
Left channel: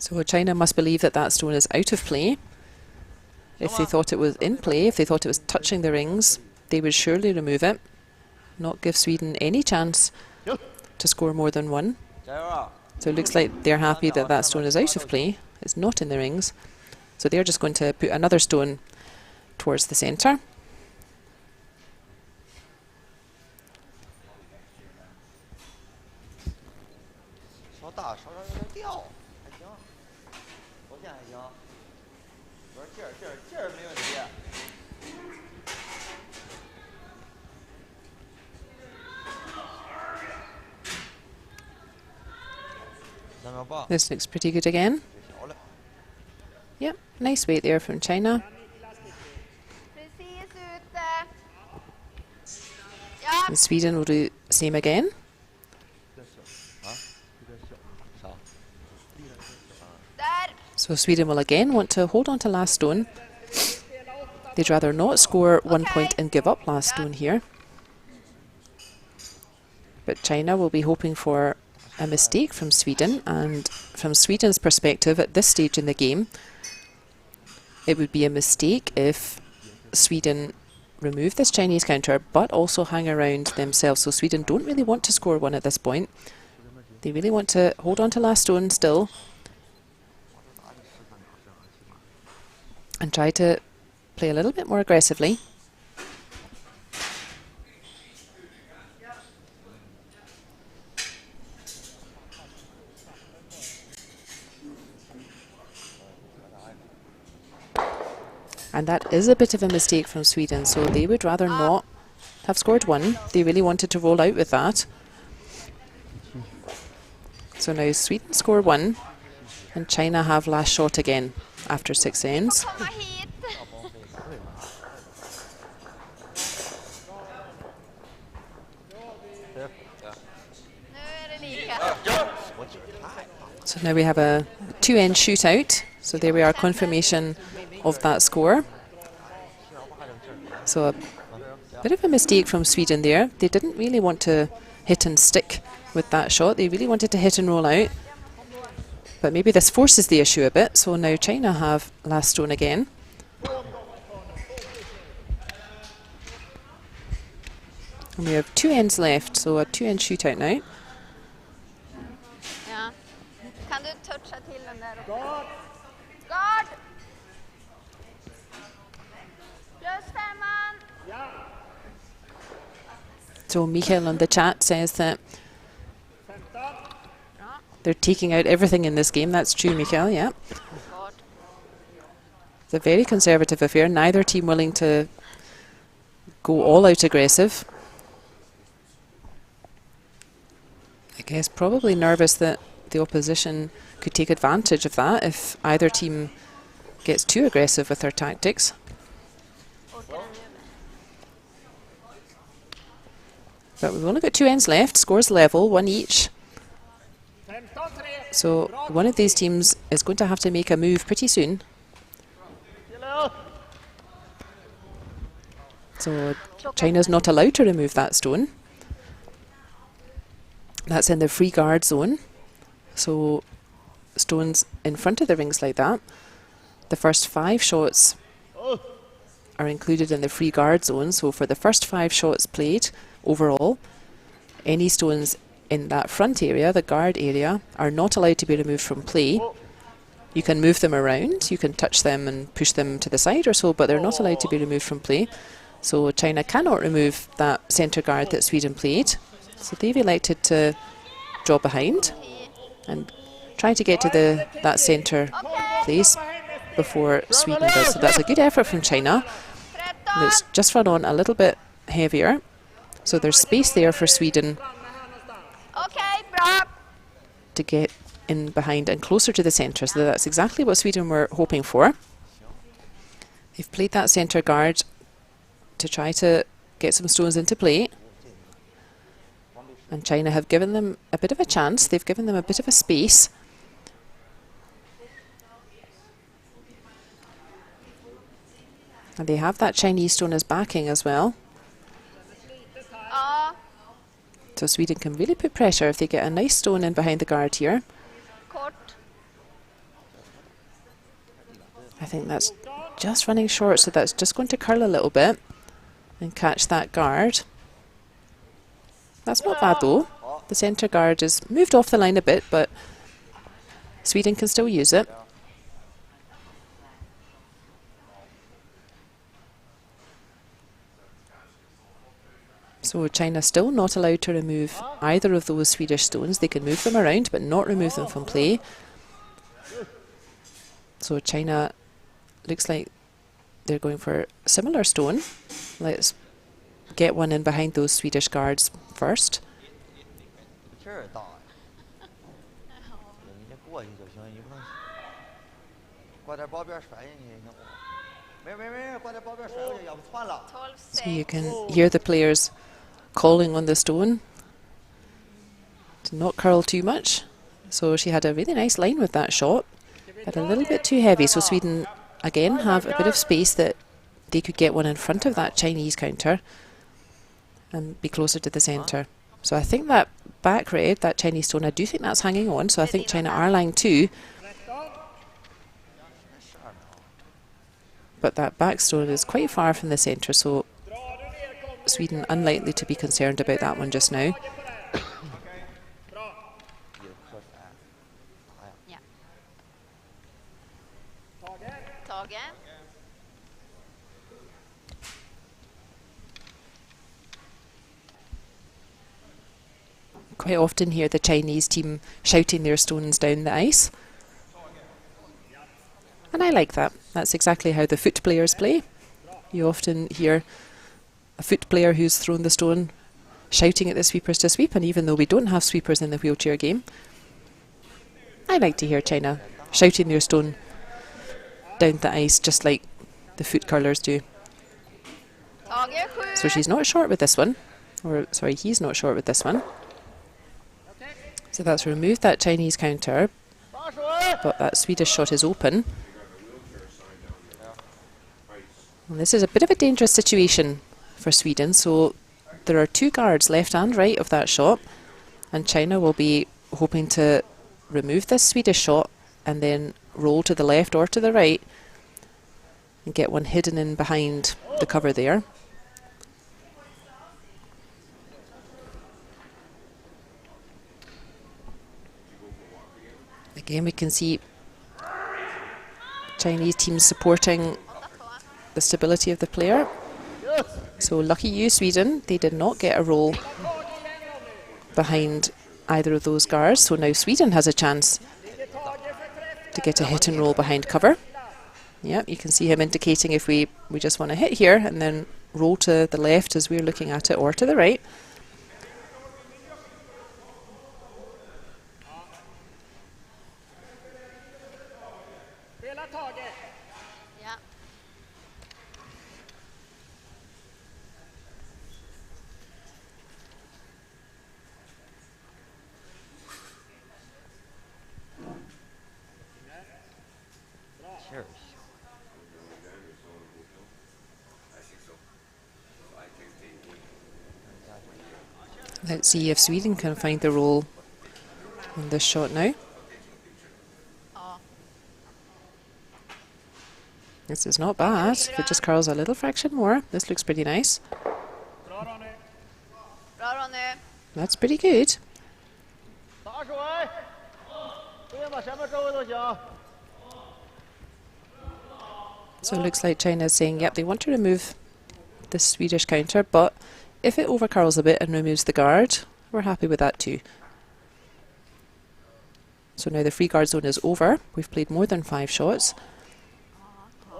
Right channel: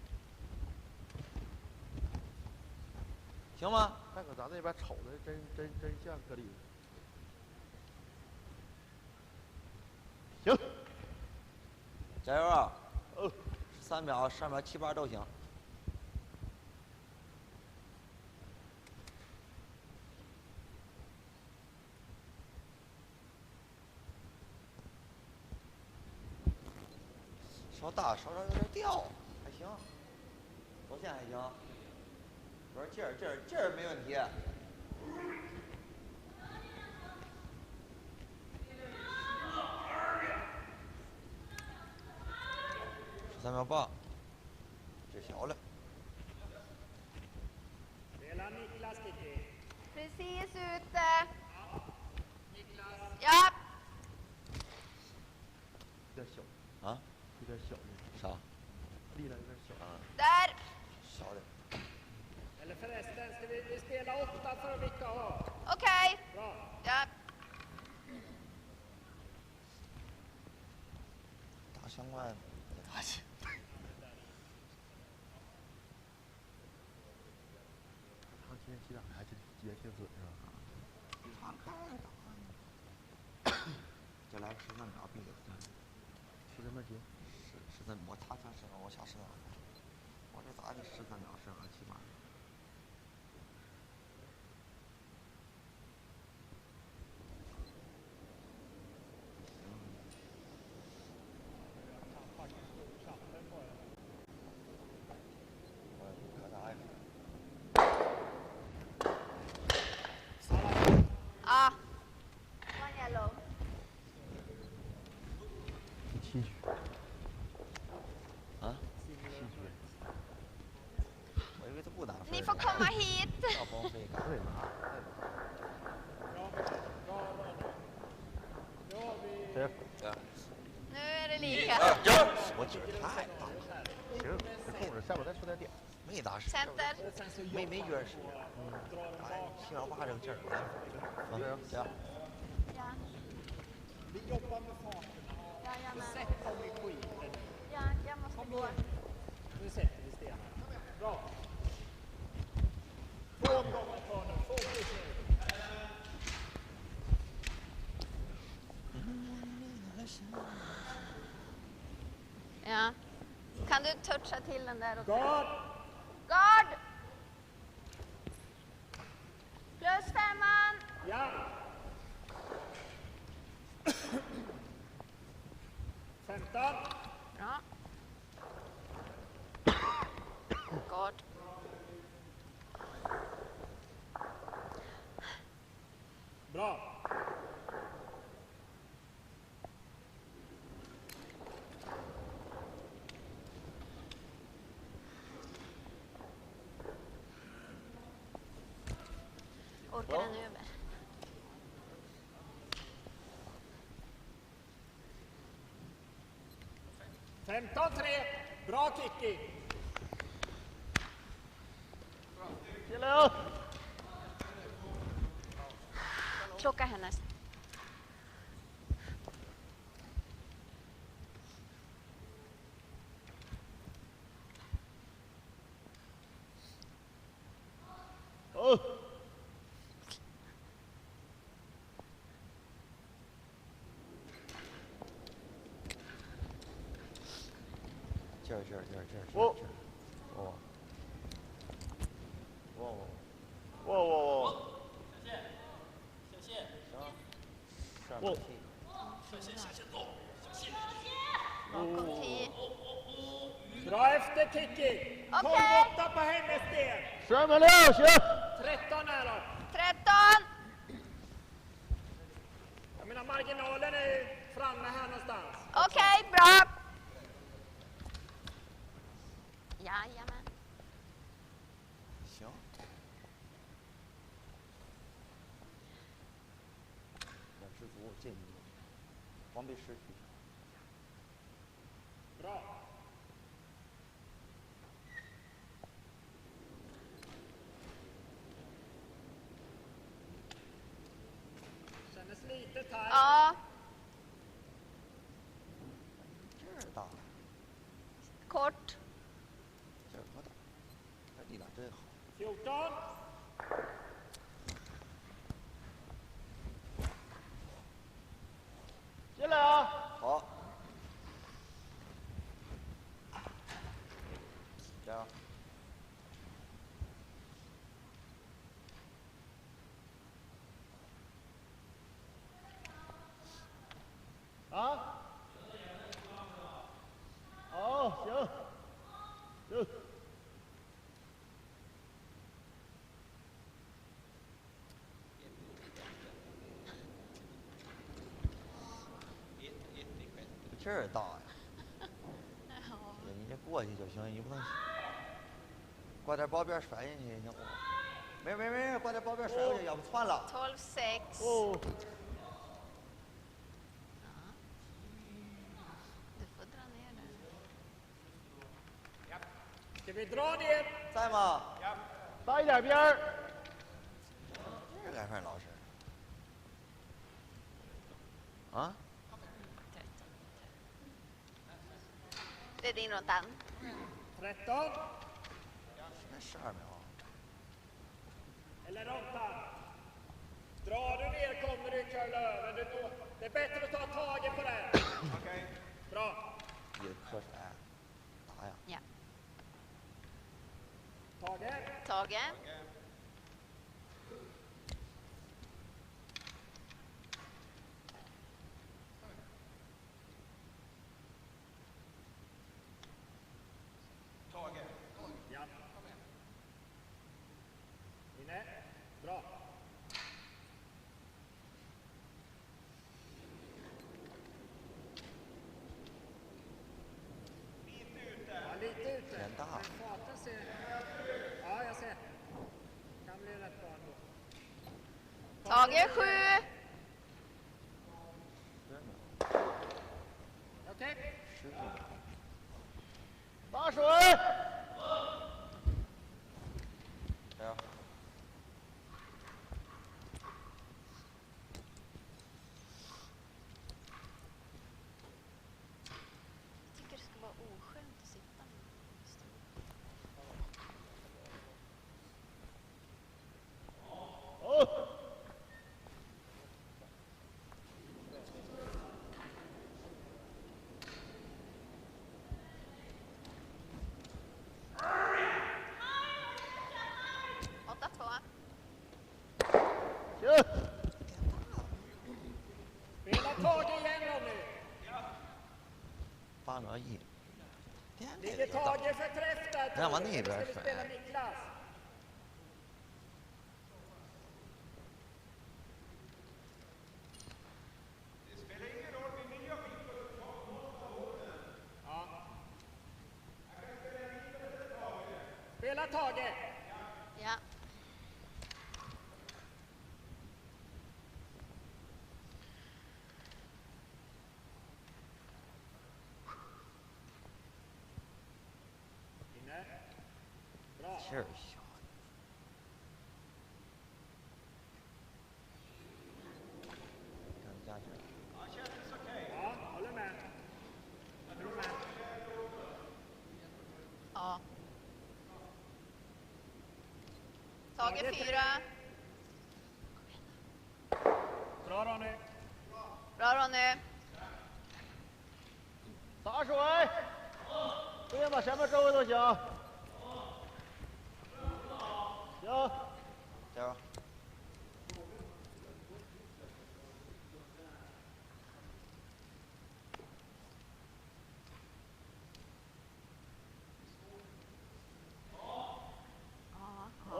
So China must believe that that stone is out of play. If they thought it was in play, if they thought it was touching the rings, they would surely remove it, not give Sweden any chance to score more than 1. So it looks like they're happy that that stone is out of play. It's not in the rings. So they're just going to put another stone towards the centre. This looks pretty good again. Yep, nice weight there from China. And Sweden will do the same again. So Sweden will again want to hold on to last stone. They'd rather not score 1 point and give up last stone here. But China will be hoping for a mistake from Sweden, and from Sweden's perspective at this stage in the game, it would be a mistake if Sweden remove this Chinese counter but also hang around themselves. So Sweden don't really want to score 1 at this point. They really want to hold on to last stone still and try to play a little bit more aggressively. And that is a bit of a mistake from Sweden, so they would rather not have scored 1. They really wanted to roll out with that. So now Sweden score 1, and China have last shot again after 6 ends. So now we have a 2-end shootout. So there we are, confirmation of that score. So a bit of a mistake from Sweden there. They didn't really want to hit and stick with that shot. They really wanted to hit and roll out. But maybe this forces the issue a bit. So now China have last stone again. And we have 2 ends left, so a 2-end shootout now. Ja. Kan du toucha till den där uppe? Guard! Plus 5. So Michael on the chat says that they're taking out everything in this game. That's true, Michael, yeah. God. It's a very conservative affair. Neither team willing to go all out aggressive. I guess probably nervous that the opposition could take advantage of that if either team gets too aggressive with their tactics. But we've only got 2 ends left, scores level, 1 each. So one of these teams is going to have to make a move pretty soon. So China's not allowed to remove that stone. That's in the free guard zone. So stones in front of the rings like that. The first 5 shots are included in the free guard zone. So for the first 5 shots played overall, any stones in that front area, the guard area, are not allowed to be removed from play. You can move them around, you can touch them and push them to the side or so, but they're not allowed to be removed from play. So China cannot remove that centre guard that Sweden played. So they've elected to draw behind and try to get to that centre place before Sweden does. So that's a good effort from China. And it's just run on a little bit heavier. So there's space there for Sweden to get in behind and closer to the centre. So that's exactly what Sweden were hoping for. They've played that centre guard to try to get some stones into play. And China have given them a bit of a chance. They've given them a bit of a space. And they have that Chinese stone as backing as well. So Sweden can really put pressure if they get a nice stone in behind the guard here. Kort. I think that's just running short, so that's just going to curl a little bit and catch that guard. That's not bad though. The centre guard is moved off the line a bit, but Sweden can still use it. So China still not allowed to remove either of those Swedish stones. They can move them around, but not remove them from play. So China looks like they're going for a similar stone. Let's get one in behind those Swedish guards first. So you can hear the players calling on the stone to not curl too much. So she had a really nice line with that shot, but a little bit too heavy. So Sweden again have a bit of space that they could get one in front of that Chinese counter and be closer to the centre. So I think that back red, that Chinese stone, I do think that's hanging on. So I think China are line 2. But that back stone is quite far from the centre, so Sweden unlikely to be concerned about that one just now. Yeah. Tage. Quite often hear the Chinese team shouting their stones down the ice. And I like that. That's exactly how the foot players play. You often hear a foot player who's thrown the stone shouting at the sweepers to sweep, and even though we don't have sweepers in the wheelchair game, I like to hear China shouting their stone down the ice just like the foot curlers do. So she's not short with this one, or sorry, he's not short with this one. So that's removed that Chinese counter, but that Swedish shot is open. And this is a bit of a dangerous situation for Sweden, so there are 2 guards left and right of that shot, and China will be hoping to remove this Swedish shot and then roll to the left or to the right and get one hidden in behind the cover there. Again, we can see Chinese teams supporting the stability of the player. So lucky you, Sweden, they did not get a roll behind either of those guards. So now Sweden has a chance to get a hit and roll behind cover. Yep, you can see him indicating if we just want to hit here and then roll to the left as we're looking at it, or to the right. Yeah. Let's see if Sweden can find the roll on this shot now. This is not bad. If it just curls a little fraction more, this looks pretty nice. That's pretty good. So it looks like China is saying, yep, they want to remove the Swedish counter, but if it overcurls a bit and removes the guard, we're happy with that too. So now the free guard zone is over. We've played more than 5 shots.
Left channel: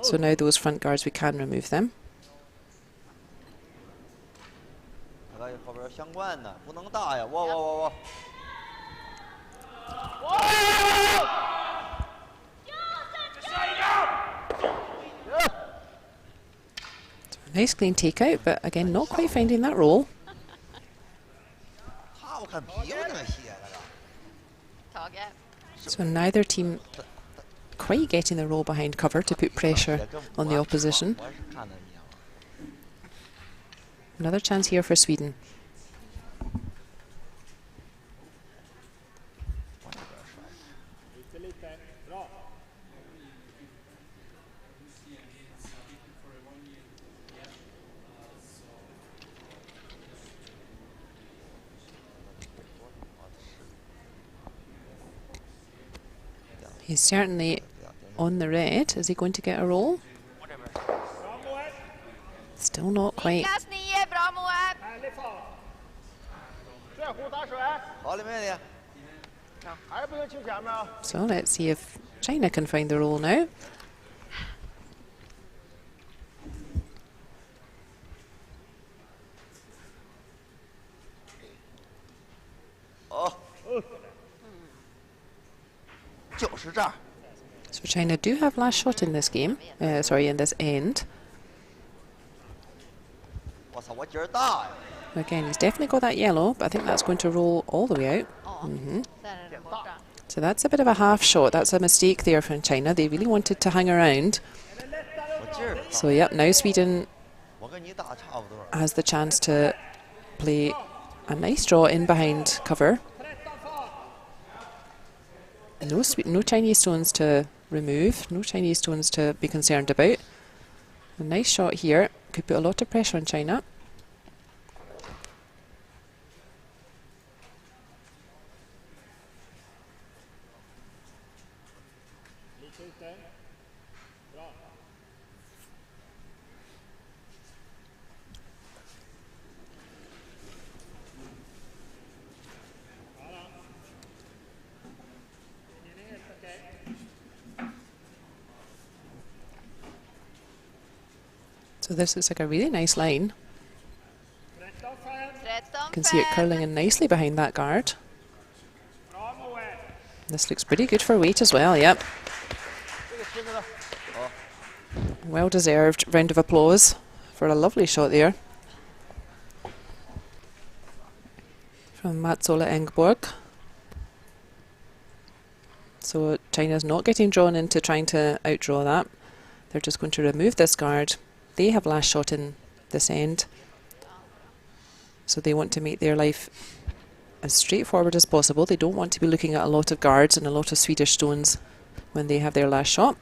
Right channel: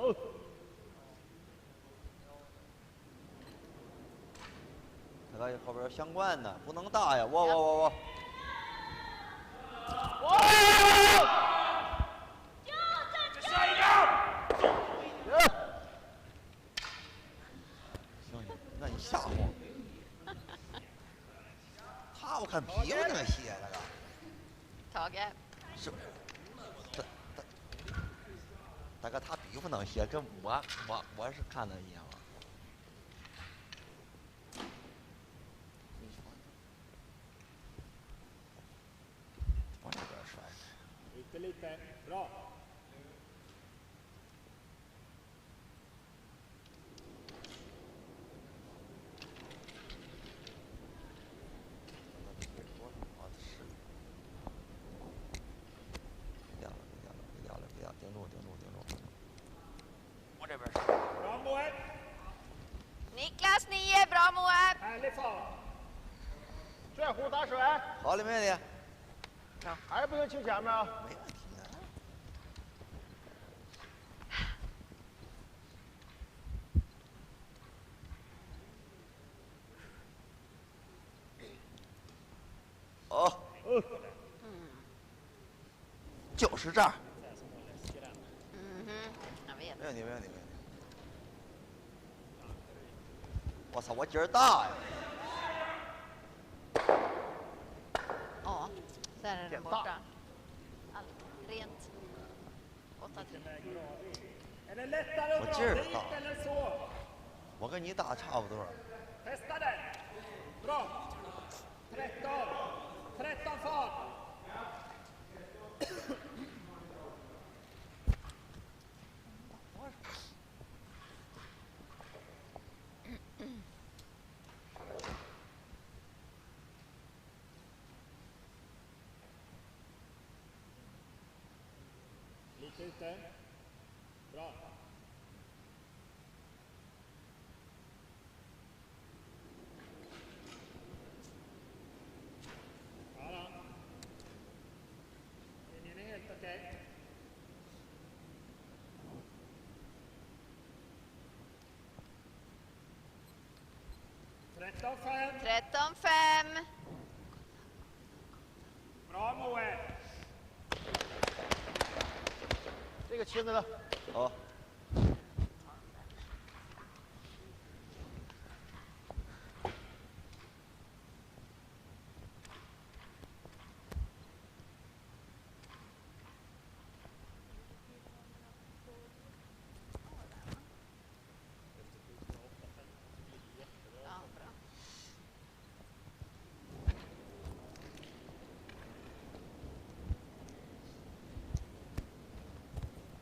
So now those front guards, we can remove them. Nice clean takeout, but again, not quite finding that roll. 他我看皮肤那么细那个。 Target. So neither team quite getting the roll behind cover to put pressure on the opposition. 我是看的一样。 Another chance here for Sweden. 往这边甩。 He's certainly on the red. Is he going to get a roll? Still not quite. Niklas 9, bra Moab. 帅虎打水，好的，没问题。还不能清前面啊。 So let's see if China can find the roll now. 哦。就是这儿。 So China do have last shot in this game. Sorry, in this end. 我操，我劲儿大呀！ Again, he's definitely got that yellow, but I think that's going to roll all the way out. Ja, där är den borta. So that's a bit of a half shot. That's a mistake there from China. They really wanted to hang around. 我劲儿大。 So yep, now Sweden 我跟你大差不多。 has the chance to play a nice draw in behind cover. No Chinese stones to remove, no Chinese stones to be concerned about. A nice shot here, could put a lot of pressure on China. So this looks like a really nice line. You can see it 13-5. curling in nicely behind that guard. This looks pretty good for weight as well, yep. 这个亲的。 Well deserved round of applause for a lovely shot there from Mats-Ola Engborg. So China's not getting drawn into trying to outdraw that. They're just going to remove this guard. They have last shot in this end. So they want to make their life as straightforward as possible. They don't want to be looking at a lot of guards and a lot of Swedish stones when they have their last shot.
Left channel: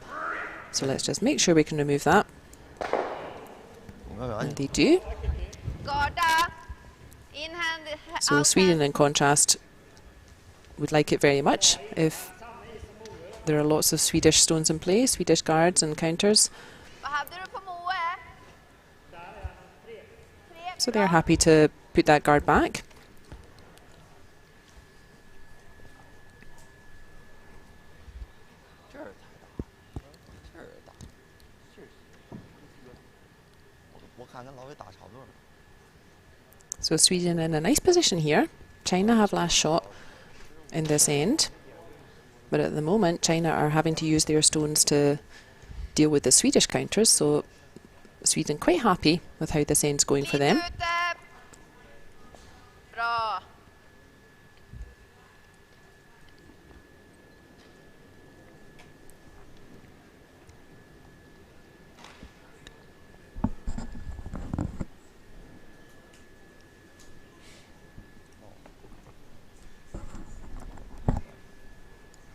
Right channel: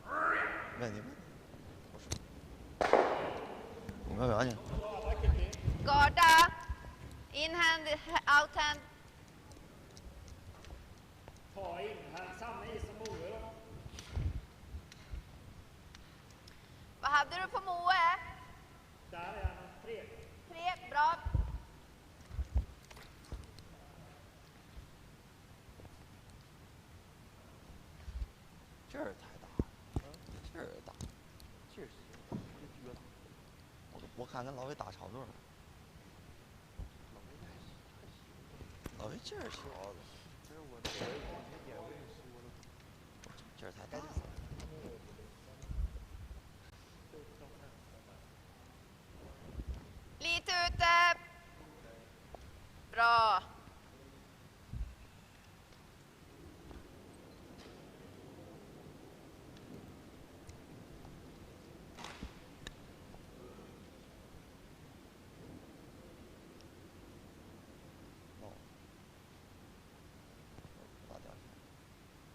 So let's just make sure we can remove that. And they do. Garda. Inhand. So Sweden, in contrast, would like it very much if there are lots of Swedish stones in play, Swedish guards and counters. Vad hade du på Moe? So they're happy to put that guard back. So Sweden in a nice position here. China have last shot in this end. But at the moment, China are having to use their stones to deal with the Swedish counters. So Sweden quite happy with how this end's going for them. Lite ute. Bra.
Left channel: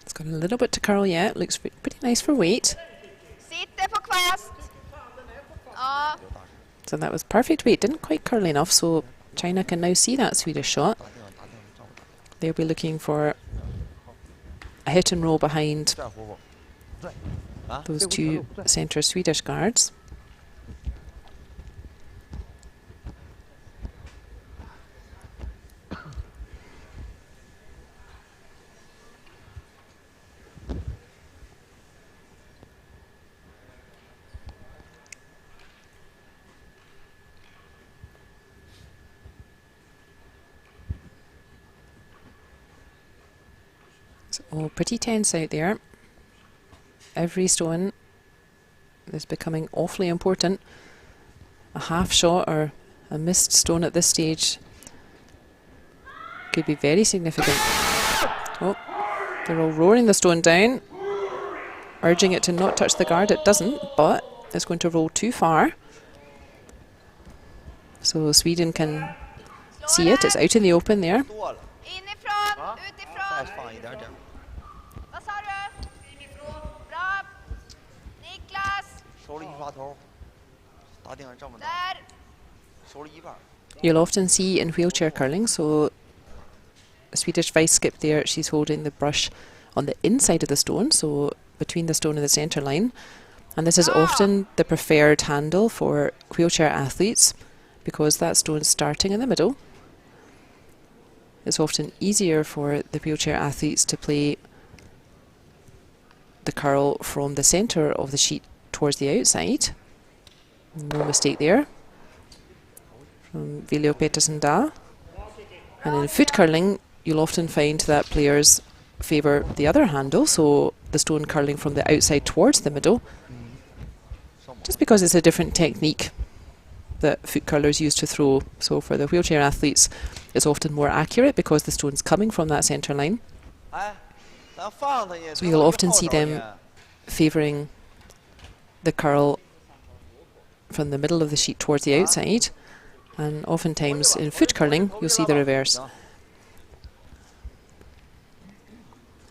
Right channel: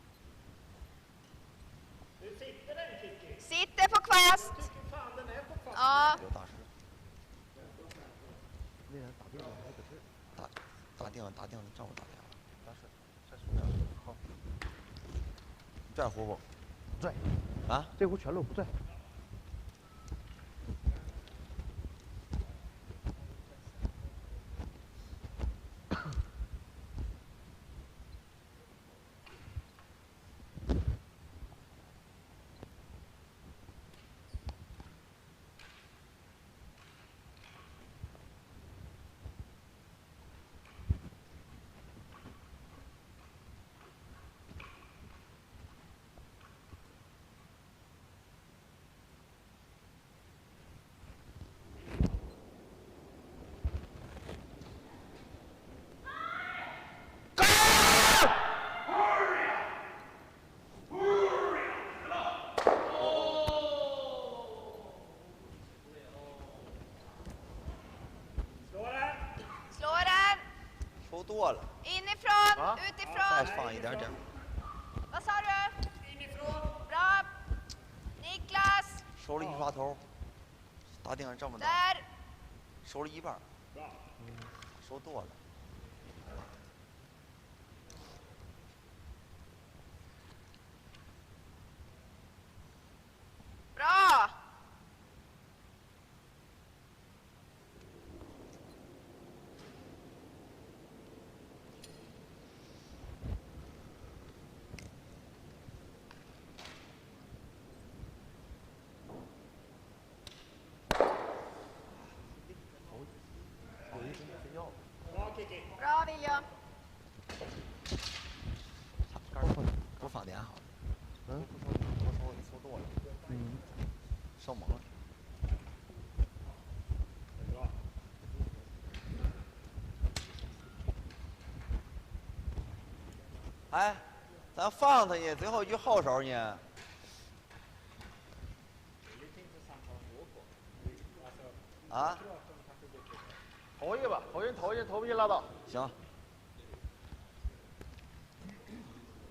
It's got a little bit to curl yet. Looks pretty nice for weight. Sitter på kvast. Ja. So that was perfect weight. Didn't quite curl enough, so China can now see that Swedish shot. They'll be looking for a hit and roll behind those two centre Swedish guards. Oh, pretty tense out there. Every stone is becoming awfully important. a half shot or a missed stone at this stage could be very significant. Oh, they're all rolling the stone down, urging it to not touch the guard. It doesn't, but it's going to roll too far. So Sweden can see it. It's out in the open there. Inifrån, utifrån. Vad sa du? Bra. Niklas. Där. You'll often see in wheelchair curling, so Swedish vice skip there, she's holding the brush on the inside of the stone, so between the stone and the centre line. And this is often the preferred handle for wheelchair athletes because that stone's starting in the middle. It's often easier for the wheelchair athletes to play the curl from the centre of the sheet towards the outside. No mistake there from Viljo Petersen Da. And in foot curling, you'll often find that players favour the other handle, so the stone curling from the outside towards the middle, just because it's a different technique that foot curlers use to throw. So for the wheelchair athletes, it's often more accurate because the stone's coming from that centre line. So you'll often see them favouring the curl from the middle of the sheet towards the outside, and oftentimes in foot curling you'll see the reverse.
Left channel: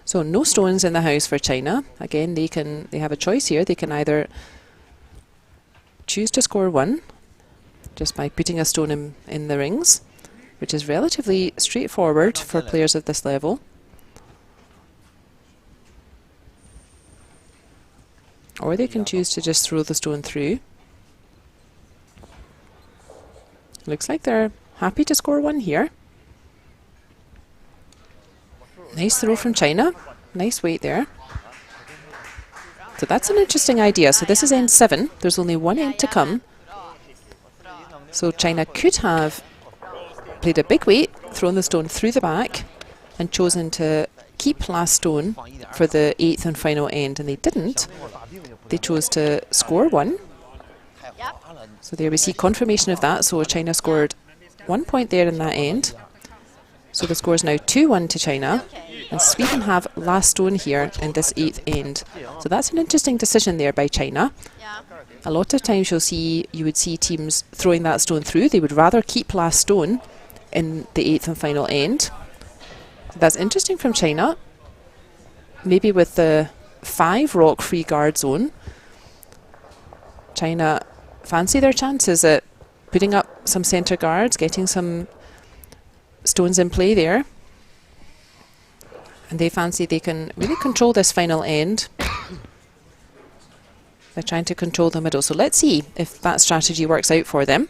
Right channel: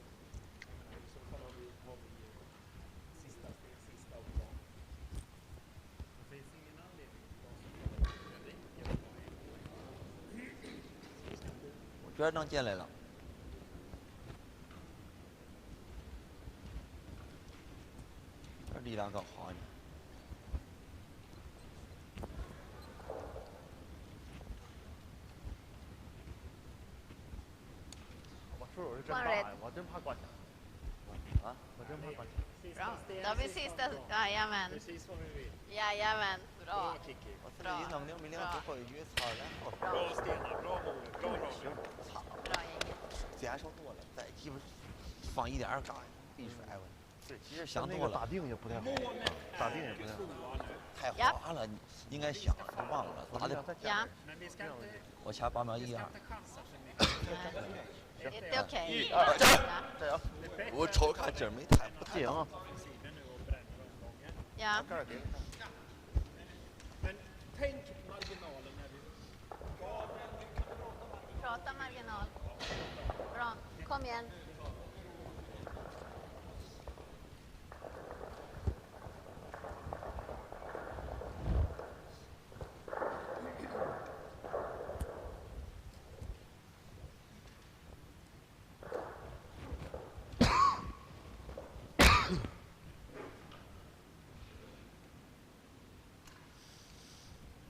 So no stones in the house for China. Again, they have a choice here. They can either choose to score 1 just by putting a stone in the rings, which is relatively straightforward for players at this level. Or they can choose to just throw the stone through. Looks like they're happy to score 1 here. Nice throw from China. Nice weight there. So that's an interesting idea. So this is end 7. There's only 1 end to come. So China could have played a big weight, thrown the stone through the back, and chosen to keep last stone for the 8th and final end, and they didn't. They chose to score 1. So there we see confirmation of that. So China scored 1 point there in that end. So the score is now 2-1 to China. And Sweden have last stone here in this 8th end. So that's an interesting decision there by China. A lot of times you would see teams throwing that stone through. They would rather keep last stone in the 8th and final end. That's interesting from China. Maybe with the 5 rock free guard zone, China fancy their chances at putting up some centre guards, getting some stones in play there. And they fancy they can really control this final end. They're trying to control the middle. So let's see if that strategy works out for them.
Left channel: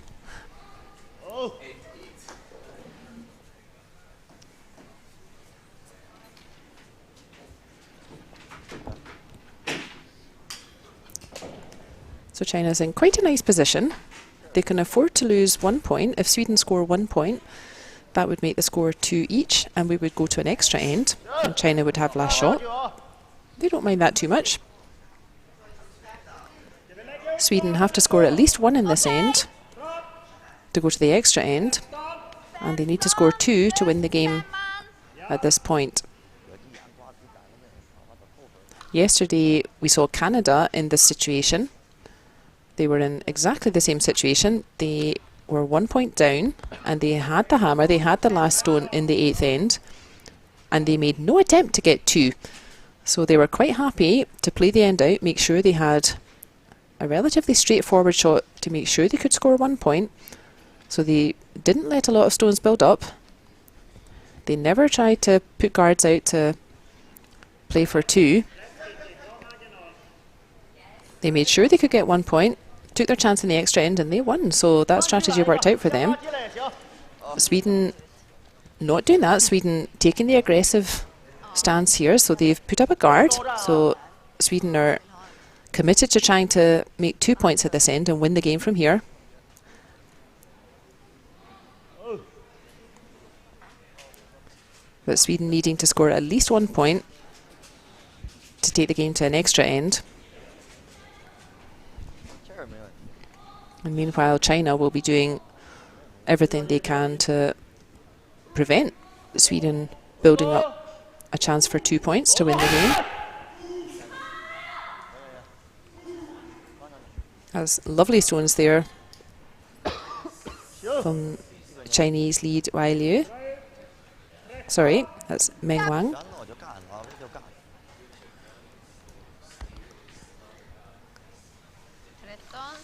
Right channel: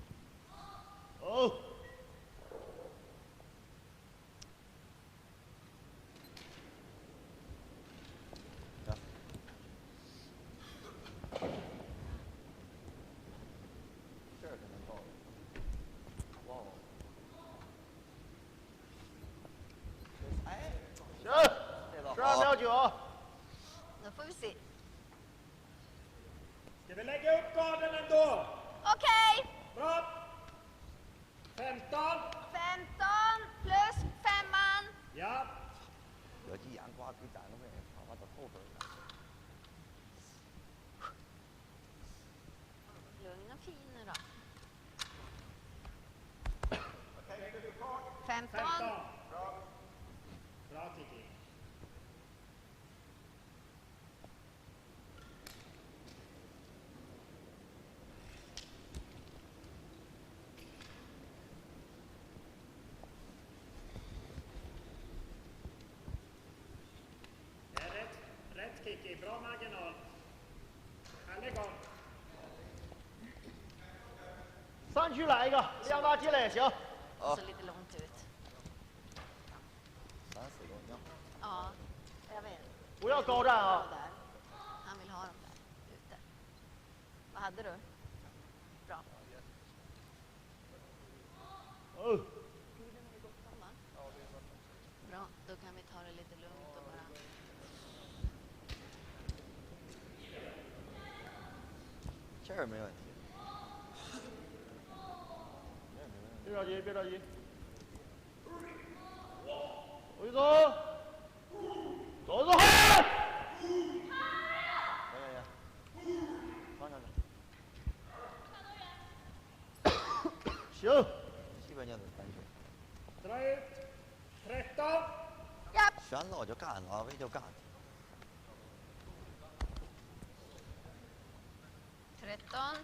So China's in quite a nice position. They can afford to lose 1 point. If Sweden score 1 point, that would make the score 2 each, and we would go to an extra end, and China would have last shot. They don't mind that too much. Sweden have to score at least 1 in this end to go to the extra end, and they need to score 2 to win the game at this point. Yesterday we saw Canada in this situation. They were in exactly the same situation. They were 1 point down, and they had the hammer, they had the last stone in the 8th end, and they made no attempt to get 2. So they were quite happy to play the end out, make sure they had a relatively straightforward shot to make sure they could score 1 point. So they didn't let a lot of stones build up. They never tried to put guards out to play for 2. They made sure they could get 1 point, took their chance in the extra end, and they won. So that strategy worked out for them. Sweden not doing that. Sweden taking the aggressive stance here. So they've put up a guard. So Sweden are committed to trying to make 2 points at this end and win the game from here. But Sweden needing to score at least 1 point to take the game to an extra end. And meanwhile, China will be doing everything they can to prevent Sweden building up a chance for 2 points to win the game. Has lovely stones there from Chinese lead Wai Liu. Sorry, that's Meng Wang. 旋了我就干了，我就干。 13.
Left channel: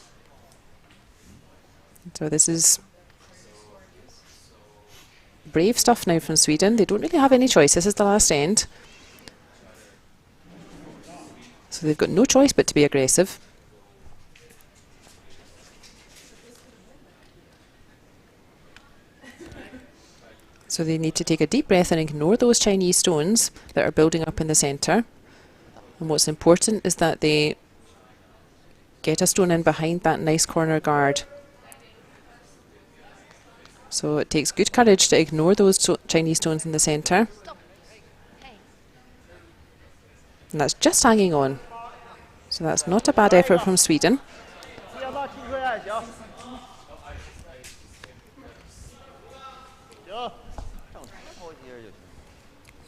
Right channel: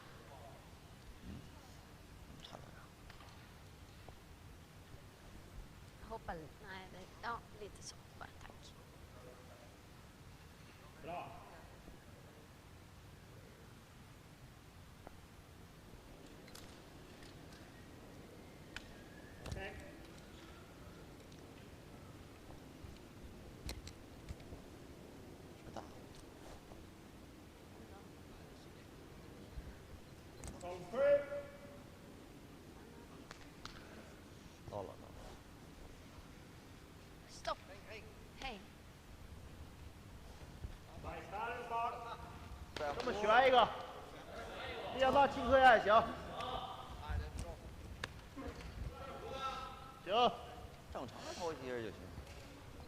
So this is brave stuff now from Sweden. They don't really have any choice. This is the last end. So they've got no choice but to be aggressive. So they need to take a deep breath and ignore those Chinese stones that are building up in the centre. And what's important is that they get a stone in behind that nice corner guard. So it takes good courage to ignore those Chinese stones in the centre. Stop. Hey. And that's just hanging on. So that's not a bad effort from Sweden. 先把踢回来，行。行。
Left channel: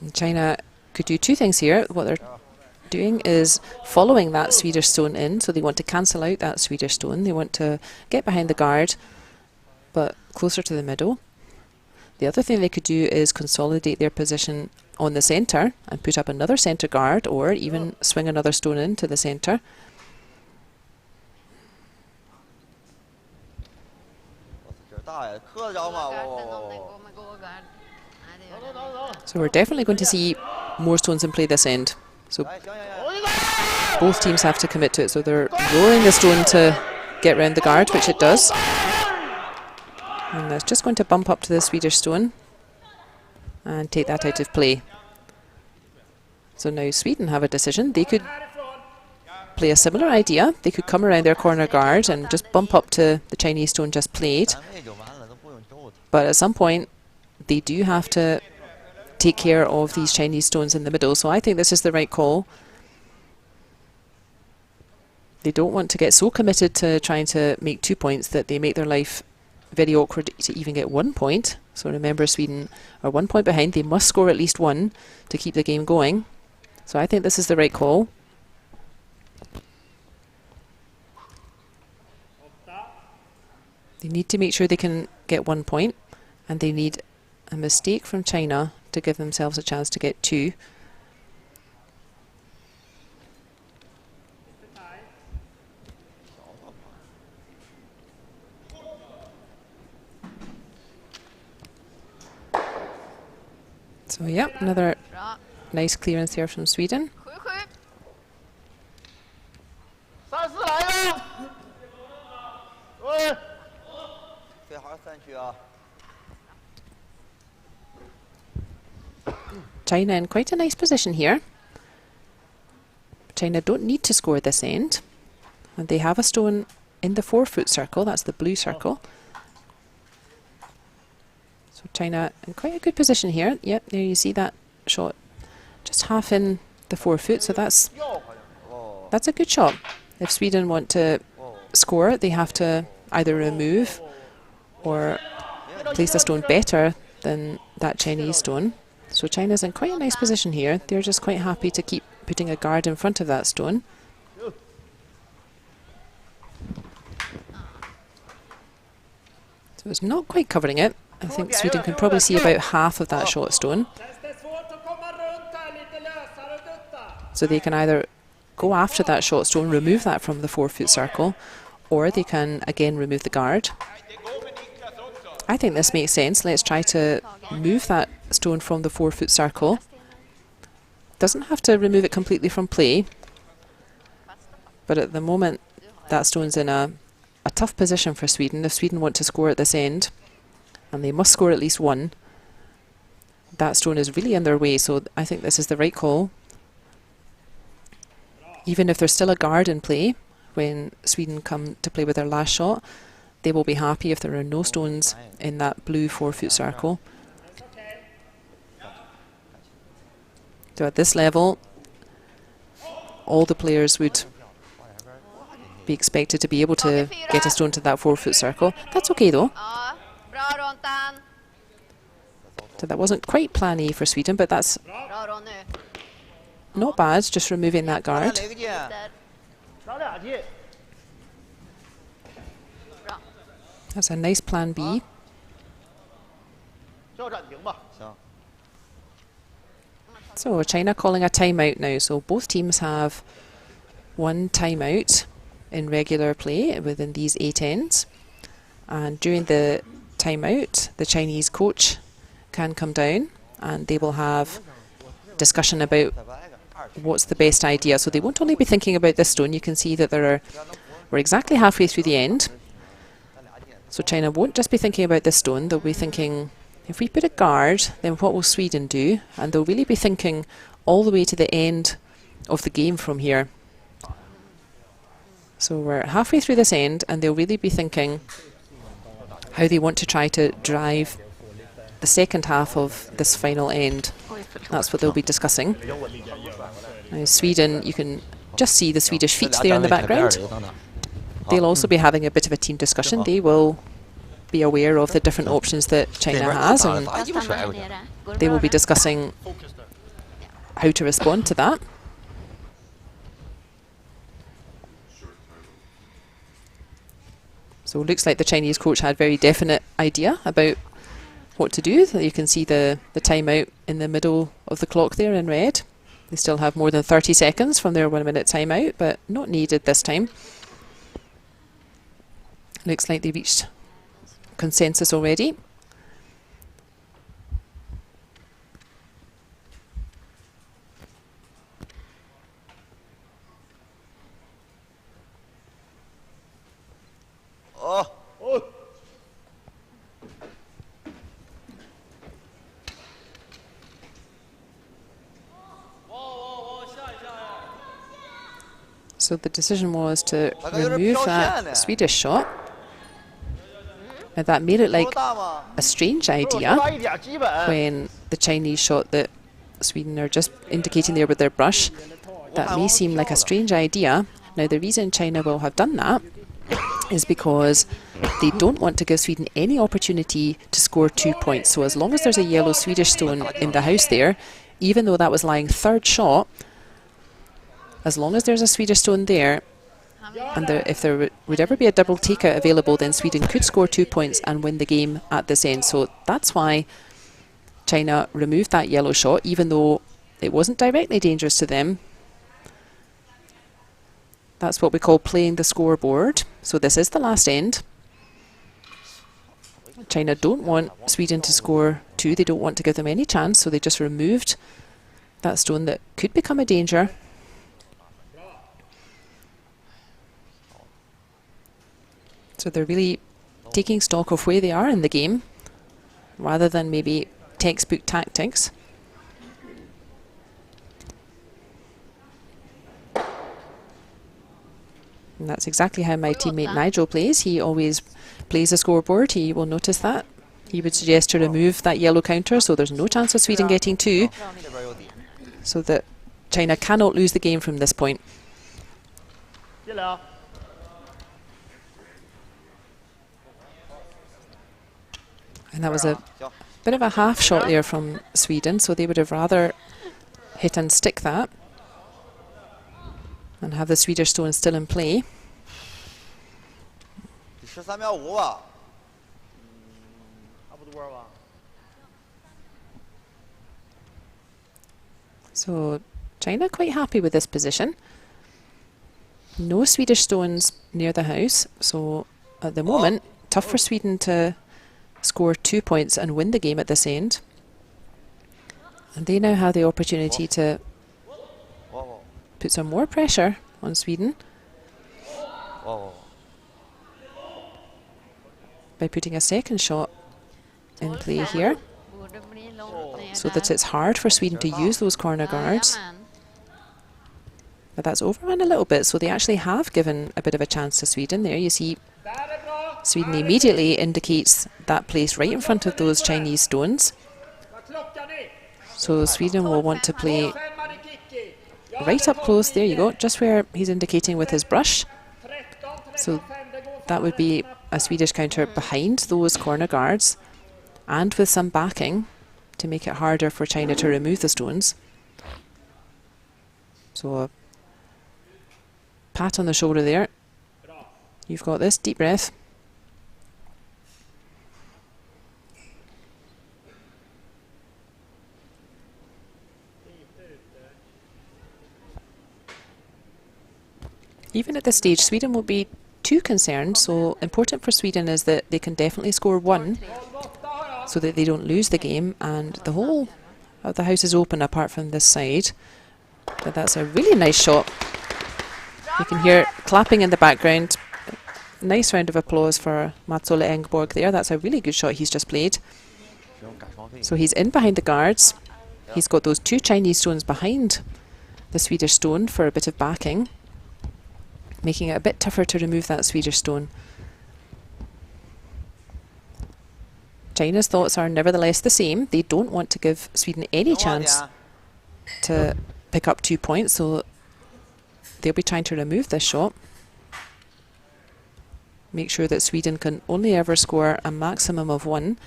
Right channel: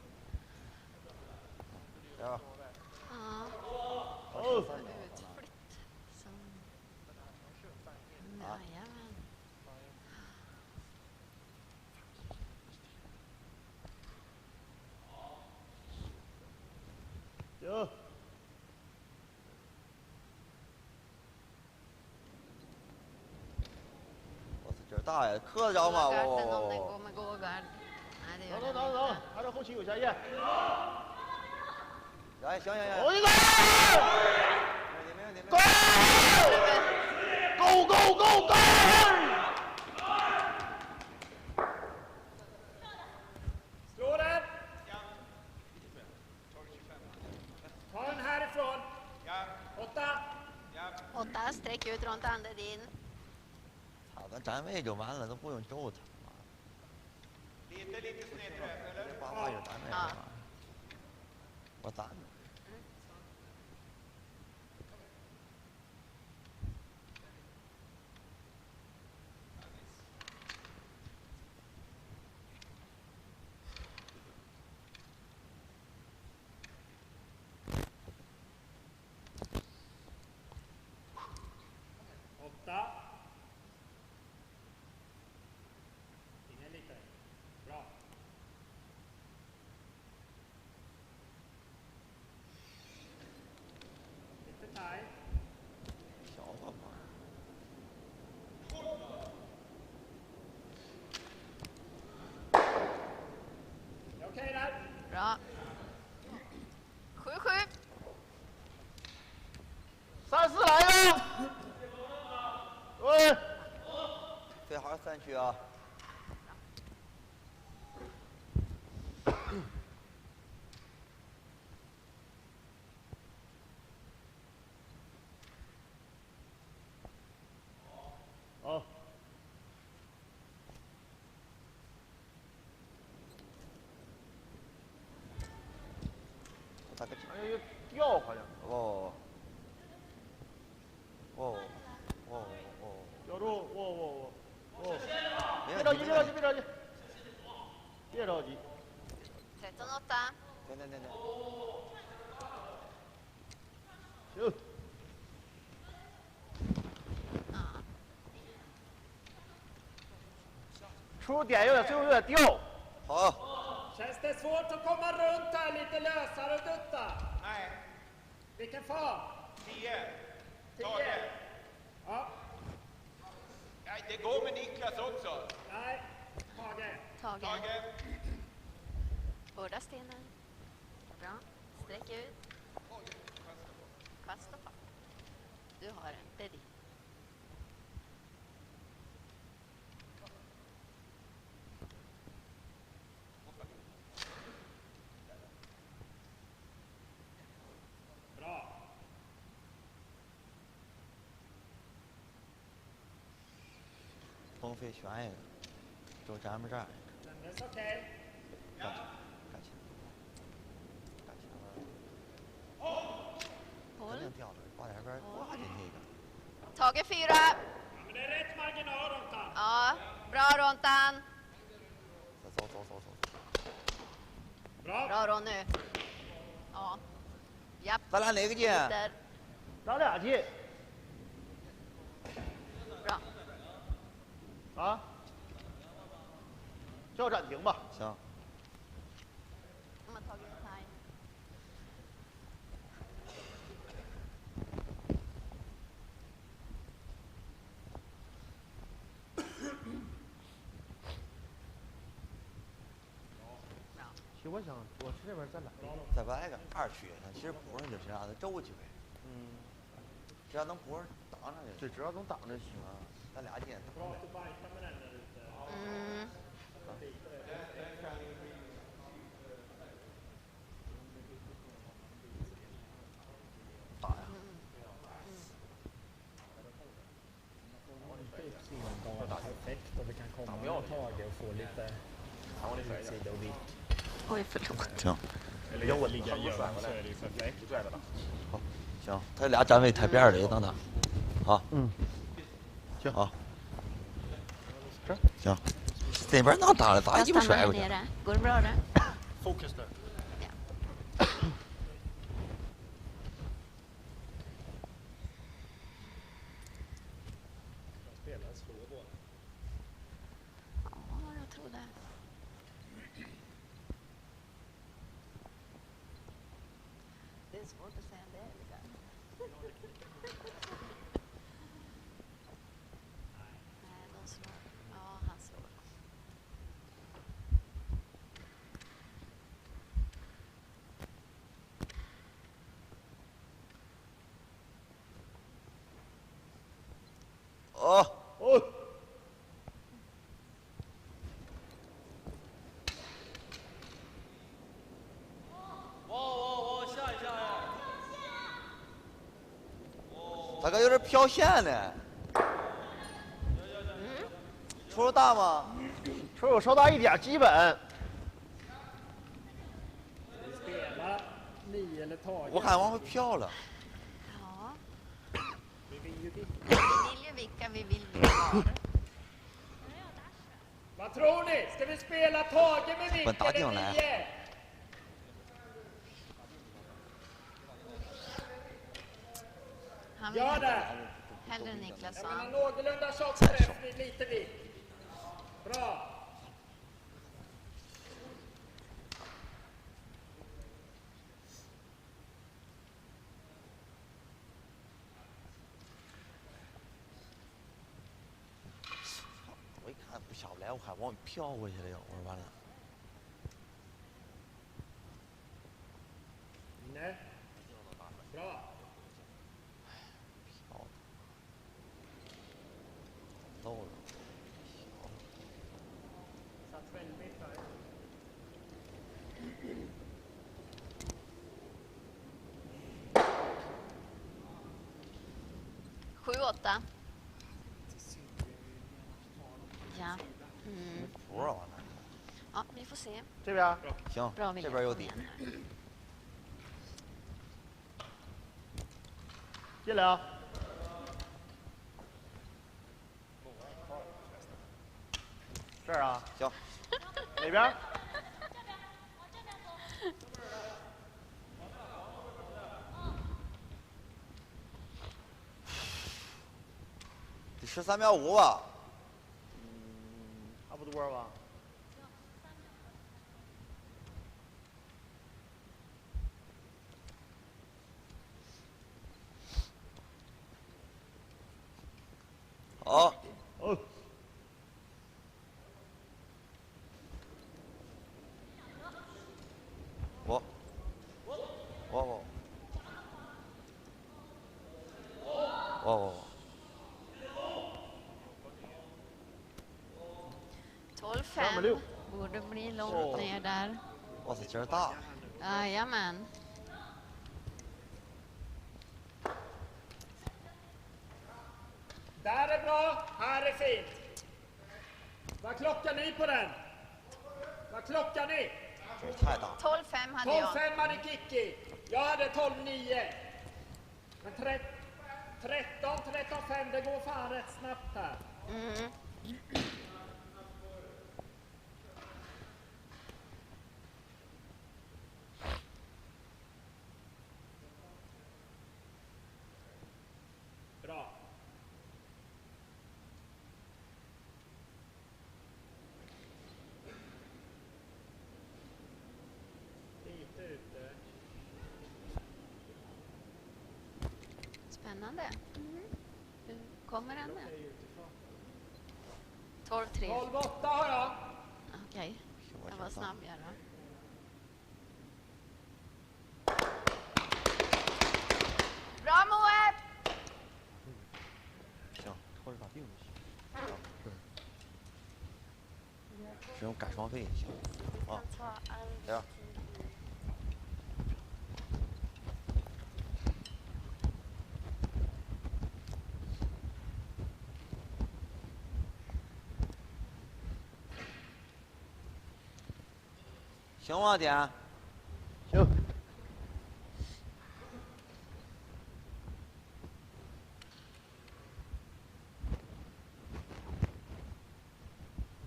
And China could do two things here. What they're doing is following that Swedish stone in, so they want to cancel out that Swedish stone. They want to get behind the guard, but closer to the middle. The other thing they could do is consolidate their position on the centre and put up another centre guard, or even swing another stone into the centre. So we're definitely going to see more stones in play this end. So both teams have to commit to it. So they're lowering the stone to get round the guard, which it does. And it's just going to bump up to the Swedish stone and take that out of play. So now Sweden have a decision. They could play a similar idea. They could come around their corner guard and just bump up to the Chinese stone just played. But at some point, they do have to take care of these Chinese stones in the middle. So I think this is the right call. They don't want to get so committed to trying to make 2 points that they make their life very awkward to even get 1 point. So remember, Sweden are 1 point behind. They must score at least one to keep the game going. So I think this is the right call. They need to make sure they can get 1 point, and they need a mistake from China to give themselves a chance to get 2. So yeah, another nice clearance there from Sweden. 3-4来了。喂。 最好3区啊。 China in quite a nice position here. China don't need to score this end. And they have a stone in the 4-foot circle. That's the blue circle. So China in quite a good position here. Yep, there you see that shot. Just half in the 4-foot. So that's a good shot. If Sweden want to score, they have to either remove or place the stone better than that Chinese stone. So China's in quite a nice position here. They're just quite happy to keep putting a guard in front of that stone. So it's not quite covering it. I think Sweden can probably see about half of that short stone. So they can either go after that short stone, remove that from the 4-foot circle, or they can again remove the guard. I think this makes sense. Let's try to move that stone from the 4-foot circle. Doesn't have to remove it completely from play, but at the moment that stone's in a tough position for Sweden. If Sweden want to score at this end, and they must score at least one, that stone is really in their way, so I think this is the right call. Even if there's still a guard in play when Sweden come to play with their last shot, they will be happy if there are no stones in that blue 4-foot circle. So at this level, all the players would be expected to be able to get a stone to that 4-foot circle. That's okay though. Ja, bra Rontan. So that wasn't quite plan A for Sweden, but that's Bra Ronny. not bad, just removing that 咱俩 guard. 哪个进？ Där. 打俩进， Bra. That's a nice plan B. 叫暂停吧。 行。 So China calling a timeout now. So both teams have one timeout in regular play within these 8 ends. And during the timeout, the Chinese coach can come down and they will have discussion about 再来个20。 what's the best idea. So they won't only be thinking about this stone. You can see that we're exactly halfway through the end. 咱俩进。 So China won't just be thinking about this stone. They'll be thinking, if we put a guard, then what will Sweden do? And they'll really be thinking all the way to the end of the game from here. So we're halfway through this end, and they'll really be thinking how they want to try to drive the second half of this final end. That's what they'll be discussing. Now Sweden, you can just see the Swedish feet there in the background. They'll also be having a bit of a team discussion. They will be aware of the different options that China has, and Jag stannar här nere. Går det they bra will be där? discussing how to respond to that. So it looks like the Chinese coach had very definite idea about what to do. You can see the timeout in the middle of the clock there in red. They still have more than 30 seconds from their 1-minute timeout, but not needed this time. Looks like they reached consensus already. Oh. 哦， So the decision was to I got your remove pure that shot. Swedish shot. Now that made it 球 like 大吗？ a strange 我 idea 说一点基本。 when the Chinese shot that Sweden are just indicating there with their brush. That may seem like a strange idea. Now the reason China will have done that is because they don't want to give Sweden any opportunity to score 2 points. So as long as there's a yellow Swedish stone in the house there, even though that was lying third shot, as long as there's a Swedish stone there, and if there would ever be a double takeout available, then Sweden could score 2 points and win the game at this end. So that's why China removed that yellow shot, even though it wasn't directly dangerous to them. That's what we call playing the scoreboard. So this is the last end. China don't want Sweden to score 2. They don't want to give them any chance, so they just removed that stone that could become a danger. So they're really taking stock of where they are in the game, rather than maybe textbook tactics. And that's exactly how my teammate Nigel plays. He always plays the scoreboard. He will notice that. He would suggest to remove that yellow counter, so there's no chance of Sweden getting 2, 这边有底。 so that China cannot lose the game from this point. 进来啊！ And that was a 行， bit of a half shot there from Sweden, so they would have rather hit and stick that and have the Swedish stone still in play. 13.5秒吧。 差不多吧。 So China quite happy with this position. No Swedish stones near the house, so at the moment, tough for Sweden to score 2 points and win the game at this end. And they now have the opportunity to 哇哇 put some more pressure on Sweden 哇哇！ by putting a second shot in play here, Borde bli långt ner so that där. it's hard for Sweden to use those corner guards. Jajamän. But that's overrun a little bit, so they actually have given a bit of a chance to Sweden. There you see Där är bra! Sweden immediately indicates that place right in front of those Chinese stones. Vad klockan är? So Sweden will want to play 5 i Kikki. Ja, right det up close. There you 12-9. go, just where he's indicating with his brush. 13 So that would be a Swedish counter behind those corner guards and with some backing to make it harder for China to remove the stones. So a pat on the shoulder there. You've got this. Deep breath. Even at this stage, Sweden won't be too concerned, so important for Sweden is that they can definitely score 1 so that they don't lose the game, and the whole of the house is open apart from this side. But that's a really nice shot. You can hear clapping in the background. Nice round of applause for Mats Ole Engborg there. That's a really good shot he's just played. So he's in behind the guards. He's got those 2 Chinese stones behind the Swedish stone for a bit of backing, making it a bit tougher to remove that Swedish stone. China's thoughts are nevertheless the same. They don't want to give Sweden any chance to pick up 2 points, so they'll be trying to remove this shot. Make sure that Sweden can only ever score a maximum of 1.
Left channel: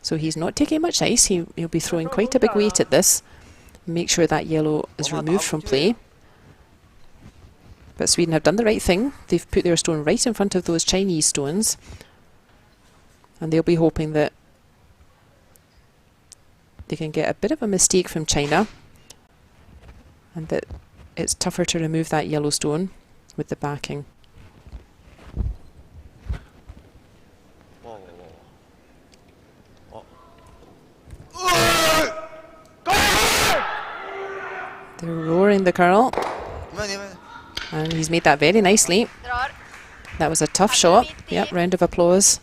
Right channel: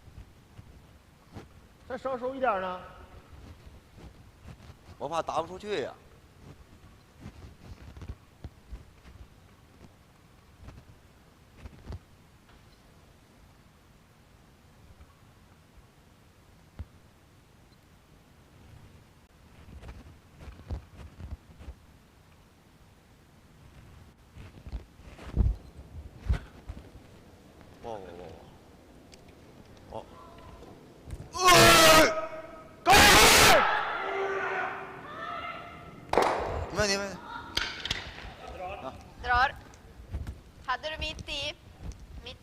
So he's not taking much ice. He'll be throwing quite a big weight at this. Make sure that yellow is removed from play. But Sweden have done the right thing. They've put their stone right in front of those Chinese stones. And they'll be hoping that they can get a bit of a mistake from China, and that it's tougher to remove that yellow stone with the backing. They're roaring the curl. And he's made that very nicely. That was a tough shot. Yep, round of applause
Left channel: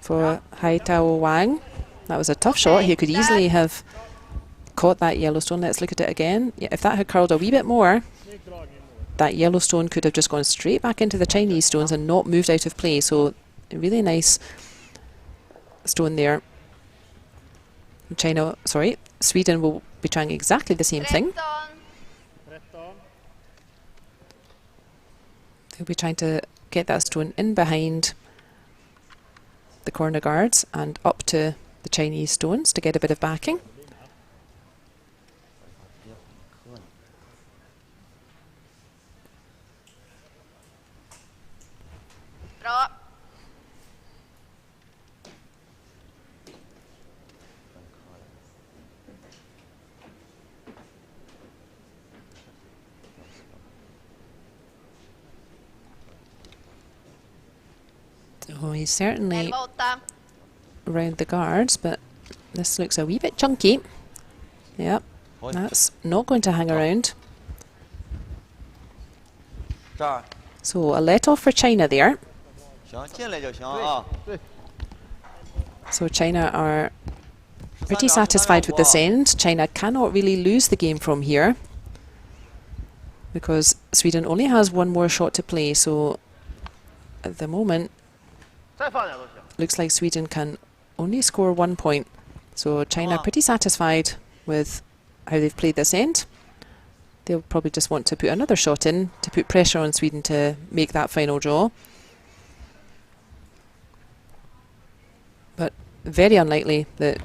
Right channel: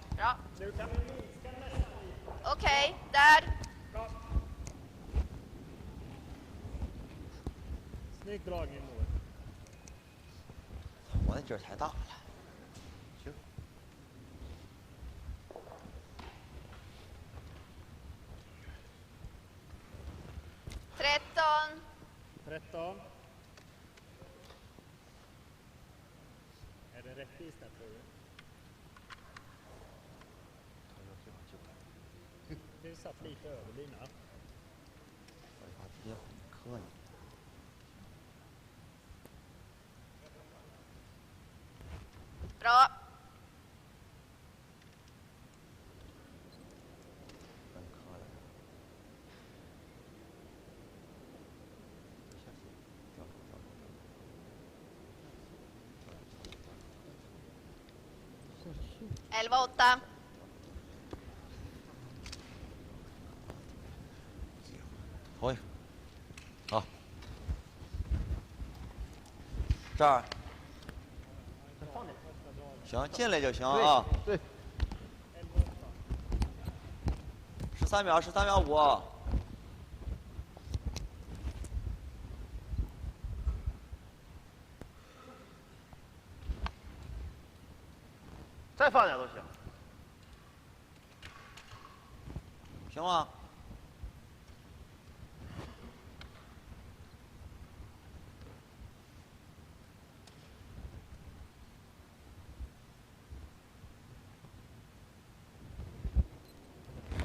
for Hai Tao Wang. That was a tough shot. He could easily have caught that yellow stone. Let's look at it again. Yeah, if that had curled a wee bit more, that yellow stone could have just gone straight back into the Chinese stones and not moved out of play. So a really nice stone there. Sweden will be trying exactly the same thing. They'll be trying to get that stone in behind the corner guards and up to the Chinese stones to get a bit of backing. Oh, he's certainly around the guards, but this looks a wee bit chunky. Yep, that's not going to hang around. So a let off for China there. So China are pretty satisfied with this end. China cannot really lose the game from here because Sweden only has 1 more shot to play. So at the moment, looks like Sweden can only score 1 point. So China are pretty satisfied with how they've played this end. They'll probably just want to put another shot in to put pressure on Sweden to make that final draw. But very unlikely that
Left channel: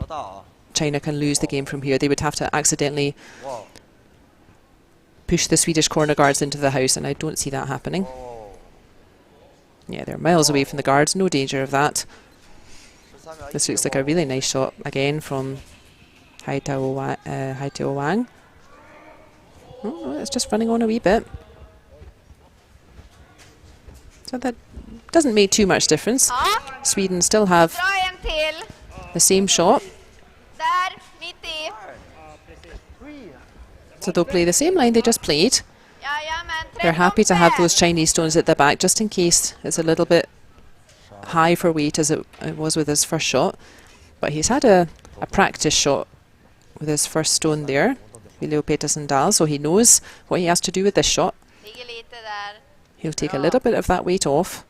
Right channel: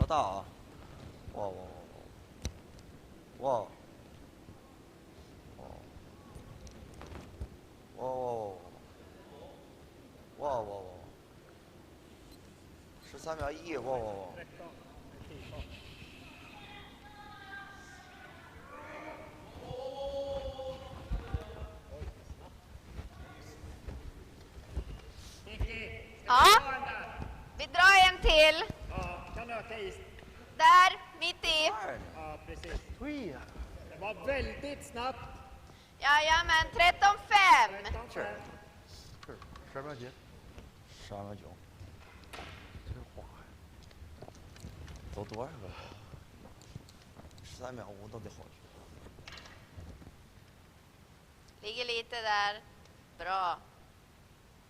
China can lose the game from here. They would have to accidentally push the Swedish corner guards into the house, and I don't see that happening. Yeah, they're miles away from the guards, no danger of that. This looks like a really nice shot again from Hai Tao Wang. Oh, it's just running on a wee bit. So that doesn't make too much difference. Sweden still have the same shot. So they'll play the same line they just played. They're happy to have those Chinese stones at the back just in case it's a little bit high for weight as it was with his first shot. But he's had a practice shot with his first stone there, Viljo Petersen Dahl, so he knows what he has to do with this shot. He'll take a little bit of that weight off.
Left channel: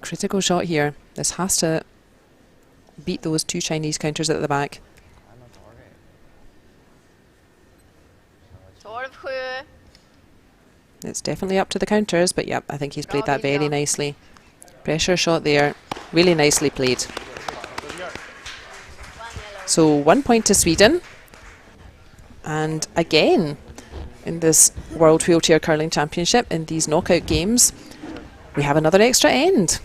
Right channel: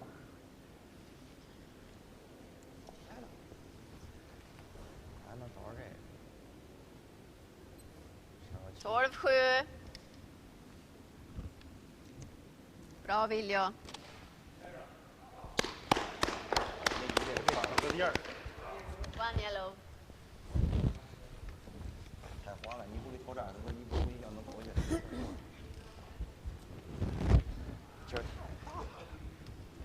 Critical shot here. This has to beat those 2 Chinese counters at the back. It's definitely up to the counters, but yep, I think he's played that very nicely. Pressure shot there, really nicely played. So 1 point to Sweden. And again, in this World Wheelchair Curling Championship, in these knockout games, we have another extra end.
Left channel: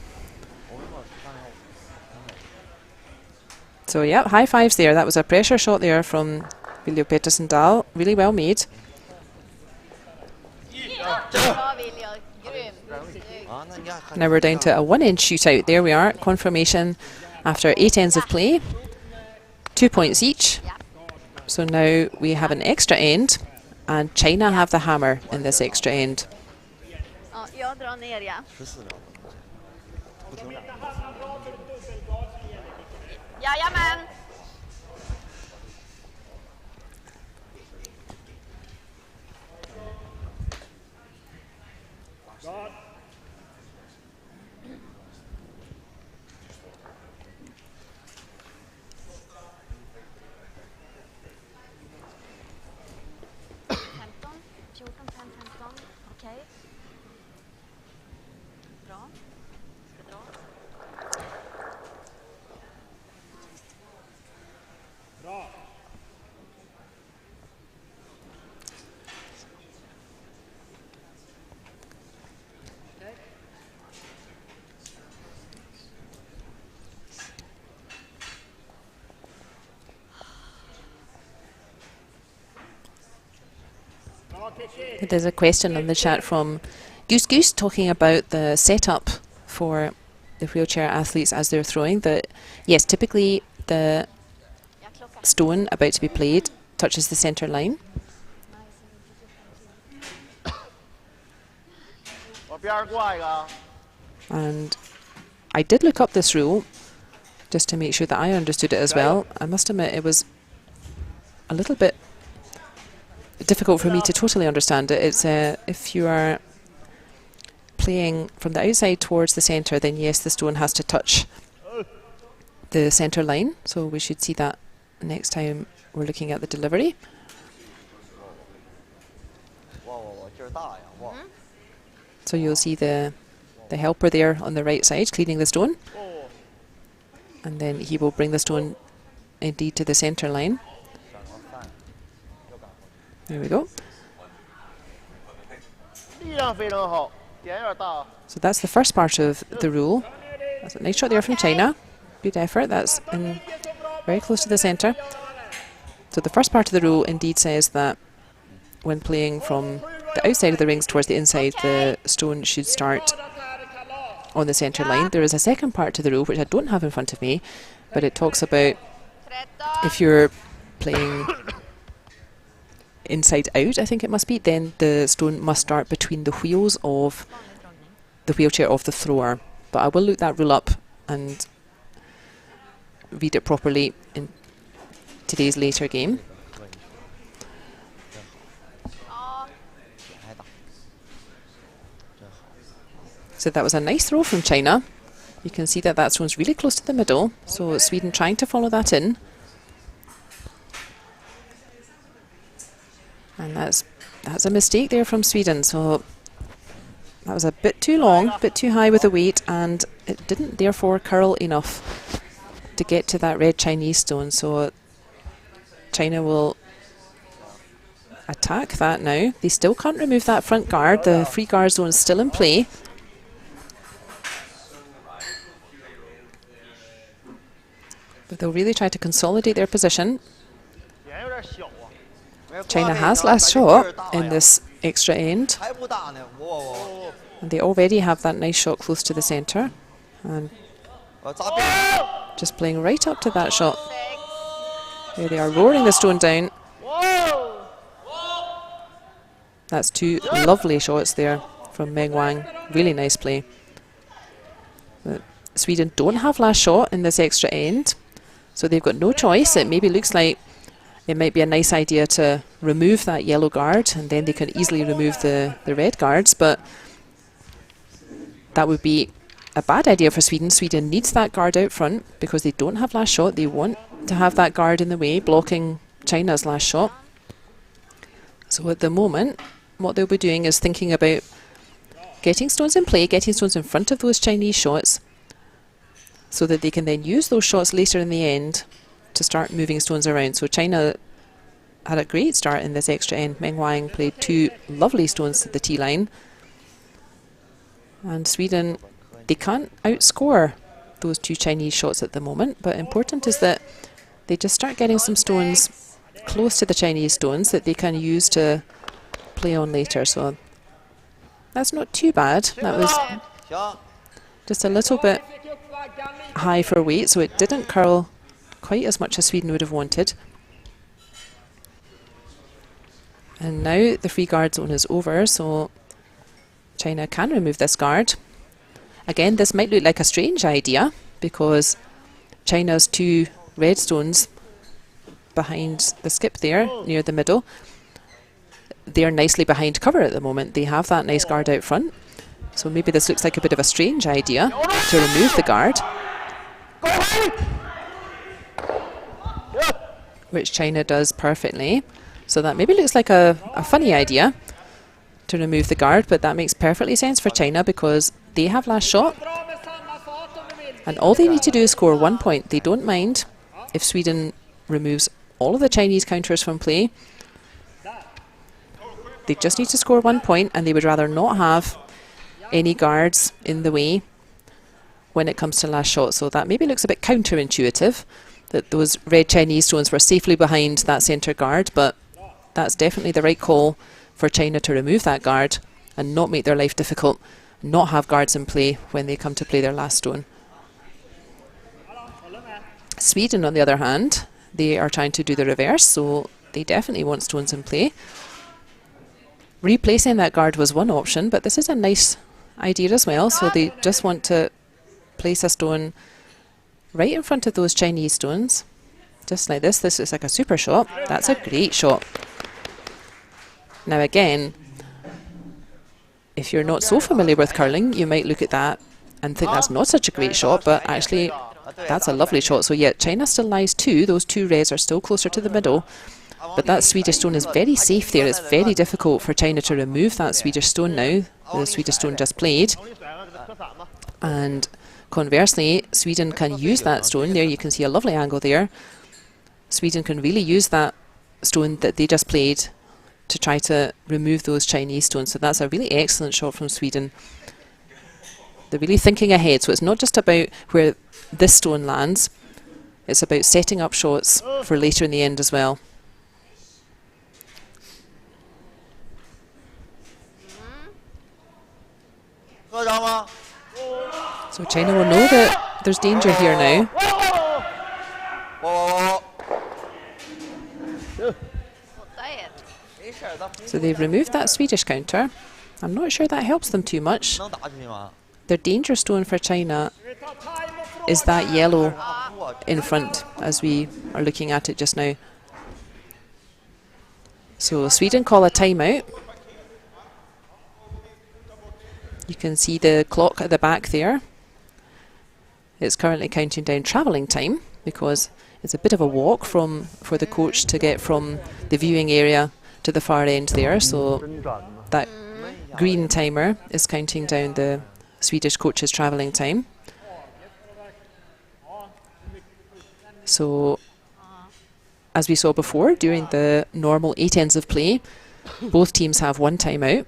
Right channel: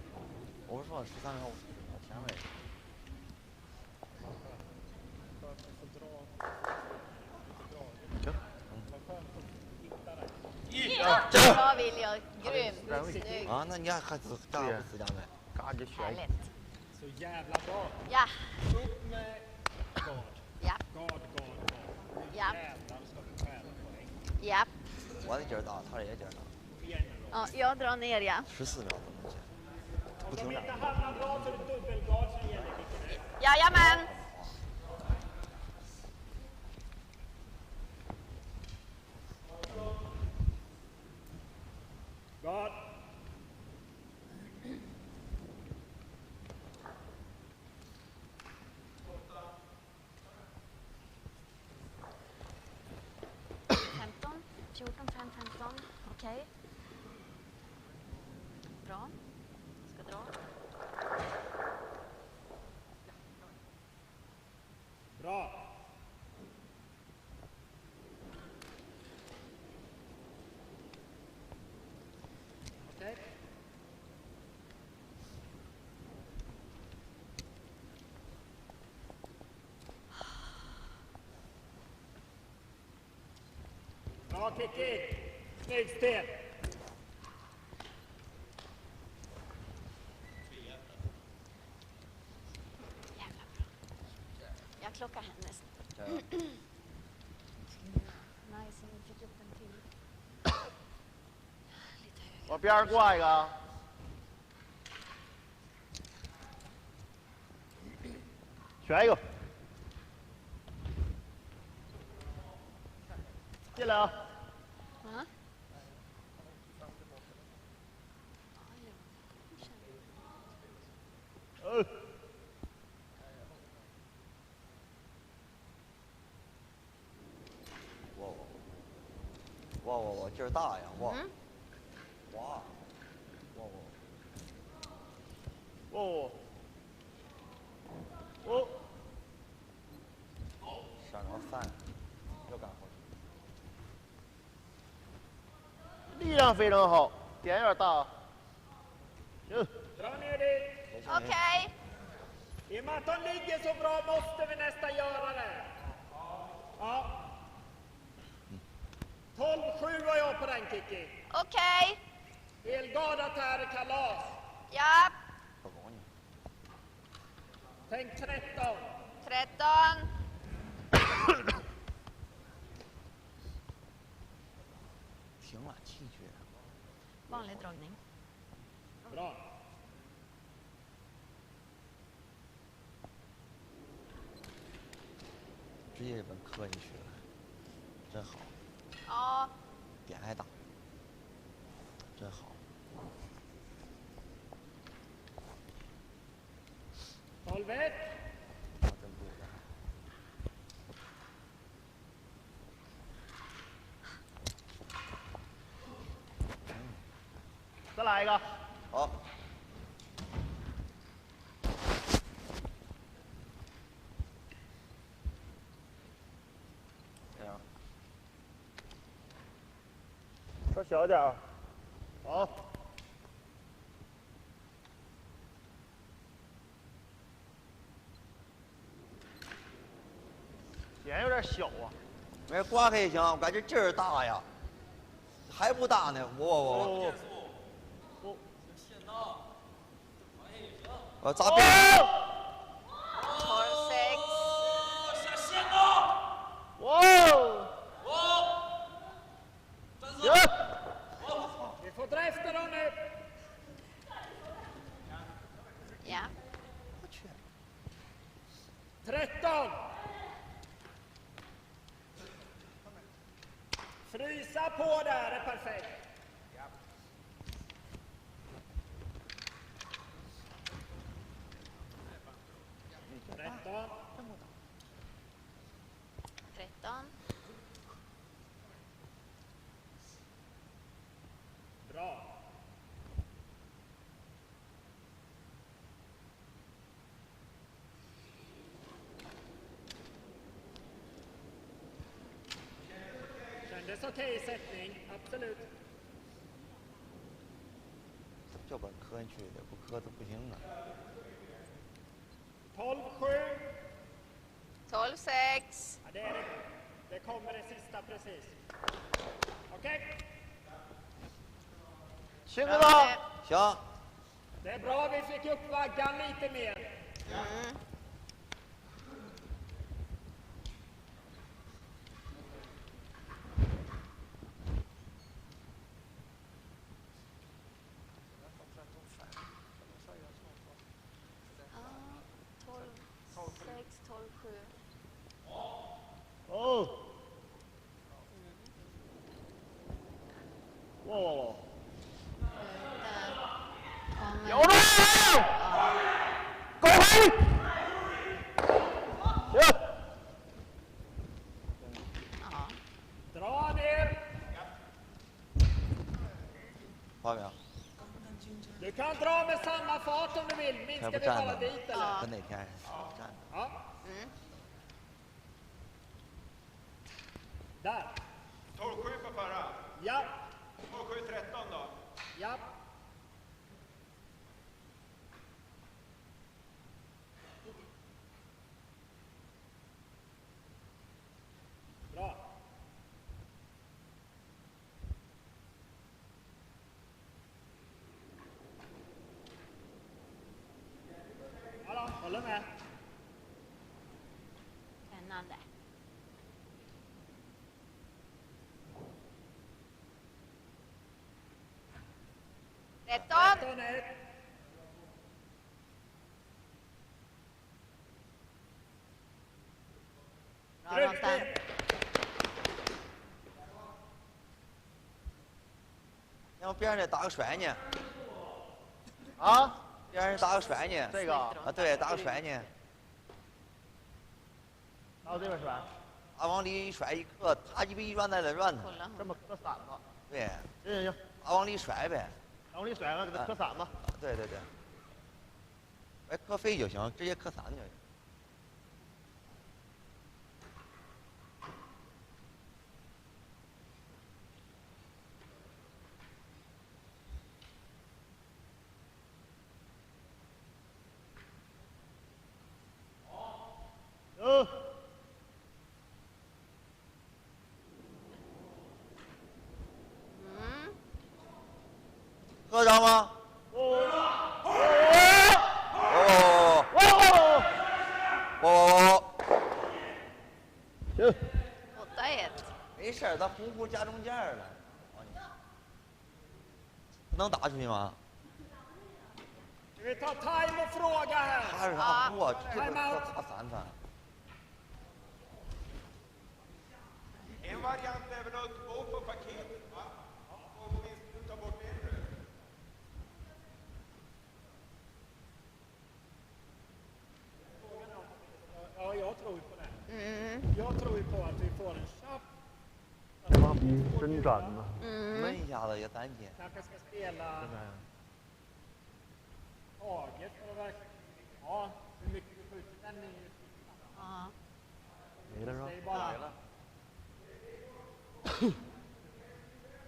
So yeah, high fives there. That was a pressure shot there from Viljo Petersen Dahl. Really well made. Now we're down to a 1 end shootout. There we are. Confirmation after 8 ends of play. 2 points each. So now we have an extra end, and China have the hammer in this extra end. Jag drar ner, ja. Jajamän! Okej. Bra. Ska dra. Bra. Okej. There's a question in the chat from Goose Goose talking about the setup for the wheelchair athletes as they're throwing. That yes, typically the stone about to be played touches the centre line. And I did look up this rule just to make sure that I understood it as well. I must admit it was a little bit difficult for me to totally understand it. It's if you are playing from the outside towards the centre, then yes, the stone has to touch the centre line. So we should see that next time we're looking at the delivery. So you'll see the helper there on the right side cleaning the stone, and then he will bring the stone indeed to the centre line. There we go. So that's the first part of the rule. That's a nice shot there from China. Good effort. That's very close to the centre. So the first part of the rule indeed says that when playing from the outside of the rings towards the inside, the stone should start on the centre line. There is a second part to the rule which I don't have in front of me, but it talks about if you're playing inside out, I think it must be, then the stone must start between the wheels of the wheelchair of the thrower. But I will look that rule up and read it properly in today's later game. So that was a nice throw from China. You can see that that stone's really close to the middle, so Sweden trying to follow that in. And that's a mistake there from Sweden. So that was a bit too long, a bit too high with the weight, and it didn't therefore curl enough to get to that red Chinese stone. So China will attack that now. They still can't remove that front guard. The free guard zone is still in play. But they'll really try to consolidate their position. China has last shot in this extra end. And they already have that nice shot close to the centre. And just playing right up to that shot. There they are, roaring the stone down. That's two lovely shots there from Meng Wang. Really nice play. But Sweden don't have last shot in this extra end, so they've got no choice. It maybe looks like it might be a nice idea to remove that yellow guard, and then they can easily remove the red guards, but that would be a bad idea for Sweden. Sweden needs that guard out front because they don't have last shot. They want to have that guard in the way, blocking China's last shot. So at the moment, what they'll be doing is thinking about getting stones in play, getting stones in front of those Chinese shots, so that they can then use those shots later in the end to start moving stones around. So China had a great start in this extra end. Meng Wang played 2 lovely stones to the tee line. And Sweden, they can't outscore those 2 Chinese shots at the moment, but important is that they just start getting some stones close to the Chinese stones that they can use to play on later. So that's not too bad. That was just a little bit high for weight, so it didn't curl quite as much as Sweden would have wanted. And now the free guard zone is over, so China can remove this guard. Again, this might look like a strange idea because China's 2 red stones behind the skip there, near the middle, they're nicely behind cover at the moment. They have that nice guard out front. So maybe this looks like a bit of a strange idea to remove the guard, which China does perfectly. So that maybe looks like a funny idea to remove the guard, but that makes perfectly sense for China because they have last shot. And all they need to do is score 1 point. They don't mind if Sweden removes all of the Chinese counters from play. They just need to score 1 point, and they would rather not have any guards in the way when it comes to last shot. So that maybe looks a bit counterintuitive, that those red Chinese stones were safely behind that centre guard, but that's definitely the right call for China to remove that guard and not make their life difficult, not have guards in play when they come to play their last stone. Sweden, on the other hand, they are trying to do the reverse, so they definitely want stones in play. Replacing that guard was one option, but this is a nice idea as well. So they just want to place a stone right in front of those Chinese stones, just like this. This is like a super shot. That's a great shot. Now again, if you're not so familiar with curling, you might look at that and think that's not such a great shot, but actually that's a lovely shot. So yeah, China still lies 2. Those 2 reds are still closer to the middle, but that Swedish stone is very safe there. It's very difficult for China to remove that Swedish stone now. The Swedish stone just played. And conversely, Sweden can use that stone. There you can see a lovely angle there. Sweden can really use that stone that they just played to try to remove those Chinese stones. So that's a really excellent shot from Sweden. They're really thinking ahead. So it's not just about where this stone lands. It's about setting up shots for later in the end as well. So China will know that there's danger here now. So they've removed that Swedish counter. I'm not sure that helps them too much. Their danger stone for China is that yellow in front, as we are looking at it just now. So Sweden call a timeout. You can see the clock at the back there. It's currently counting down travelling time because it's a bit of a walk for the coach to get from the viewing area to the far end there. So that green timer is counting down the Swedish coach's travelling time. So as we saw before, during the normal 8 ends of play, both teams have 1 timeout.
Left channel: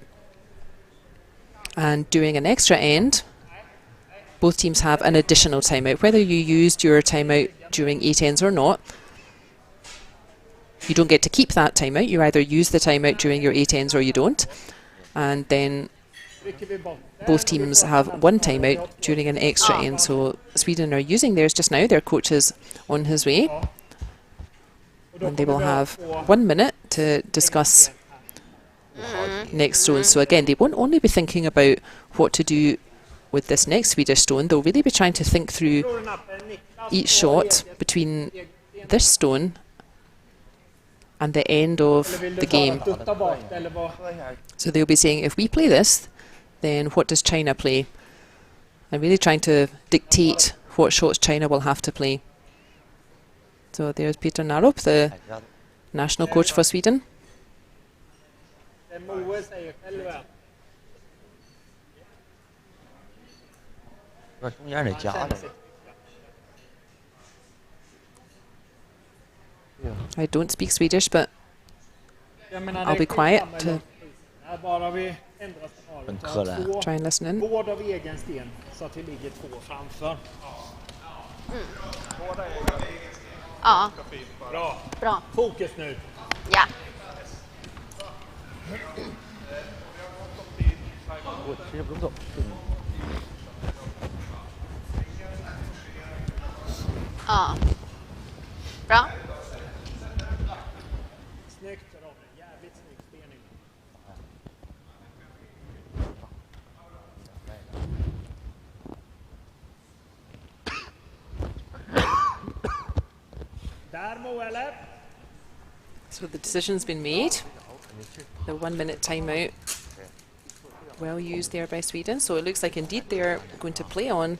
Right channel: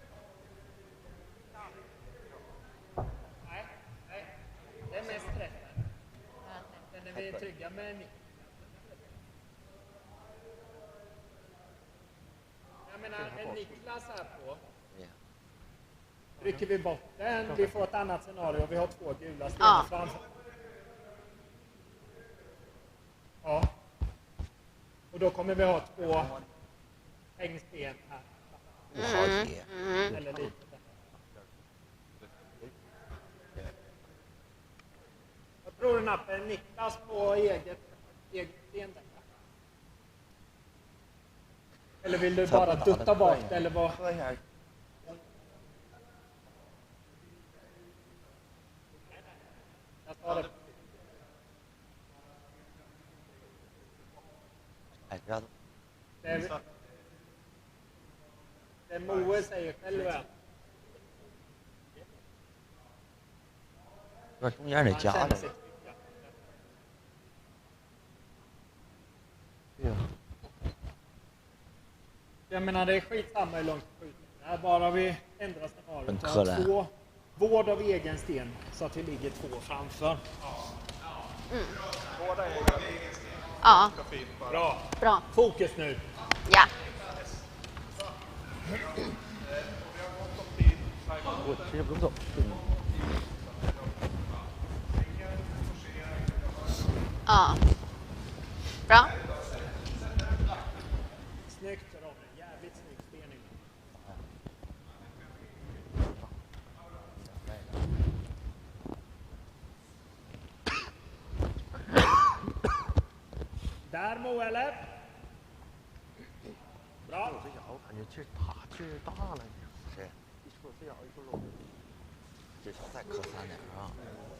And during an extra end, both teams have an additional timeout. Whether you used your timeout during 8 ends or not, you don't get to keep that timeout. You either use the timeout during your 8 ends or you don't. And then both teams have 1 timeout during an extra end. So Sweden are using theirs just now. Their coach is on his way. And they will have 1 minute to discuss next stone. So again, they won't only be thinking about what to do with this next Swedish stone. They'll really be trying to think through each shot between this stone and the end of the game. So they'll be saying, if we play this, then what does China play? And really trying to dictate what shots China will have to play. So there's Peter Narup, the national coach for Sweden. Moe säger själva. 这中间得夹着。 I don't speak Swedish, but Jag menar, I'll be quiet skitsamma hur to- långt det är. Bara vi ändrar En scenariot. kurre. try and listen in. Vård av egen sten så att vi ligger 2 framför. Ja, Bra. bra. Fokus nu. Ja. Ja. Bra. Snyggt Robin. Jävligt snygg spelning. Där Moe eller? So the decision's been made. The 1 minute timeout. Well used there by Sweden. So it looks like indeed they're going to play on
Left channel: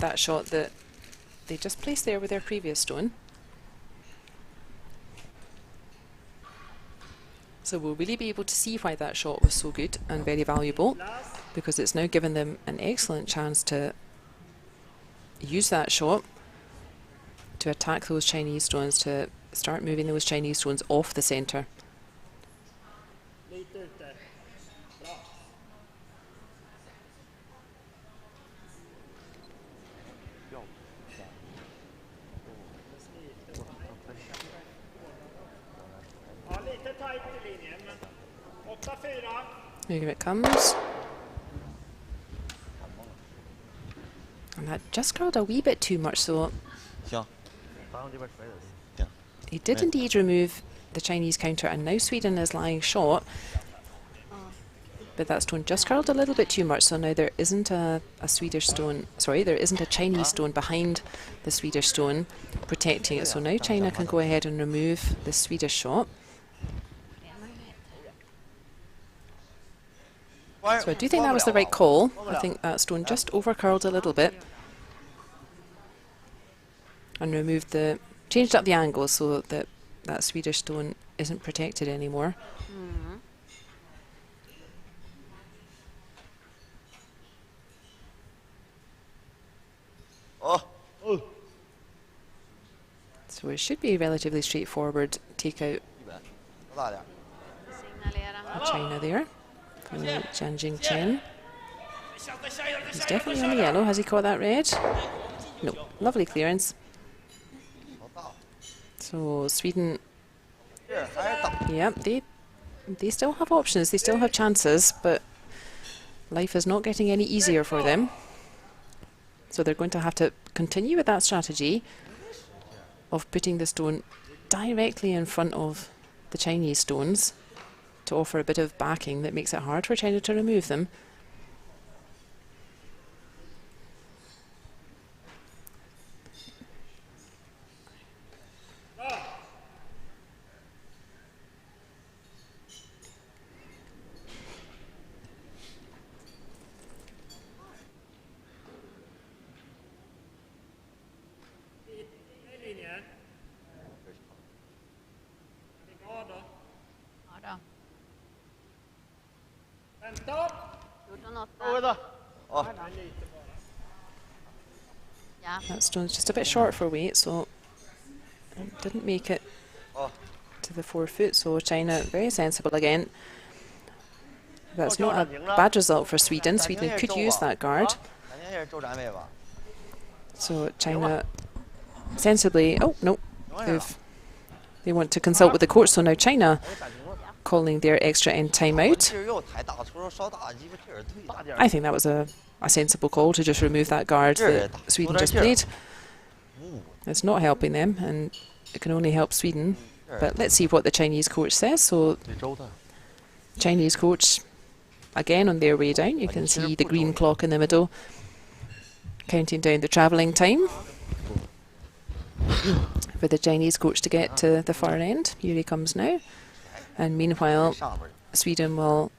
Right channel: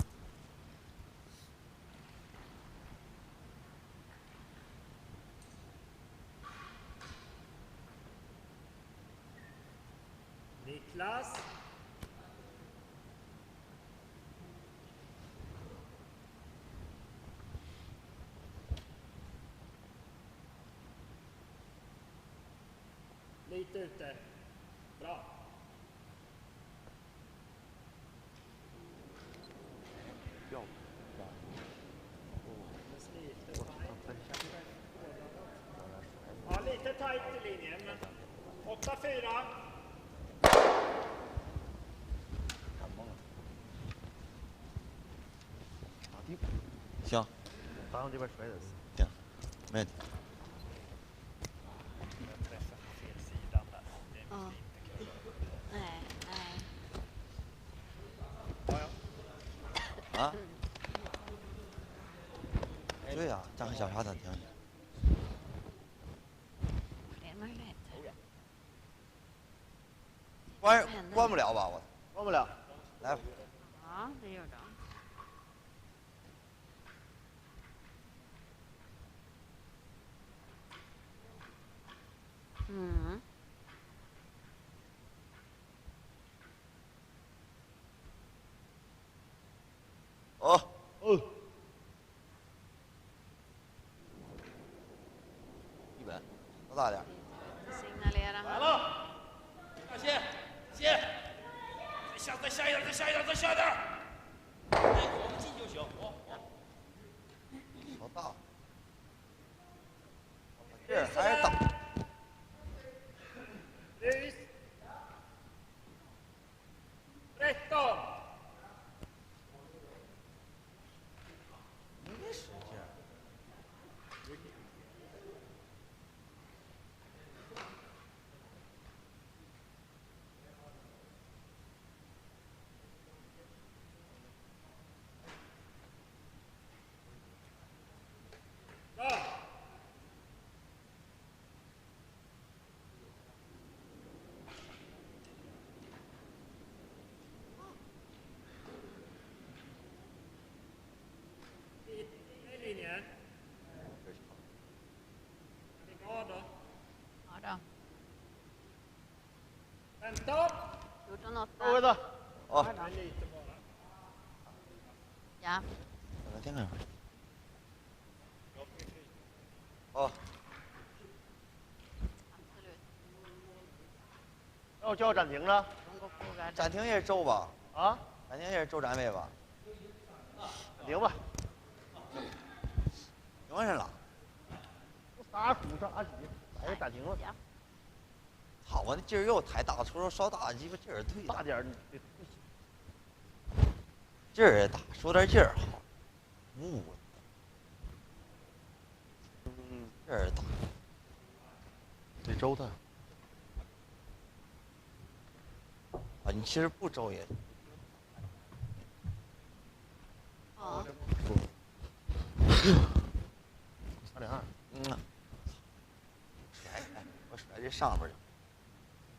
that shot that they just placed there with their previous stone. So we'll really be able to see why that shot was so good and very valuable, because it's now given them an excellent chance to use that shot to attack those Chinese stones, to start moving those Chinese stones off the centre. Lite ute. Bra. Ja, lite tajt i linjen, men 8-4. Here it comes. And that just curled a wee bit too much, so 行。 he did indeed remove the Chinese counter, and now Sweden is lying short. But that stone just curled a little bit too much, so now there isn't a Swedish stone, sorry, there isn't a Chinese stone behind the Swedish stone protecting it. So now China can go ahead and remove the Swedish shot. So I do think that was the right call. I think that stone just over curled a little bit and removed the, changed up the angle so that that Swedish stone isn't protected anymore. Mm. So it should be a relatively straightforward take out 多大点儿？ Signalera. China there. And Zhang Jingchen. He's definitely on the yellow. Has he caught that red? No. Lovely clearance. 好大。 So Sweden, 这还是大。 yeah, they still have options. They still have chances, but life is not getting any easier for them. So they're going to have to continue with that strategy of putting the stone directly in front of the Chinese stones to offer a bit of backing that makes it hard for China to remove them. I linjen. Är vi glada? Ja då. 15. 14-8. Åh, Nej, lite bara. Ja. That stone's just a bit short for weight, so it didn't make it åh. to the 4 foot. So China very sensible again. That's not a bad result for Sweden. Sweden could use that guard. 咱今天是周展位吧？ So China sensibly, oh no, 没关系了。 they want to consult with the court. So now China 还是暂停了。 calling their extra end 我 timeout. 劲儿又抬大，除了稍大，鸡巴劲儿忒大点儿。 I think that was a sensible call to just remove that guard Sure, that Sweden that's just sure. played. 嗯， It's not helping them, and it can only help Sweden. 是 But let's see what the Chinese coach says. So 对周的。 Chinese coach again on their way down. You can see the green clock in the middle, counting down the travelling time for the Chinese coach to get to the far end. Here he comes now. And meanwhile, 上边儿 Sweden will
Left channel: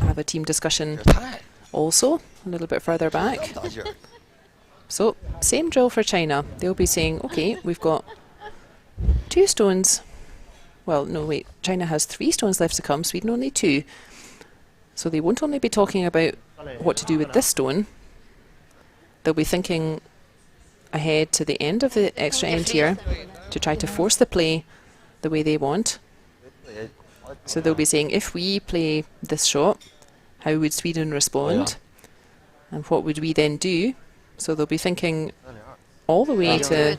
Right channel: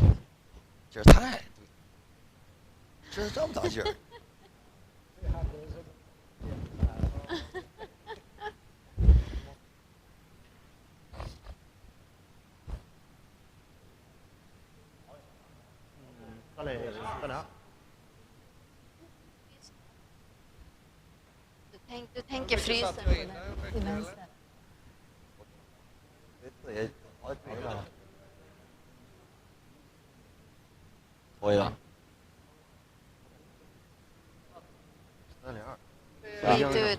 have a team 这 discussion 太 also a little bit further 这 back. 么大劲儿。 So, same drill for China. They'll be saying, okay, we've got 2 stones Well, no, wait. China has 3 stones left to come, Sweden only 2. So they won't only be talking about what to do with this stone. They'll be thinking ahead to the end of the extra end here to try to force the play the way they want. So they'll be saying, if we play this shot, how would Sweden respond? And what would we then do? So they'll be thinking all the way to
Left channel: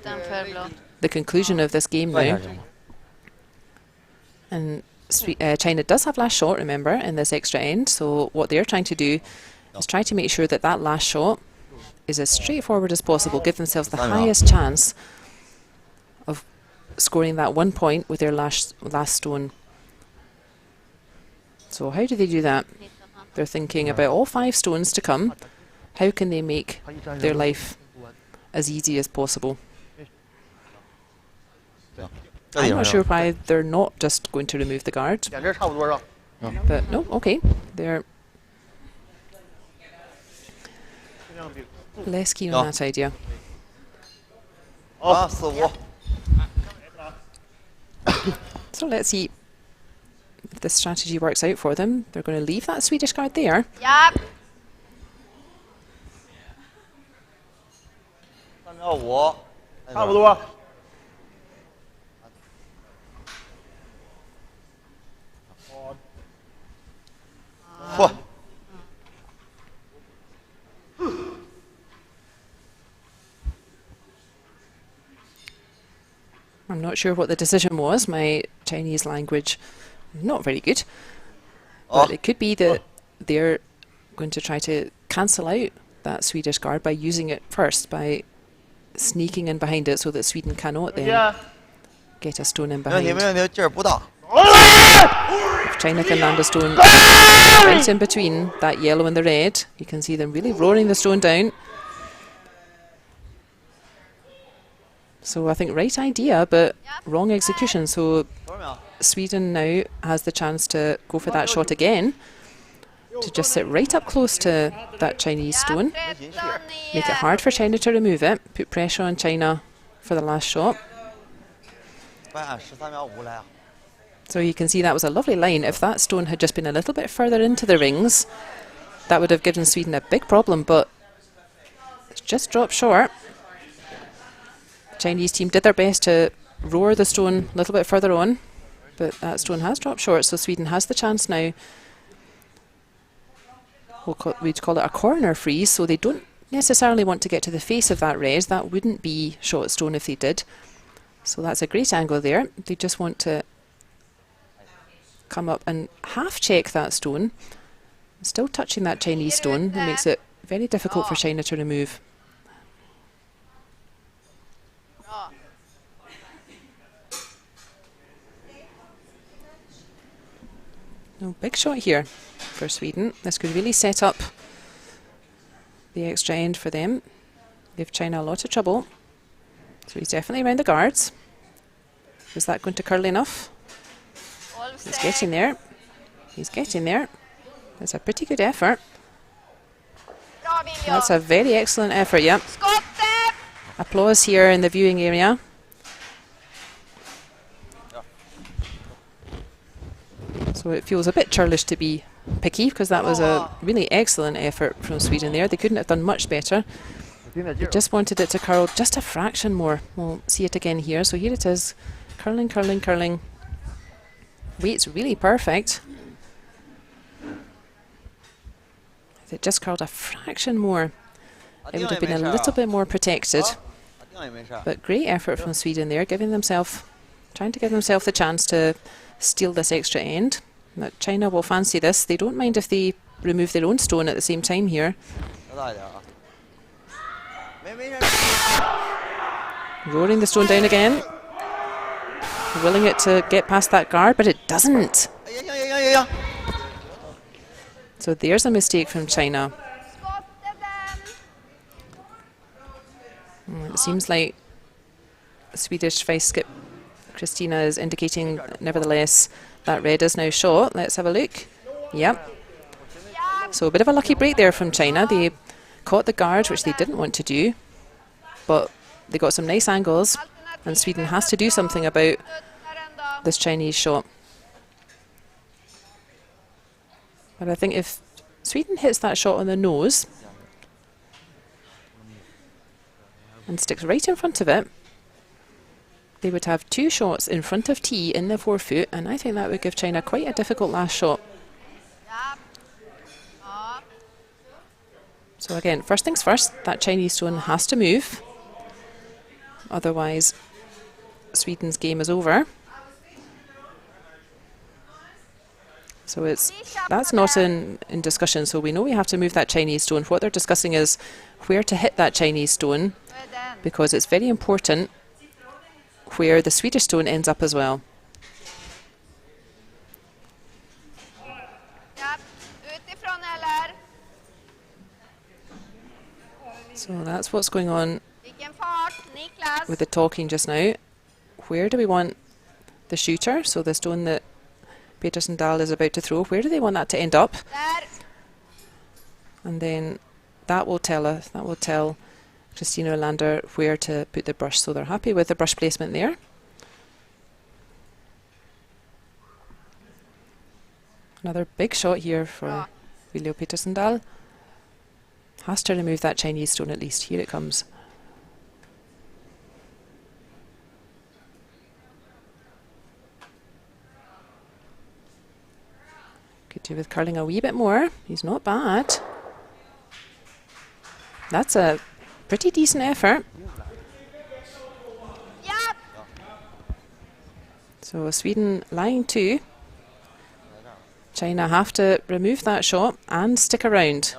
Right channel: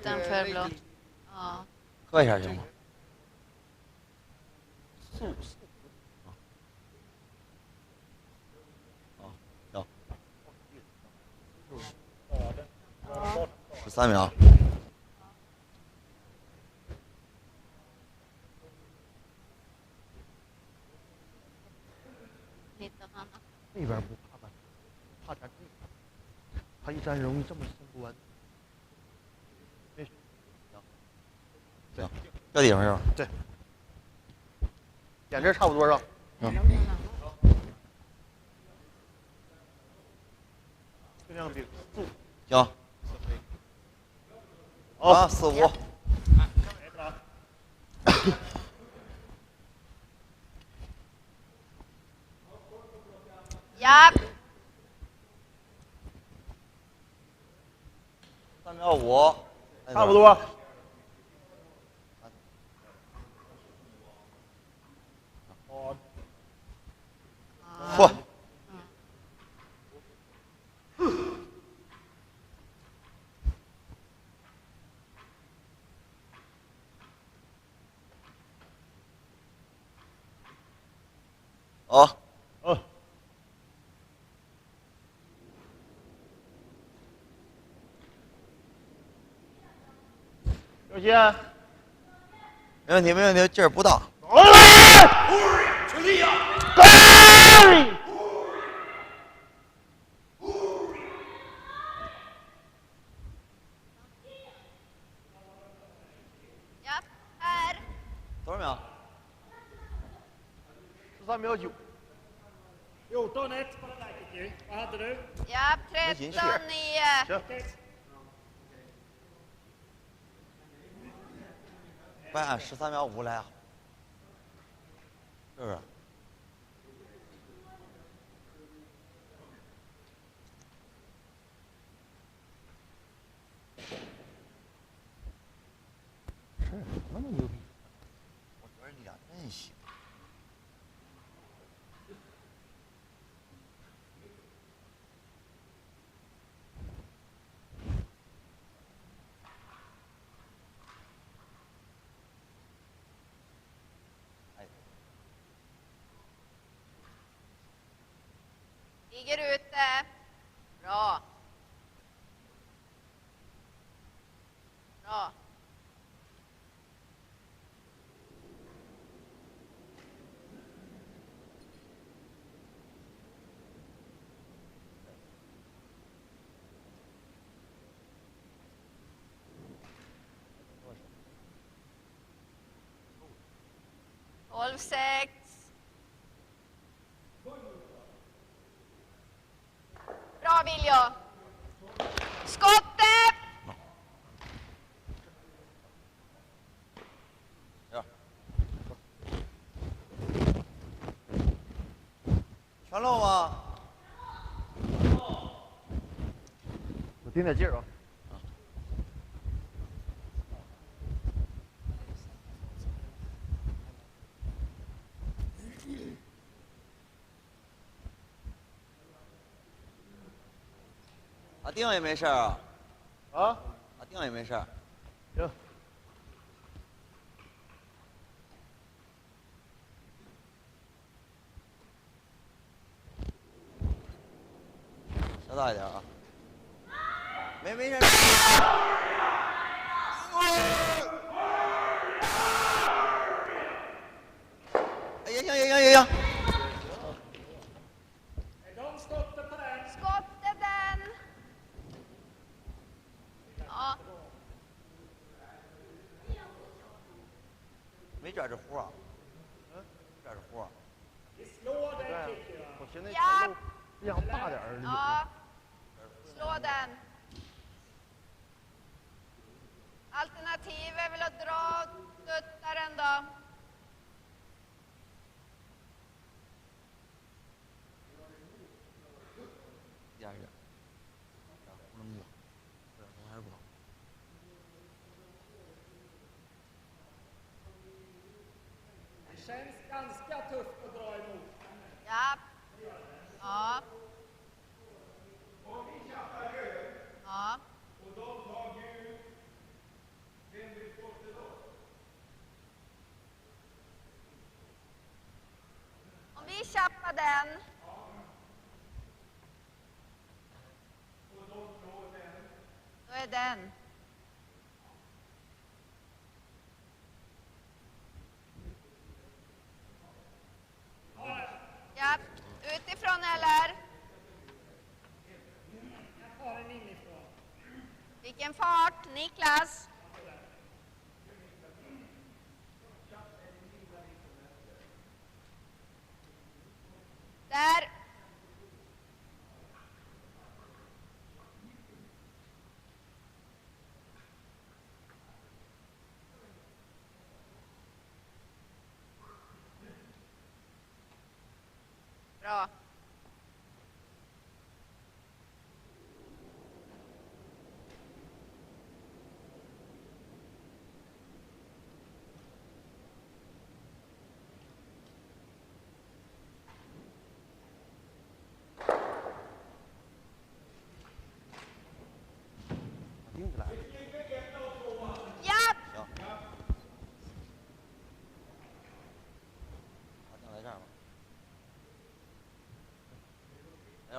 the conclusion of this game now. And China does have last shot, remember, in this extra end. So what they're trying to do is try to make sure that that last shot is as straightforward as possible, give themselves the highest chance of scoring that 1 point with their last stone. So how do they do that? They're thinking about all 5 stones to come. How can they make their life as easy as possible? I'm not sure why they're not just going to remove the guard. But no, okay. They're less keen on that idea. So let's see if this strategy works out for them. They're going to leave that Swedish guard there. Yep. I'm not sure what the decision was. My Chinese language not very good. But it could be that they're going to try to cancel out that Swedish guard by using it first, by sneaking in behind it so that Sweden cannot then get a stone in behind. If China can land a stone right in between that yellow and the red, you can see them really roaring the stone down. So I think right idea, but wrong execution. So Sweden now has the chance to go for that shot again, to just sit right up close to that Chinese stone, make it hard for China to remove it, put pressure on China for the last shot. So you can see that was a lovely line. If that stone had just been a little bit further into the rings, that would have given Sweden a big problem, but it's just dropped short. Chinese team did their best to roar the stone a little bit further on, but that stone has dropped short, so Sweden has the chance now. We'd call it a corner freeze, so they don't necessarily want to get to the face of that red. That wouldn't be shot stone if they did. So that's a great angle there. They just want to come up and half check that stone, still touching that Chinese stone. It makes it very difficult for China to remove. No, big shot here for Sweden. This could really set up the extra end for them. Give China a lot of trouble. So he's definitely around the guards. Is that going to curl enough? He's getting there. He's getting there. That's a pretty good effort. That's a very excellent effort, yeah. Applause here in the viewing area. So it feels a bit churlish to be picky, because that was a really excellent effort from Sweden there. They couldn't have done much better. They just wanted it to curl just a fraction more. We'll see it again here. So here it is. Curling, curling, curling. Weight's really perfect. If it just curled a fraction more, it would have been a little bit more protected. But great effort from Sweden there, trying to give themselves the chance to steal this extra end. Now, China will fancy this. They don't mind if they remove their own stone at the same time here. Rolling the stone down again. Willing it to get past that guard, but it doesn't. So there's a mistake from China. It seems like Swedish vice skip Christina is indicating, nevertheless, that red is now shot. Let's have a look. Yep. So a bit of a lucky break there from China. They caught the guard, which they didn't want to do, but they got some nice angles, and Sweden has to do something about this Chinese shot. But I think if Sweden hits that shot on the nose and sticks right in front of it, they would have 2 shots in front of tee in the forefoot, and I think that would give China quite a difficult last shot. So again, first things first, that Chinese stone has to move. Otherwise, Sweden's game is over. So that's not in discussion, so we know we have to move that Chinese stone. What they're discussing is where to hit that Chinese stone, because it's very important where the Swedish stone ends up as well. So that's what's going on with the talking just now. Where do we want the shooter, so the stone that Peterson Dahl is about to throw, where do they want that to end up? And then that will tell Christina Olander where to put the brush, so they're happy with the brush placement there. Another big shot here for Viljo Peterson Dahl. Has to remove that Chinese stone at least. Here it comes. Could do with curling a wee bit more. He's not bad. That's a pretty decent effort. Yep. So Sweden line 2. China have to remove that shot and stick around.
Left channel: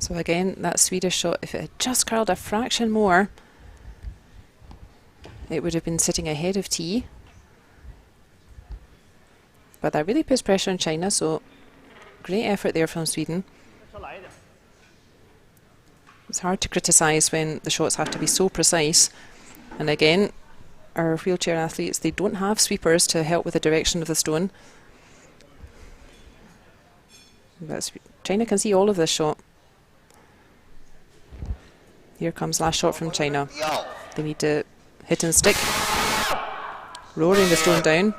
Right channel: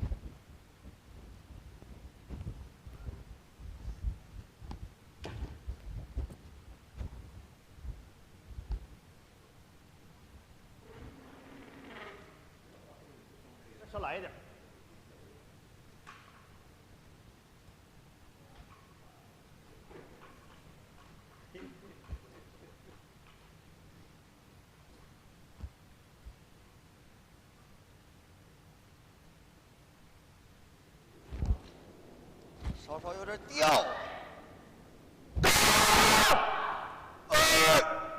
So again, that Swedish shot, if it had just curled a fraction more, it would have been sitting ahead of tee. But that really puts pressure on China, so great effort there from Sweden. It's hard to criticise when the shots have to be so precise. And again, our wheelchair athletes, they don't have sweepers to help with the direction of the stone. But China can see all of this shot. Here comes last shot from China. They need to hit and stick. Rolling the stone down.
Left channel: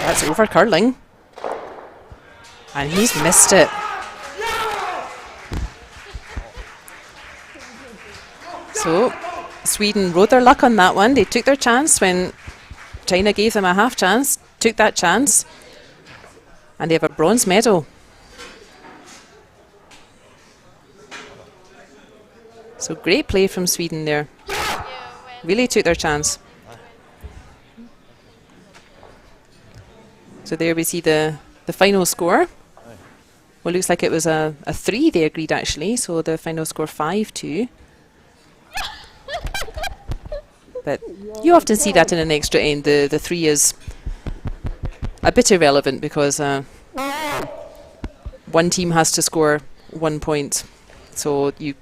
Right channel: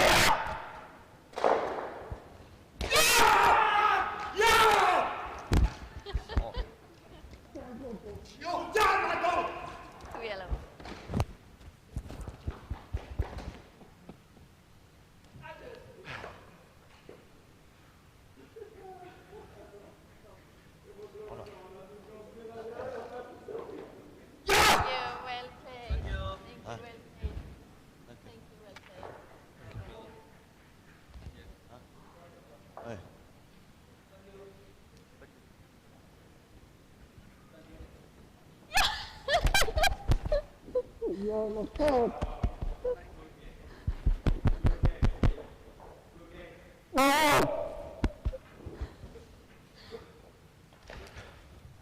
That's over curling. And he's missed it. So Sweden rode their luck on that one. They took their chance when China gave them a half chance, took that chance, and they have a bronze medal. So great play from Sweden there. Really took their chance. So there we see the final score. Well, looks like it was a 3 they agreed actually, so the final score 5-2. But you often see that in an extra end. The 3 is a bit irrelevant because one team has to score 1 point. So you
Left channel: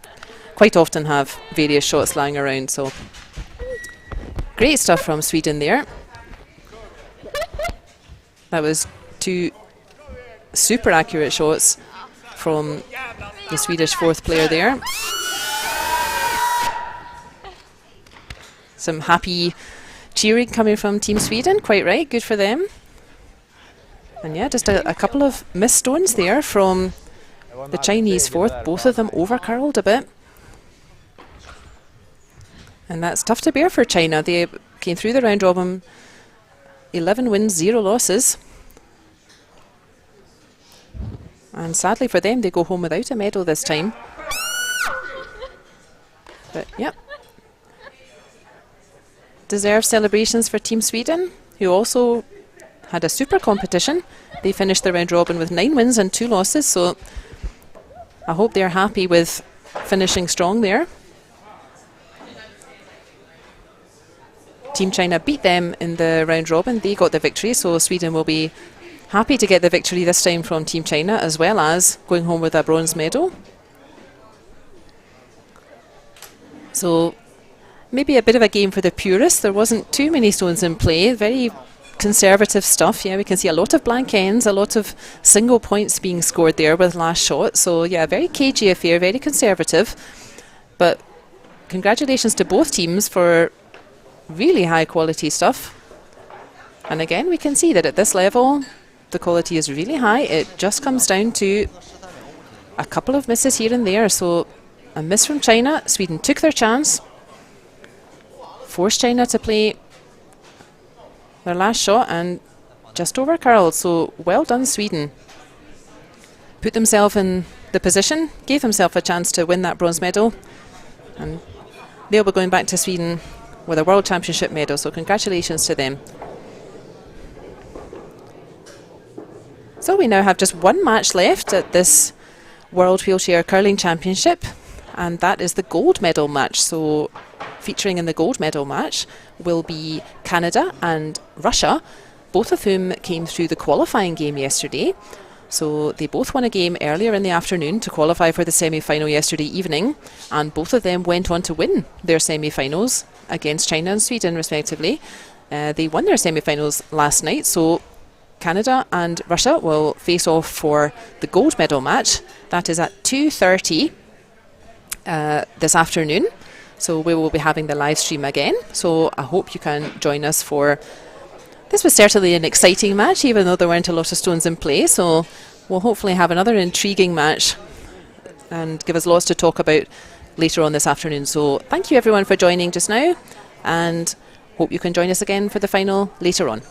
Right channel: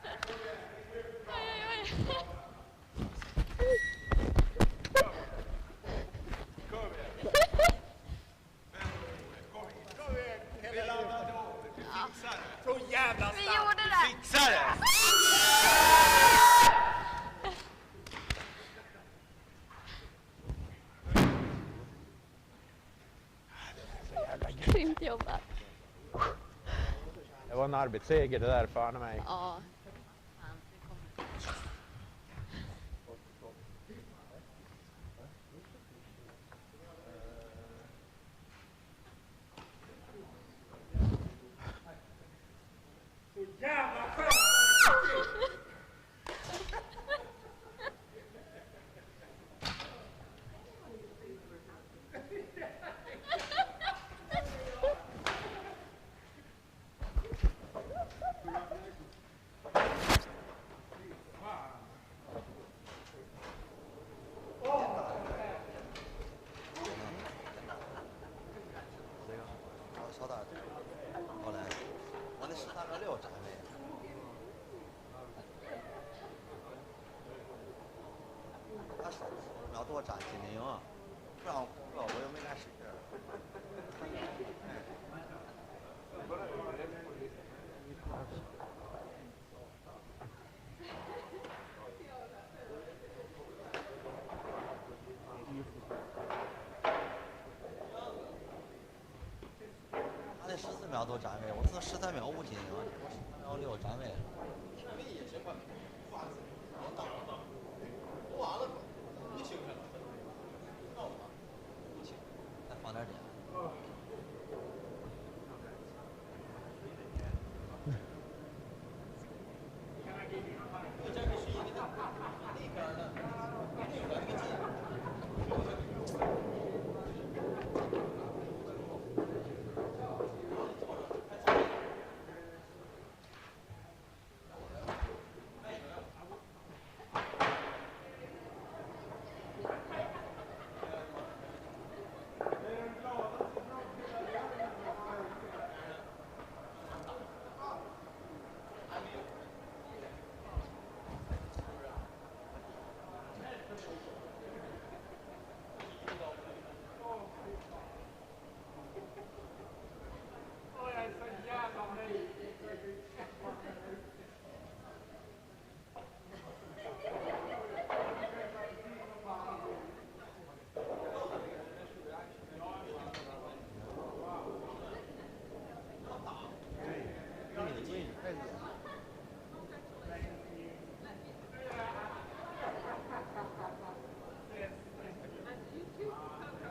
quite often have various shots lying around. So great stuff from Sweden there. That was 2 super accurate shots from the Swedish 4th player there. Some happy cheering coming from Team Sweden, quite right, good for them. And yeah, just a couple of missed stones there from the Chinese 4th, both of them over curled a bit. And that's tough to bear for China. They came through the round robin, 11 wins, 0 losses. And sadly for them, they go home without a medal this time. But yeah. Deserved celebrations for Team Sweden, who also had a super competition. They finished the round robin with 9 wins and 2 losses, so I hope they're happy with finishing strong there. Team China beat them in the round robin. They got the victory, so Sweden will be happy to get the victory this time from Team China, as well as going home with a bronze medal. So maybe a bit of a game for the purists. There wasn't too many stones in play. Very conservative stuff. Yeah, we can see a lot of blank ends, a lot of single points being scored there with last shot. So yeah, very cagey affair, very conservative. But congratulations to both teams for really high quality stuff. And again, we can see that at this level, the quality is really high. It just comes down to a couple of misses here and there. So a miss from China. Sweden took their chance, forced China to play their last shot and just over curled. So well done, Sweden. Put themselves in the position, gave themselves a chance to win that bronze medal. And they'll be going back to Sweden with a World Championship medal. So congratulations to them. So we now have just one match left at this World Wheelchair Curling Championship, and that is the gold medal match. So featuring in the gold medal match will be Canada and Russia, both of whom came through the qualifying game yesterday. So they both won a game earlier in the afternoon to qualify for the semi-final yesterday evening, and both of them went on to win their semi-finals against China and Sweden respectively. They won their semi-finals last night, so Canada and Russia will face off for the gold medal match. That is at 2:30 this afternoon. So we will be having the live stream again. So I hope you can join us for... This was certainly an exciting match, even though there weren't a lot of stones in play. So we'll hopefully have another intriguing match and give us lots to talk about later on this afternoon. So thank you everyone for joining just now, and hope you can join us again for the final later on.